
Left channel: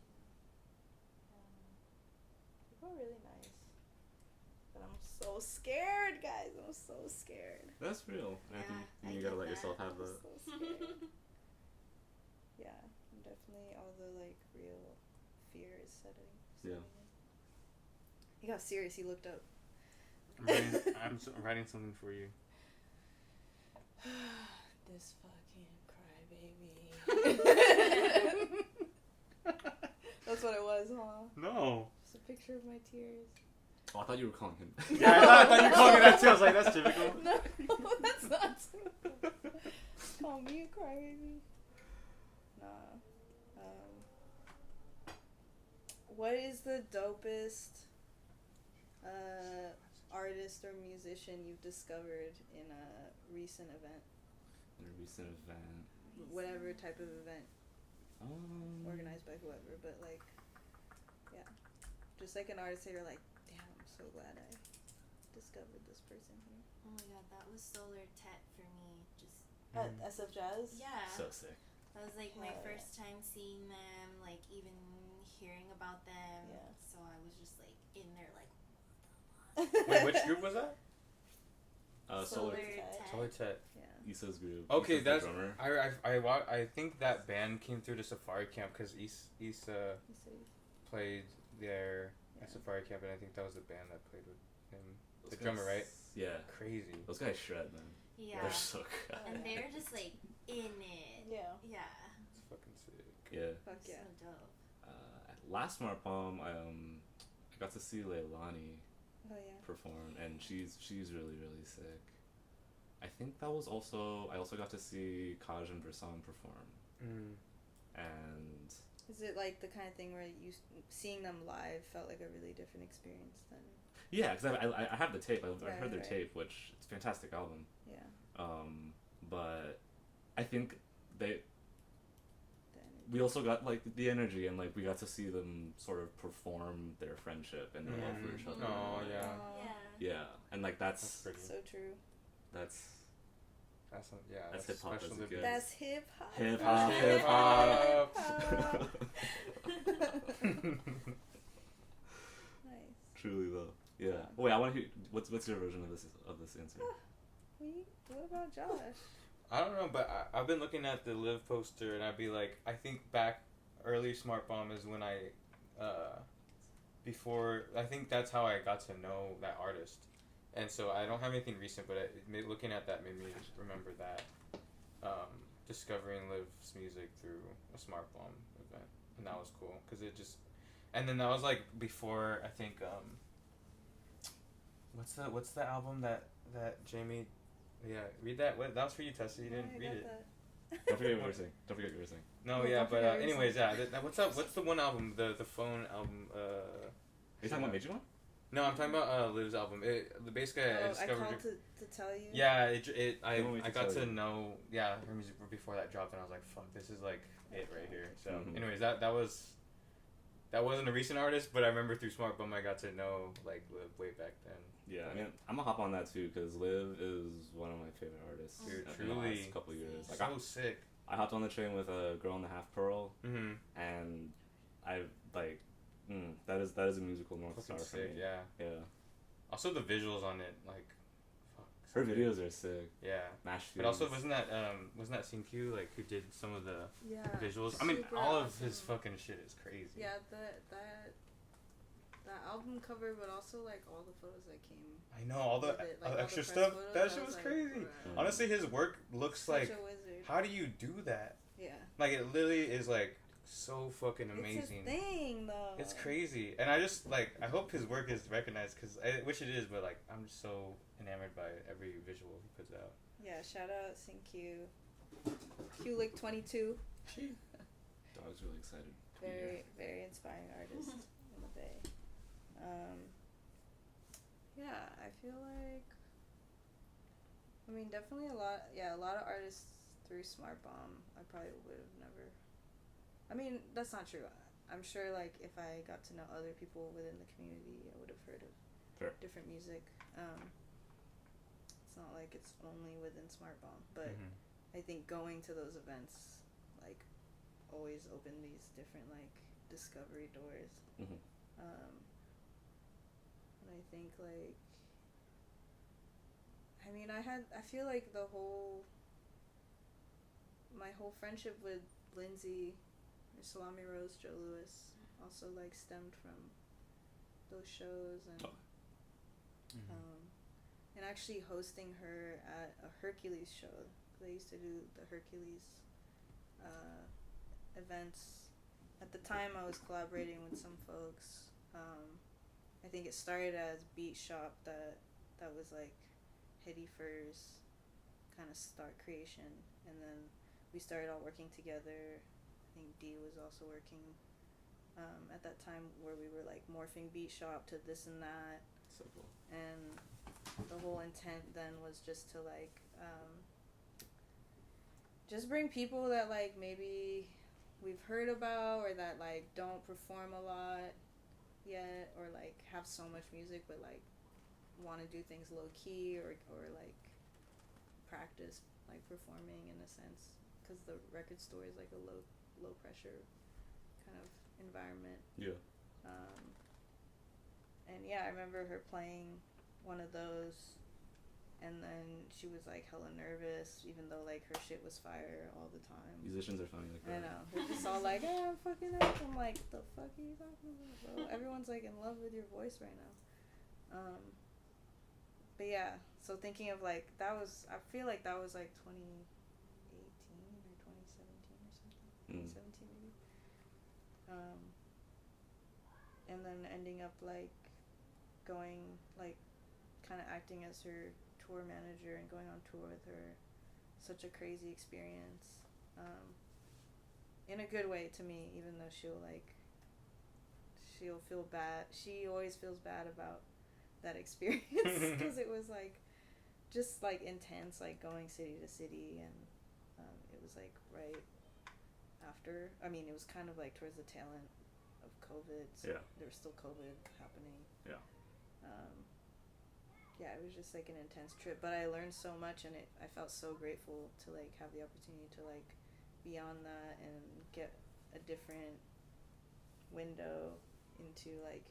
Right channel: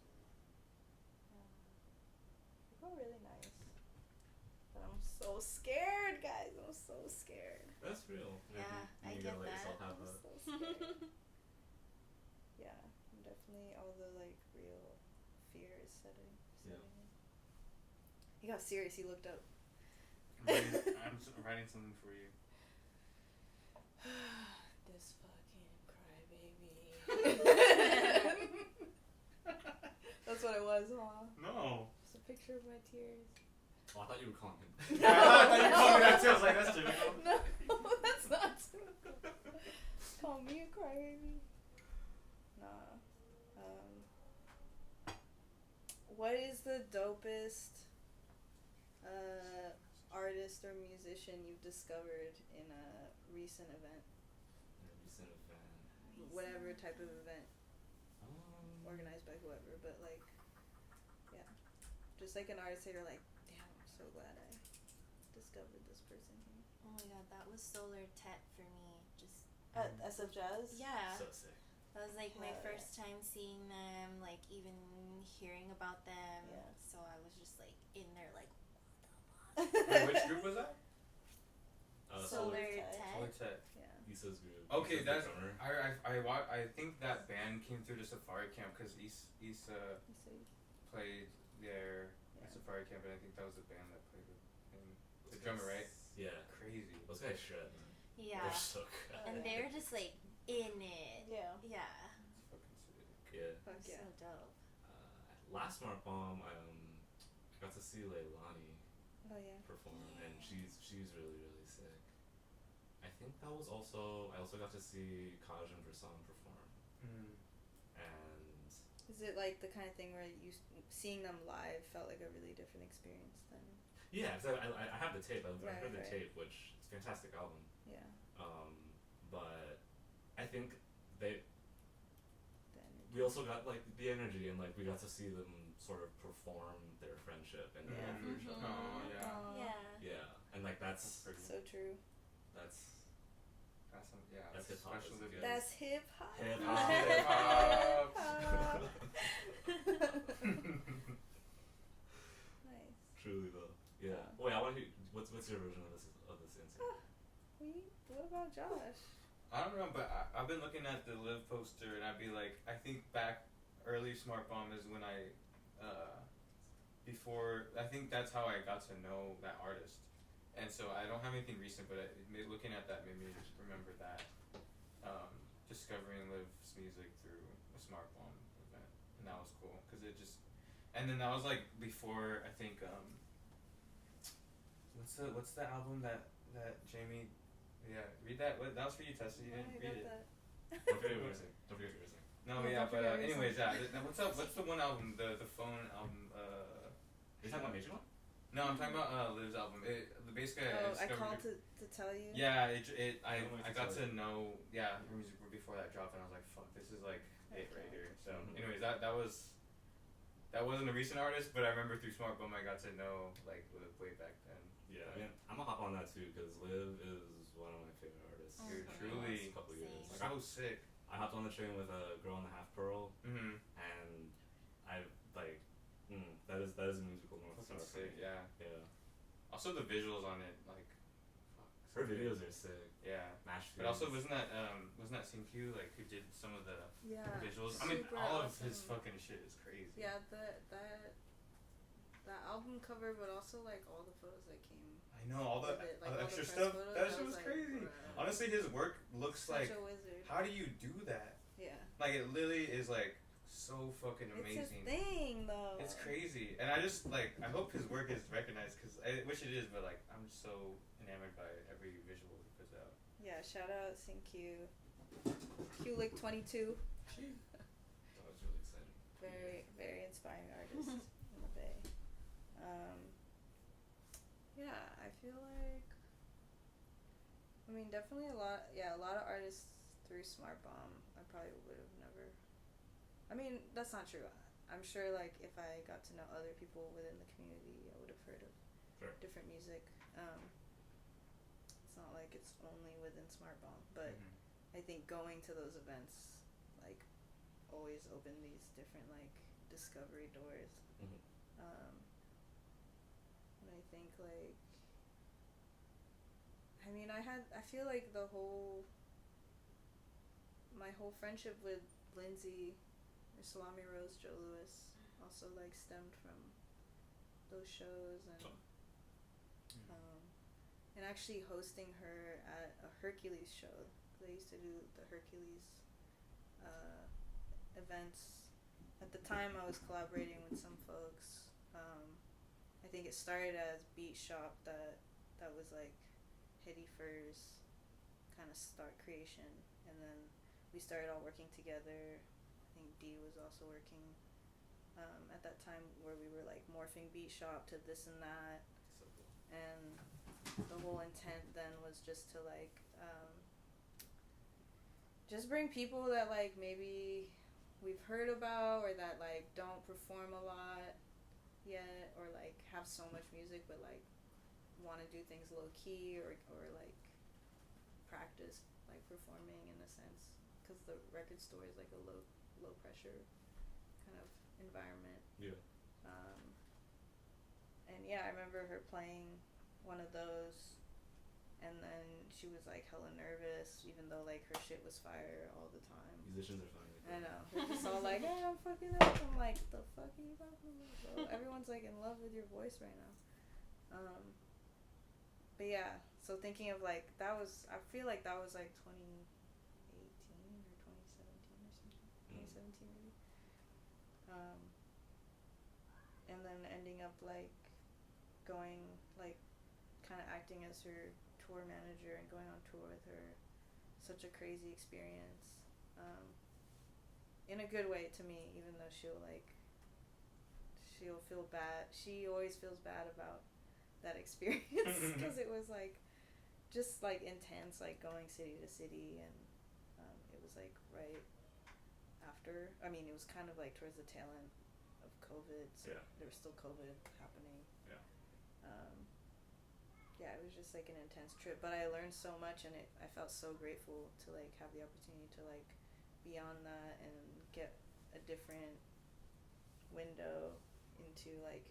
People are really nice. But I'm so scared, guys. I'm so scared. That's real. Yeah, And I you get gotta let that. yourself have I'm the. so scared. Yeah, I'm definitely all the like real fear is setting in. He got serious. He looked up. I'm writing something for you. This fucking crybaby. That's what it was, huh? No. Just a picture of my tears. Oh, I thought you were calling him. Yeah, I thought you were calling me that too. I was like, that's typical. No, that's not typical. Call me a crybaby. Nah. What is the dopest artist or musician you've discovered in a recent event? In a recent event. Whatever type of event. Organized by whoever, but like, yeah. Just like an artist that you're like, damn, I'm so glad I discovered this person here. Oh my god, that was Solar Tet for me. Just At SF Jazz? yeah. So sick. That was like my Hell first time seeing them, like even hearing about them. Yeah. So I was just like in there, like, Wait, which group was that? Solar Tet. Tet. Solar Tet. Yeah. Issa's group. Okay, Issa's the that's drummer. I think that band came through the Safari Camp because Issa You say, played there Yeah. at Safari Camp, and I think that was the band that played with him. Those The drummer, guys- right? Yeah. Crazy. Those guys shred, man. Yeah. They're so good. And yeah. they were just like in it. Yeah. Yeah. It's fucking sick. Yeah. Fuck It was yeah. So dope. Last SMARTBOMB, I got to see Leilani Oh yeah. perform, and she's really really sick. I think that was also I also got to see Kaj and Versam perform, and Is it like the kind of thing where you seeing them live felt like a really different experience than? yeah, because I have the tape. I've heard their Right. tape, which it's a fantastic album. Yeah. But I think The energy. we also got like the energy, and like we got to see them sort of perform their friendship and their love for each other. Oh, yeah. Aw. Yeah. Yeah, and like That's that's pretty. So true. that's That's hip hop. special That's events. That's hip hop. Hip hop. Hip hop. Nice. Truly though. Yeah. Wait, I want to hear. What's your version of this answer? What about Josh? I don't know, but I've been looking at the Live poster, and I'd be like, I think back early SMARTBOMB is when I think that's how I got to know that artist. And so I don't have anything recent, but looking at that made me remember that, discovering Liv's music through a SMARTBOMB event, and that was cool because it just, and then that was like before I think what's the album that Jamie, read that. That was for you, Tessa. You didn't read it. Don't forget what you were saying. No, Yeah, yeah, don't but forget what you anyways, what's up? What's the one album? The phone album. Are you talking about Major One? No, I'm talking about Liv's album. Basically, I I discovered. called to tell you. Yeah, I want me to got tell to you. know her music before that dropped, and I was like, fuck, this is like it right here. So, Mhm. anyways, that wasn't a recent artist, but I remember through SMARTBOMB I got to know like Liv way back then. Yeah, I mean, I'm gonna hop on that too because Liv is one of my favorite artists. Dude, of the truly. last couple years. Like, So sick. I hopped on the train with a girl in the half pearl, Mm-hmm. and I like, that is a musical North Star Fucking for sick. me. Yeah. Yeah. Also the visuals on it, like, fuck. Her videos are sick. Yeah. Mash But also videos. wasn't that Syncue like who did some of the Yeah. visuals? I mean, Super all of awesome. his fucking shit is crazy. Yeah, that album cover, but also like all the photos that came. I know all the with it, like, all the extra press stuff. photos, That I shit was like, crazy. bruh. Honestly, his work looks Such like. a wizard. How do you do that? Yeah. Like it literally is like so fucking amazing. It's his thing though. It's crazy, and I just like I hope his work is recognized because I wish it is, but like I'm just so enamored by every visual he puts out. Yeah, shout out Syncue. Q-Lick 22. I was really excited. Very, very inspiring artist in the Bay. Yeah, I feel like, I mean, definitely a lot of artists through SMARTBOMB I probably would have never, I mean, that's not true. I'm sure, like, if I got to know other people within the community, I would have heard of Sure. different music. It's not like it's only within SMARTBOMB, but Mhm. I think going to those events, like, always open these different, like, discovery doors. Mhm. And I think, like, I mean, I feel like my whole friendship with Lindsay, or Salami Rose, Joe Lewis, also, like, stemmed from those shows, and, and actually hosting her at a Hercules show. They used to do the Hercules events. At the time, I was collaborating with some folks. I think it started as Beat Shop that was like Hetty Fur's kind of start creation, and then we started all working together. I think Dee was also working at that time, where we were like morphing Beat Shop to this and that. So cool. And the whole intent then was just to like just bring people that like maybe we've heard about, or that like don't perform a lot yet, or like have so much music but like want to do things low key, or like practice like performing in a sense, because the record store is like a low pressure kind of environment. Yeah. And yeah, I remember her playing one of those, and then she was like hella nervous, even though like her shit was fire all the time. Musicians are funny like I that. know. They're just all like, hey, I'm fucking up. I'm like, the fuck are you talking about, bro? Everyone's like in love with your voice right now. But yeah, so thinking of like, I feel like that was like 2018 or 2017 or something. 2017 maybe. And then ending up like going, like, kind of acting as her tour manager and going on tour with her. Such a crazy experience. In a good way to me, even though she'll feel bad. She always feels bad about that experience, because it was like just like intense, like going city to city, and it was like right after, I mean, it was kind of like towards the tail end of COVID, so Yeah. there was still COVID happening. Yeah. yeah, it was just like an intense trip, but I learned so much, and I felt so grateful to like have the opportunity to like be on that and get a different window into like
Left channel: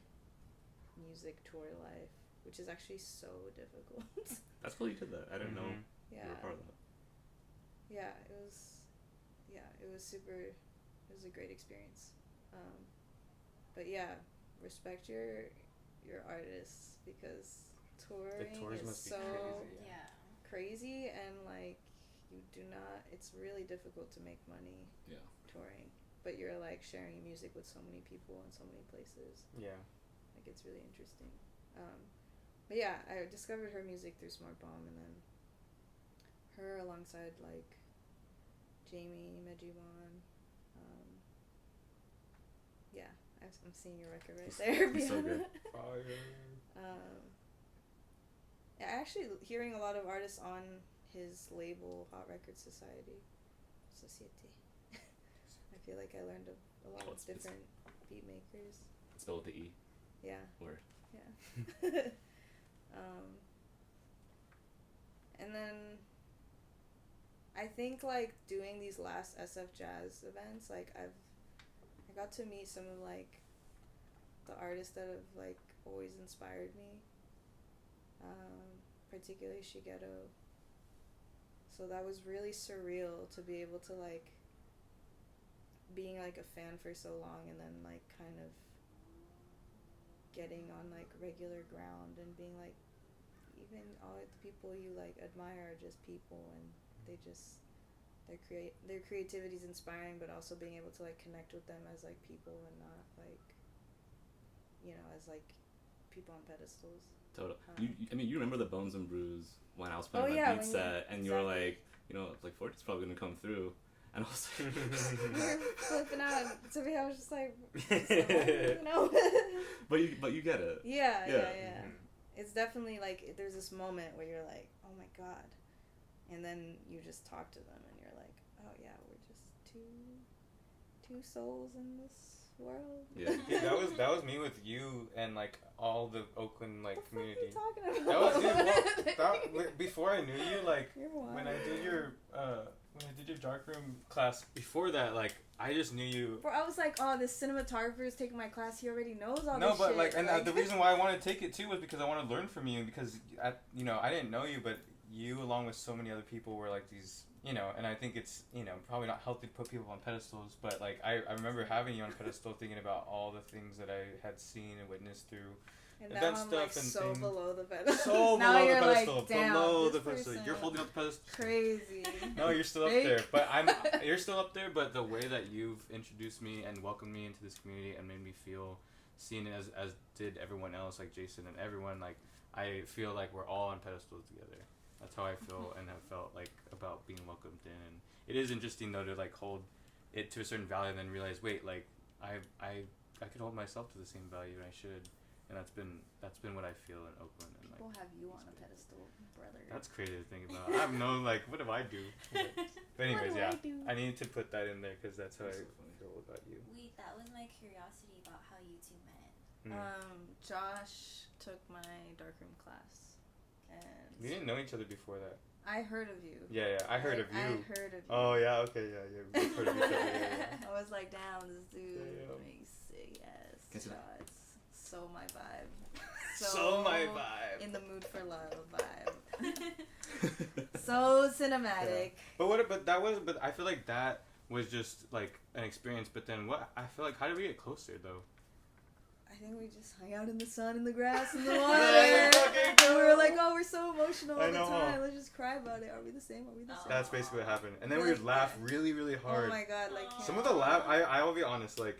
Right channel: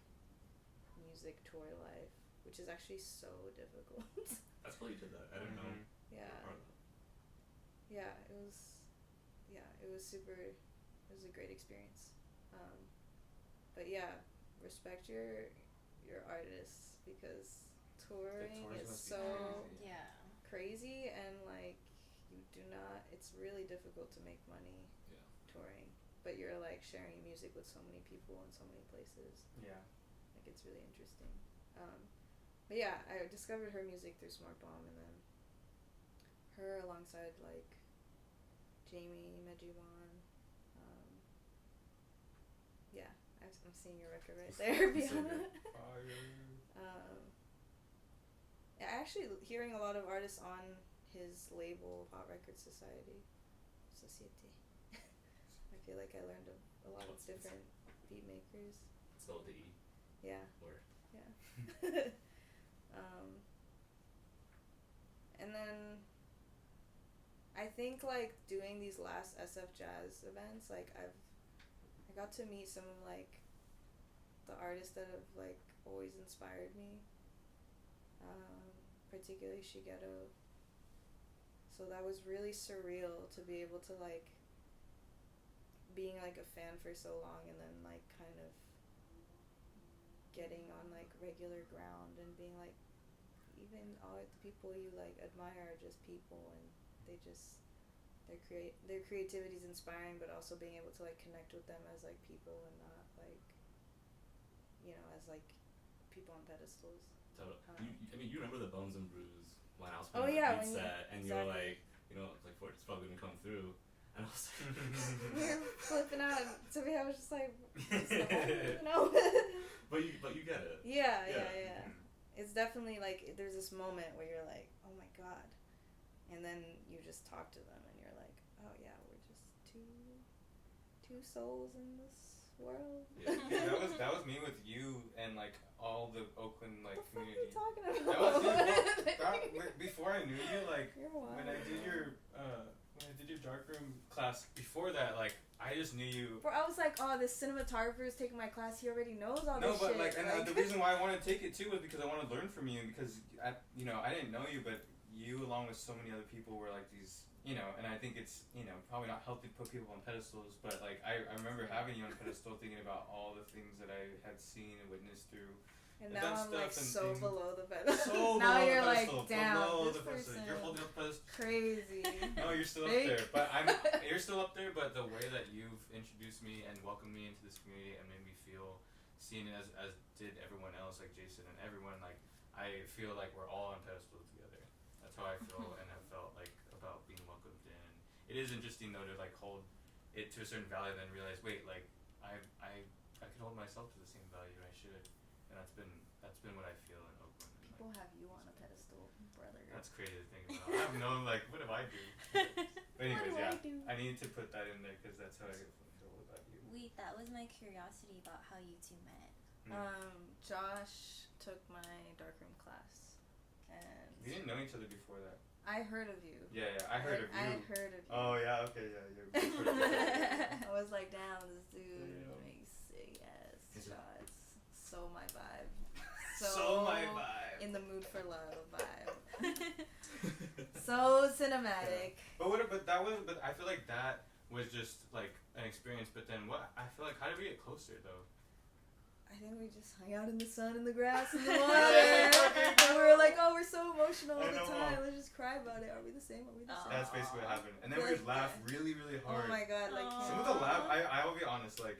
music tour life, which is actually so difficult. That's cool you did that. I didn't know Yeah. you were part of that. Yeah, it was super. It was a great experience. But yeah, respect your artists, because touring tours is must be so crazy. Yeah. crazy, and like you do not. It's really difficult to make money Yeah. touring, but you're like sharing music with so many people in so many places. Yeah. Like it's really interesting. But yeah, I discovered her music through SMARTBOMB, and then her alongside like Jamie Mejiwan. Yeah, I'm seeing your record right there. So good. Yeah, actually hearing a lot of artists on his label, Hot Record Society. I feel like I learned a lot of different beat makers. Spell with the E. Yeah. Word. Yeah. And then I think like doing these last SF Jazz events, like I got to meet some of like the artists that have like always inspired me, particularly Shigeru. So that was really surreal to be able to like being like a fan for so long, and then like kind of getting on like regular ground and being like, even all the people you like admire are just people, and they just their creativity is inspiring, but also being able to like connect with them as like people and not like, you know, as like people on pedestals. Total. You remember the Bones and Brews when I was playing beat set, and you were like, you know, like Fort's probably gonna come through, and I was like, You're flipping out. To me, I was just like, you know. But you get it. Yeah. It's definitely like there's this moment where you're like, oh my god, and then you just talk to them, and you're like, oh yeah, we're just two souls in this world. Yeah. that was me with you and like all the Oakland like what the community. fuck are you talking That about? was before I knew you, like You're wild. when I did your darkroom class. Before that, like I just knew you. Bro, I was like, oh, this cinematographer is taking my class. He already knows all No, this but shit. like, and the reason why I wanted to take it too was because I wanted to learn from you, and because I didn't know you, but you along with so many other people were like these, you know, and I think it's, you know, probably not healthy to put people on pedestals, but like I remember having you on a pedestal, thinking about all the things that I had seen and witnessed through. And now I'm like so below the pedestal. So now below you're the pedestal, like, damn, below this the pedestal. person You're holding up the pedestal. Crazy. No, you're still up there, but you're still up there. But the way that you've introduced me and welcomed me into this community and made me feel seen as did everyone else, like Jason and everyone, like I feel like we're all on pedestals together. That's how I feel and have felt like about being welcomed in. It is interesting though to like hold it to a certain value and then realize, wait, like I could hold myself to the same value, and I should. And that's been what I feel in Oakland. And People like, have you on a pedestal, brother. that's crazy to think about. I have no like, what do I do? But anyways, What do I yeah, do? I need to put that in there because that's how I feel about you. Wait, that was my curiosity about how you two met. Josh took my darkroom class, and We didn't know each other before that. I heard of you. Yeah, I heard of you. I heard of you. Oh yeah, okay, yeah. We both heard of each other. I was like, damn, this dude Damn. makes sick ass Is it- shots. So my vibe. So my vibe. In the mood for love vibe. So cinematic. But I feel like that was just like an experience. But then I feel like, how did we get closer though? I think we just hung out in the sun, in the grass, in the water. Okay, And we were like, oh, we're so emotional all I the know. time. Let's just cry about it. Are we the same? Are we the same? That's basically what happened. And then we Like, would laugh yeah. really, really hard. Oh my god, like Aw. Some of the laugh, I will be honest, like,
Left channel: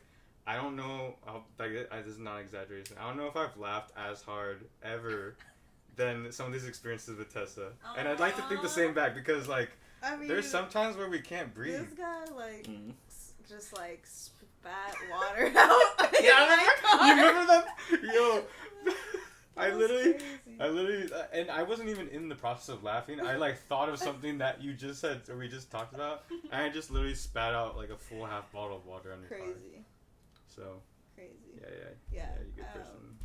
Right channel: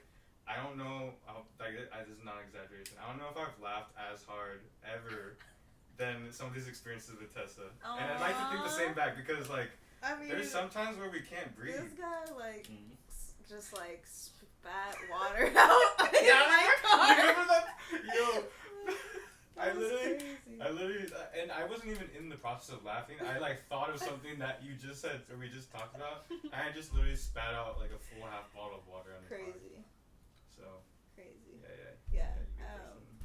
I don't know, this is not exaggeration. I don't know if I've laughed as hard ever than some of these experiences with Tessa. And I'd like to think the same back because, like, I mean, there's some times where we can't breathe. this guy like Mhm. just like spat water out. Yeah, in my car. you remember that? Yo, That was crazy. I literally, and I wasn't even in the process of laughing. I like thought of something that you just said, or we just talked about, and I just literally spat out like a full half bottle of water on your car. Crazy. So Crazy. yeah, Yeah. you good person.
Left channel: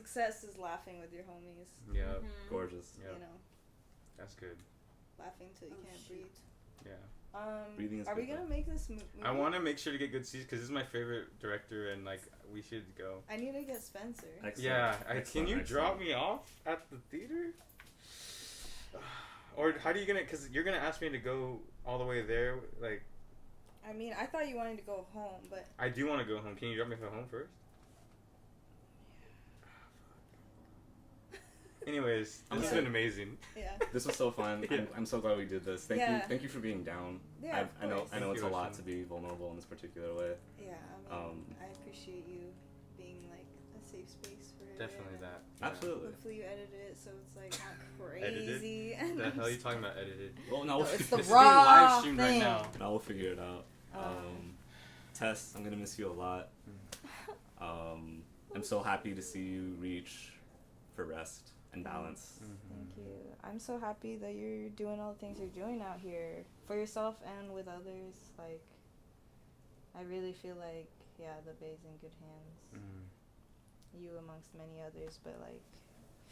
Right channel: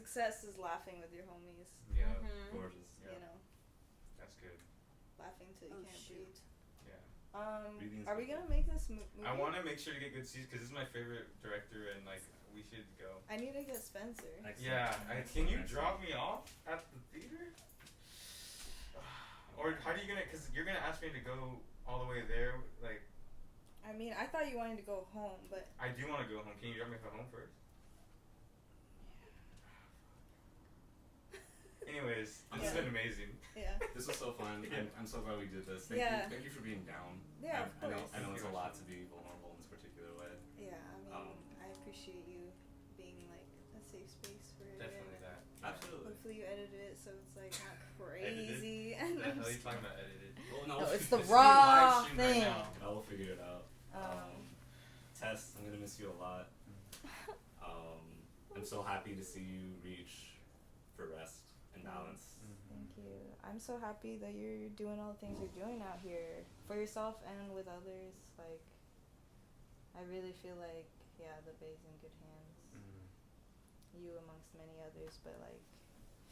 success is laughing with your homies. Yeah. Gorgeous. Yeah. You know, That's good. laughing till you can't breathe. Yeah. Breathing is Are we good. gonna make this movie? I want to make sure to get good seats because this is my favorite director and like we should go. I need to get Spencer. Excellent. Yeah. Can you Excellent. drop me off at the theater? Or how do you gonna? Because you're gonna ask me to go all the way there. Like I mean, I thought you wanted to go home, but I do want to go home. Can you drop me home first? Anyways, this has Okay. been amazing. yeah. This was so fun. Yeah. I'm so glad we did this. Thank you for being down. Yeah, of I know course. I know Thank it's you, a lot Ocean. to be vulnerable in this particular way. Yeah, I mean, Um, I appreciate you being like a safe space for it. Definitely and that. Absolutely. Hopefully you edited it so it's like not Edited? crazy. What And the I'm hell are you just- talking about edited? Well, No, we'll it's figure- the It's raw being live streamed thing. right now. No, we'll figure it out. Tess, I'm gonna miss you a lot. I'm so happy to see you reach for rest and balance. Thank you. I'm so happy that you're doing all the things you're doing out here for yourself and with others. Like, I really feel like, yeah, the Bay's in good hands. You amongst many others, but like,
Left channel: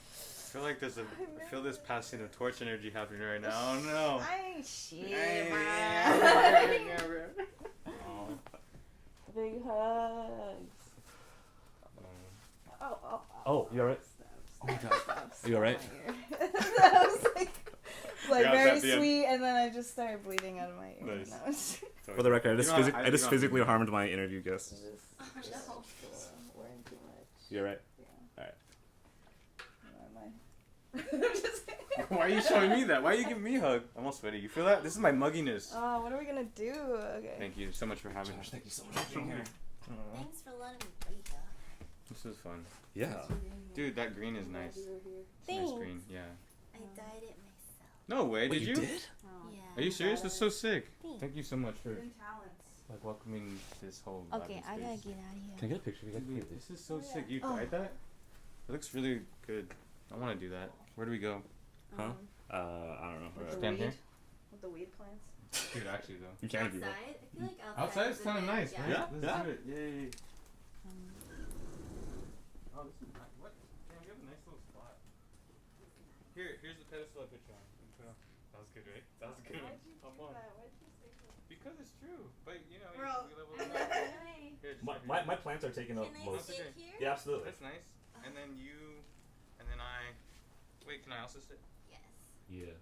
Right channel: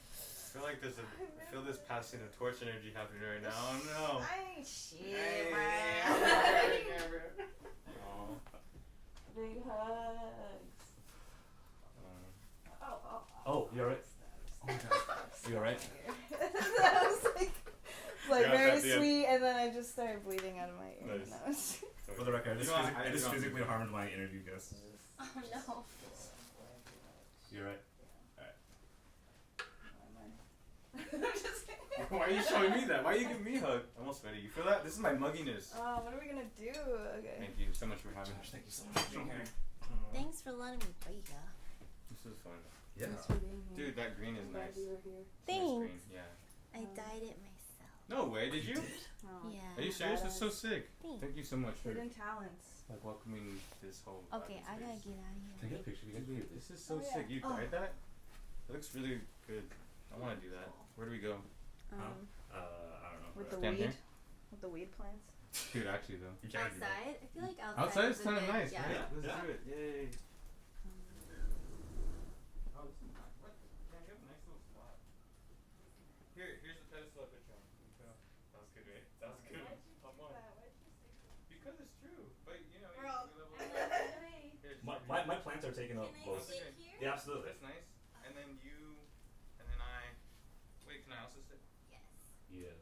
I feel like there's I feel this passing of torch energy happening right now. Oh no. I ain't shit, Hey, man. Oh. Big hugs. Oh. Oh, you alright? Oh my god. You alright? That was like Yeah, very at the end. sweet, and then I just started bleeding out of my ear. Nice. And I was For the record, You know, I just physically harmed my interview guest. Oh no. we're in too much. You alright? I'm just kidding. Why are you showing me that? Why are you giving me a hug? I'm all sweaty. You feel that? This is my mugginess. Oh, what are we gonna do? Okay. Thank you so much for having me. Thank you so much for being here. Thanks for letting me be here. This is fun. Yeah. Thanks for being here. Dude, that green is I'm glad nice. you were here. It's a nice Thanks. green. Yeah. I dyed it myself. No way. Did you? Oh. Yeah. Are you serious? That's so sick. Thanks. Thank you so much for Hidden talents. like welcoming this whole. Okay, I gotta space. get out of here. Can I get a picture? Dude, this is so Oh, yeah. sick. You Oh. dyed that? It looks really good. I want to do that. Where do we go? Huh? I don't know. With the Stand weed. here? With the weed plants. Dude, actually though. You can't do that. Outside? I feel like outside. Outside is is a kind of good- nice, yeah. right? Yeah, Let's yeah. do it. Yay. Um, Oh, this is nice. What? Damn, you have a nice little spot. Here's the pedestal I put you on. You put on. That was good, right? That was good. Come on. Because it's true. But you know, Bro. we level and up. then can I, Here, just My, right my, here. my plants are taking up can I most. Okay. sit here? Yeah, absolutely. That's nice. And then you, and then I. Wait, can I also sit? Yes. Yeah.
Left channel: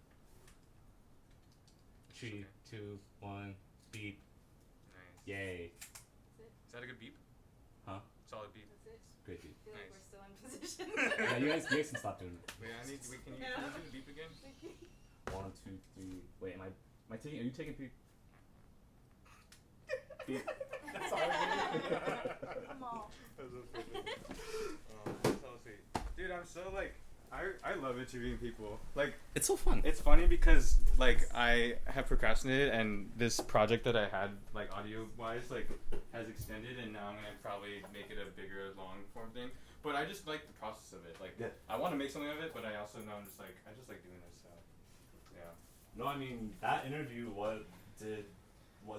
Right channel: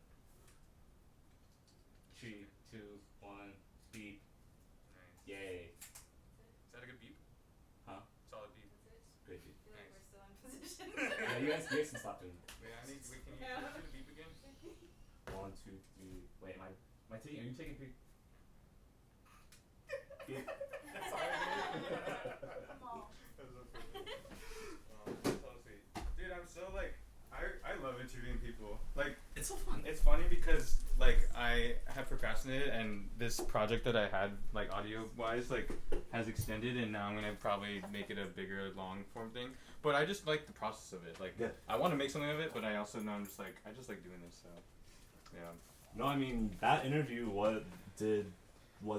3, 2, 1, beep. Nice. Yay. Is that a good beep? Huh? Solid beep. Great beep. feel like Nice. we're still in position. Yeah, you guys can stop doing that. Wait, I need. Wait, can you Yeah. do the beep again? 1, 2, 3. Wait, am I taking? Are you taking beep? Beep. Sorry. Come on. That's so funny. That's so sweet. Dude, I'm so like. I love interviewing people. Like, It's so fun. it's funny because like I have procrastinated and this project that I had like audio wise like has extended and now I'm gonna probably make it a bigger long form thing. But I just like the process of it. Like Yeah. I want to make something of it, but I also know I'm just like I just like doing this. So yeah. No, I mean that interview was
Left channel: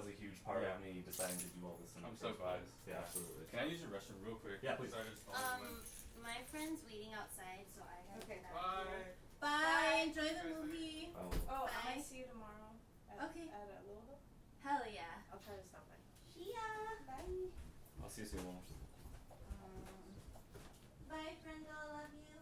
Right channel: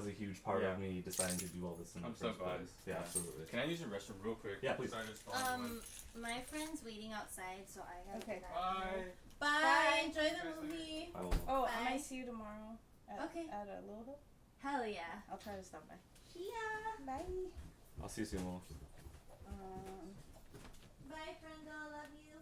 a huge part Yeah. of me deciding to do all this in I'm the so first glad. place. Yeah, Yeah. absolutely. Can I use the restroom real quick? Yeah, please. Sorry, I just followed you. My friend's waiting outside, so I gotta Okay. get out of Bye. here. Bye. Bye. Enjoy the Guys, movie. I will. Oh, I Bye. might see you tomorrow. Okay. At a little Hope. Hell yeah. I'll try to stop by. Yeah. Bye. I'll see you soon, Wolf. Bye, friendo. Love you.